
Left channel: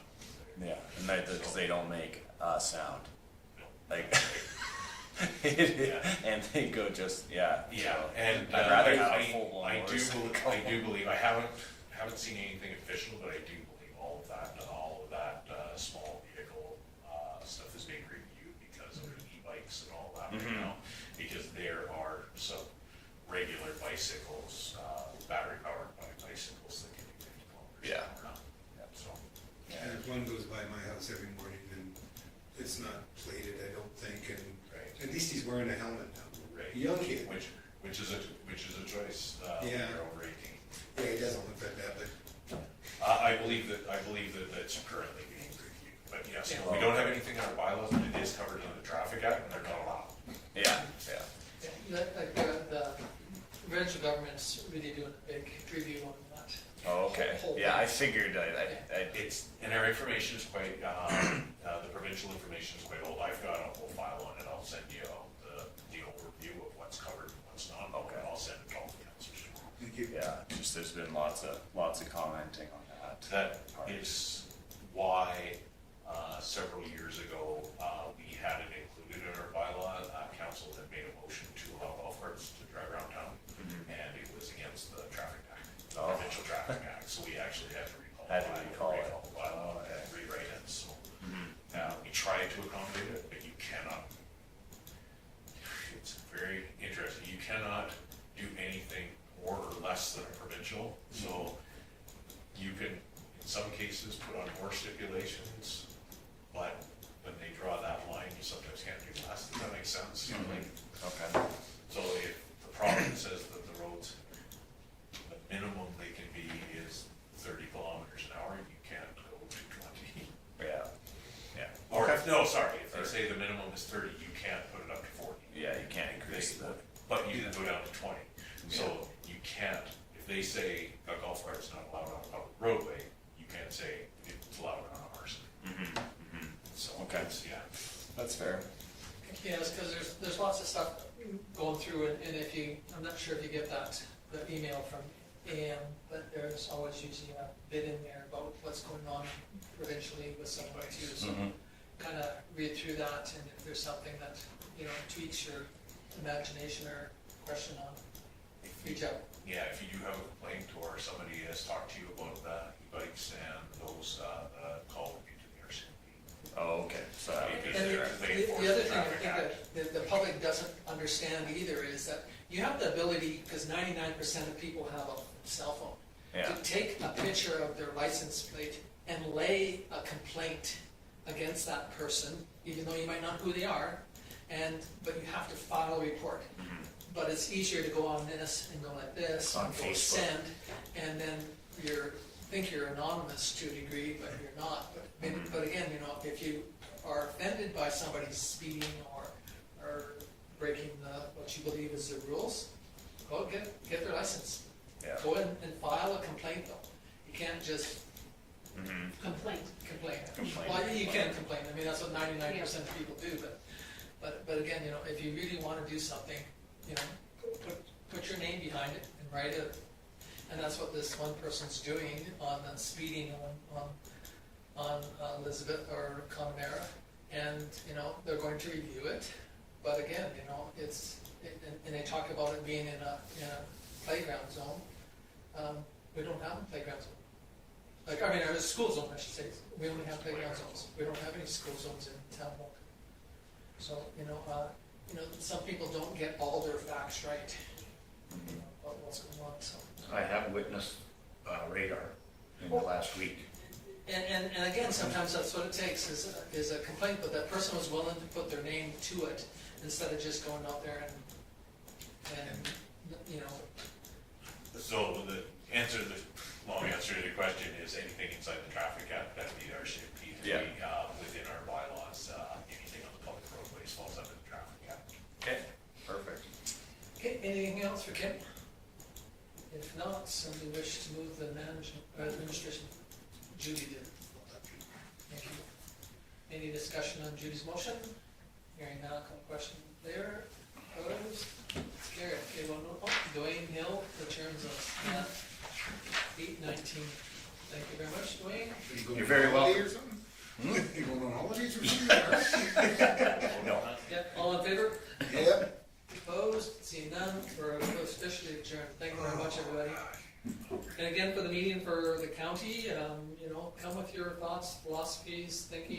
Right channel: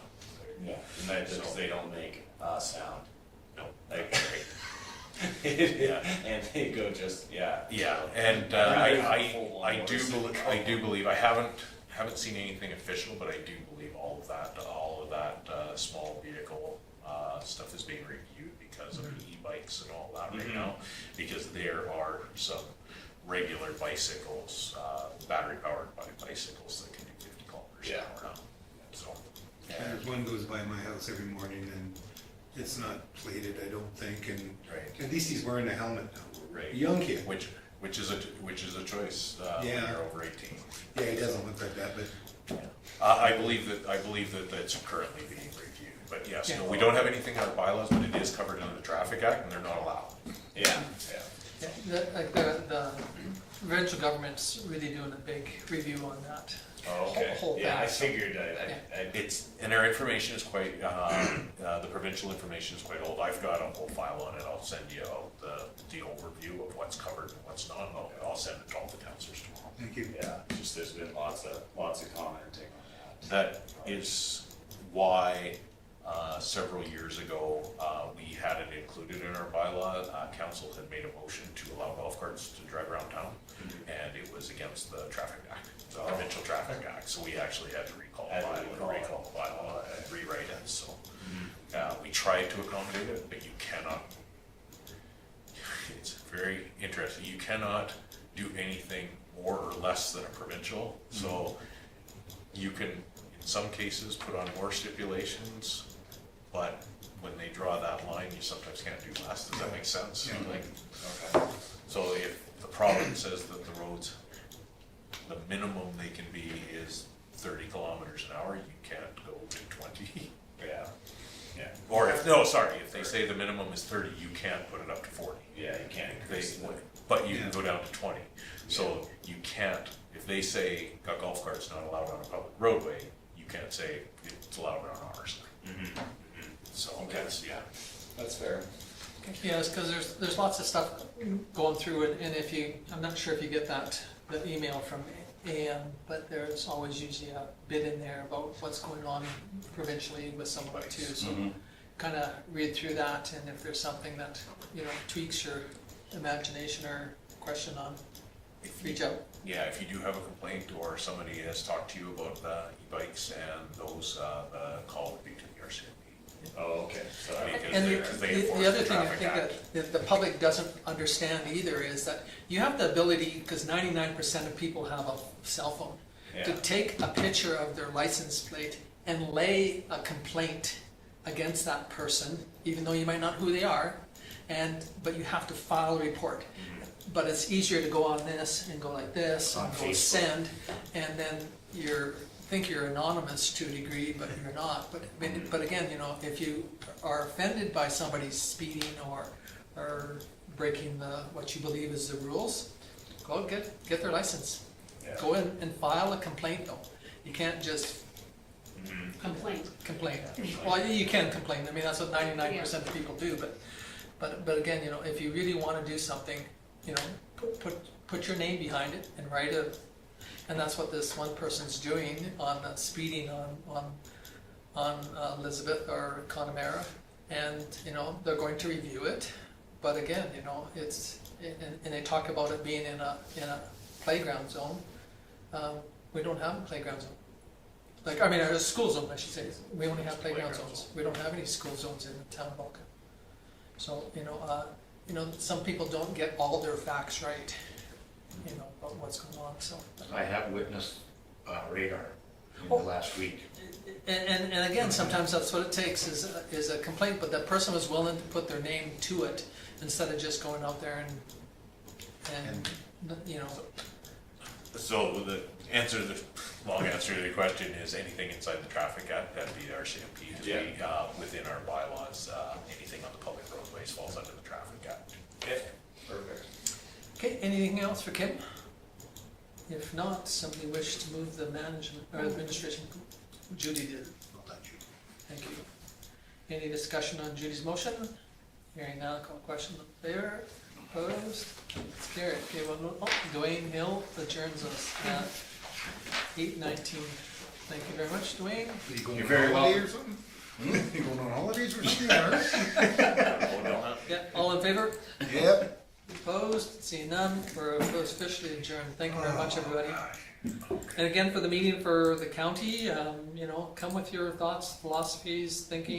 Yeah, and because they don't make a sound. No. Like, Yeah. and they go just, yeah. Yeah, so- and I'd rather have I full-on do horse. believe, I haven't seen anything official, but I do believe all of that small vehicle stuff is being reviewed because of the e-bikes and all that right now, because there are some regular bicycles, battery powered bicycles that can do 50 kilometers an hour now. So, There's one goes by my house every morning and it's not plated, I don't think, and right, at least he's wearing a helmet now. right. Young kid. Which is a choice when Yeah. you're over 18. Yeah, he doesn't look like that, but I believe that that's currently being reviewed, but yes, no, we don't have anything in our bylaws, but it is covered under the Traffic Act, and they're not allowed. Yeah, Yeah. The provincial government's really doing a big review on that. oh, okay, Whole yeah, I thing. figured, It's, and our information is quite, the provincial information is quite old. I've got a whole file on it. I'll send you out the overview of what's covered and what's not. Okay, I'll send it to all the councilors tomorrow. thank you. yeah, just there's been lots of commenting on that. That is why, several years ago, we had it included in our bylaw. Council had made a motion to allow golf carts to drive around town, and it was against the Traffic Act, the Provincial Traffic Act, so we actually had to recall the bylaw and rewrite it, so. We tried to accommodate it, but you cannot, it's very interesting, you cannot do anything more or less than a provincial, so you can, in some cases, put on more stipulations, but when they draw that line, you sometimes can't do less, does that make sense? Like, Okay, so if the province says that the roads, the minimum they can be is 30 kilometers an hour, you can't go to 20. yeah, yeah, Or if, no, sorry, if they say the minimum is 30, you can't put it up to 40. yeah, you can't increase They- the, But you can go down to 20. So you can't, if they say a golf cart's not allowed on a public roadway, you can't say it's allowed on ours. So, Okay. yeah. that's fair. Yes, because there's lots of stuff going through it, and if you, I'm not sure if you get the email from AM, but there's always usually a bit in there about what's going on provincially with some of it too, so kind of read through that, and if there's something that, tweaks your imagination or question on, reach out. Yeah, if you do have a complaint or somebody has talked to you about the e-bikes and those, the call would be to the RCMP. Oh, okay, so, Because And they enforce the other the thing I Traffic think Act. that the public doesn't understand either is that you have the ability, because 99% of people have a cell phone, to yeah, take a picture of their license plate and lay a complaint against that person, even though you might not know who they are, but you have to file a report. But it's easier to go on this and go like this On and go Facebook. send, and then think you're anonymous to a degree, but you're not. But again, if you are offended by somebody speeding or breaking what you believe is the rules, go get their license. yeah. Go in and file a complaint though. You can't just Complaint. complain. Well, you can complain. I mean, that's what 99% of people do. But again, if you really want to do something, put your name behind it and write it. And that's what this one person's doing on speeding on Elizabeth or Connemara, and they're going to review it. But again, and they talk about it being in a playground zone. We don't have a playground zone. A school zone, I should say. We only have playground zones. We don't have any school zones in the town of Vulcan. So some people don't get all their facts right. About what's going on. So. I have witnessed radar in the last week. And again, sometimes that's what it takes is a complaint, but that person was willing to put their name to it, instead of just going out there and, you know, So the answer, the long answer to the question is anything inside the traffic act, that'd be our CMP. Yeah. Within our bylaws, anything on the public roadways falls under the traffic act. Okay? Perfect. okay, anything else for Kim? If not, somebody wish to move the management, or administration, Judy did. Thank you. Any discussion on Judy's motion? Hearing none, I'll call question in favor, opposed, it's carried. Okay, well, Dwayne Hill adjourns us at 8:19. Thank you very much, Dwayne. Are you going You're on very holiday welcome. or something? You going on holidays or something? Yeah, all in favor? Yep. Opposed? Seeing none, we're officially adjourned. Thank you very much, everybody. And again, for the meeting for the county, you know, come with your thoughts, philosophies, thinking.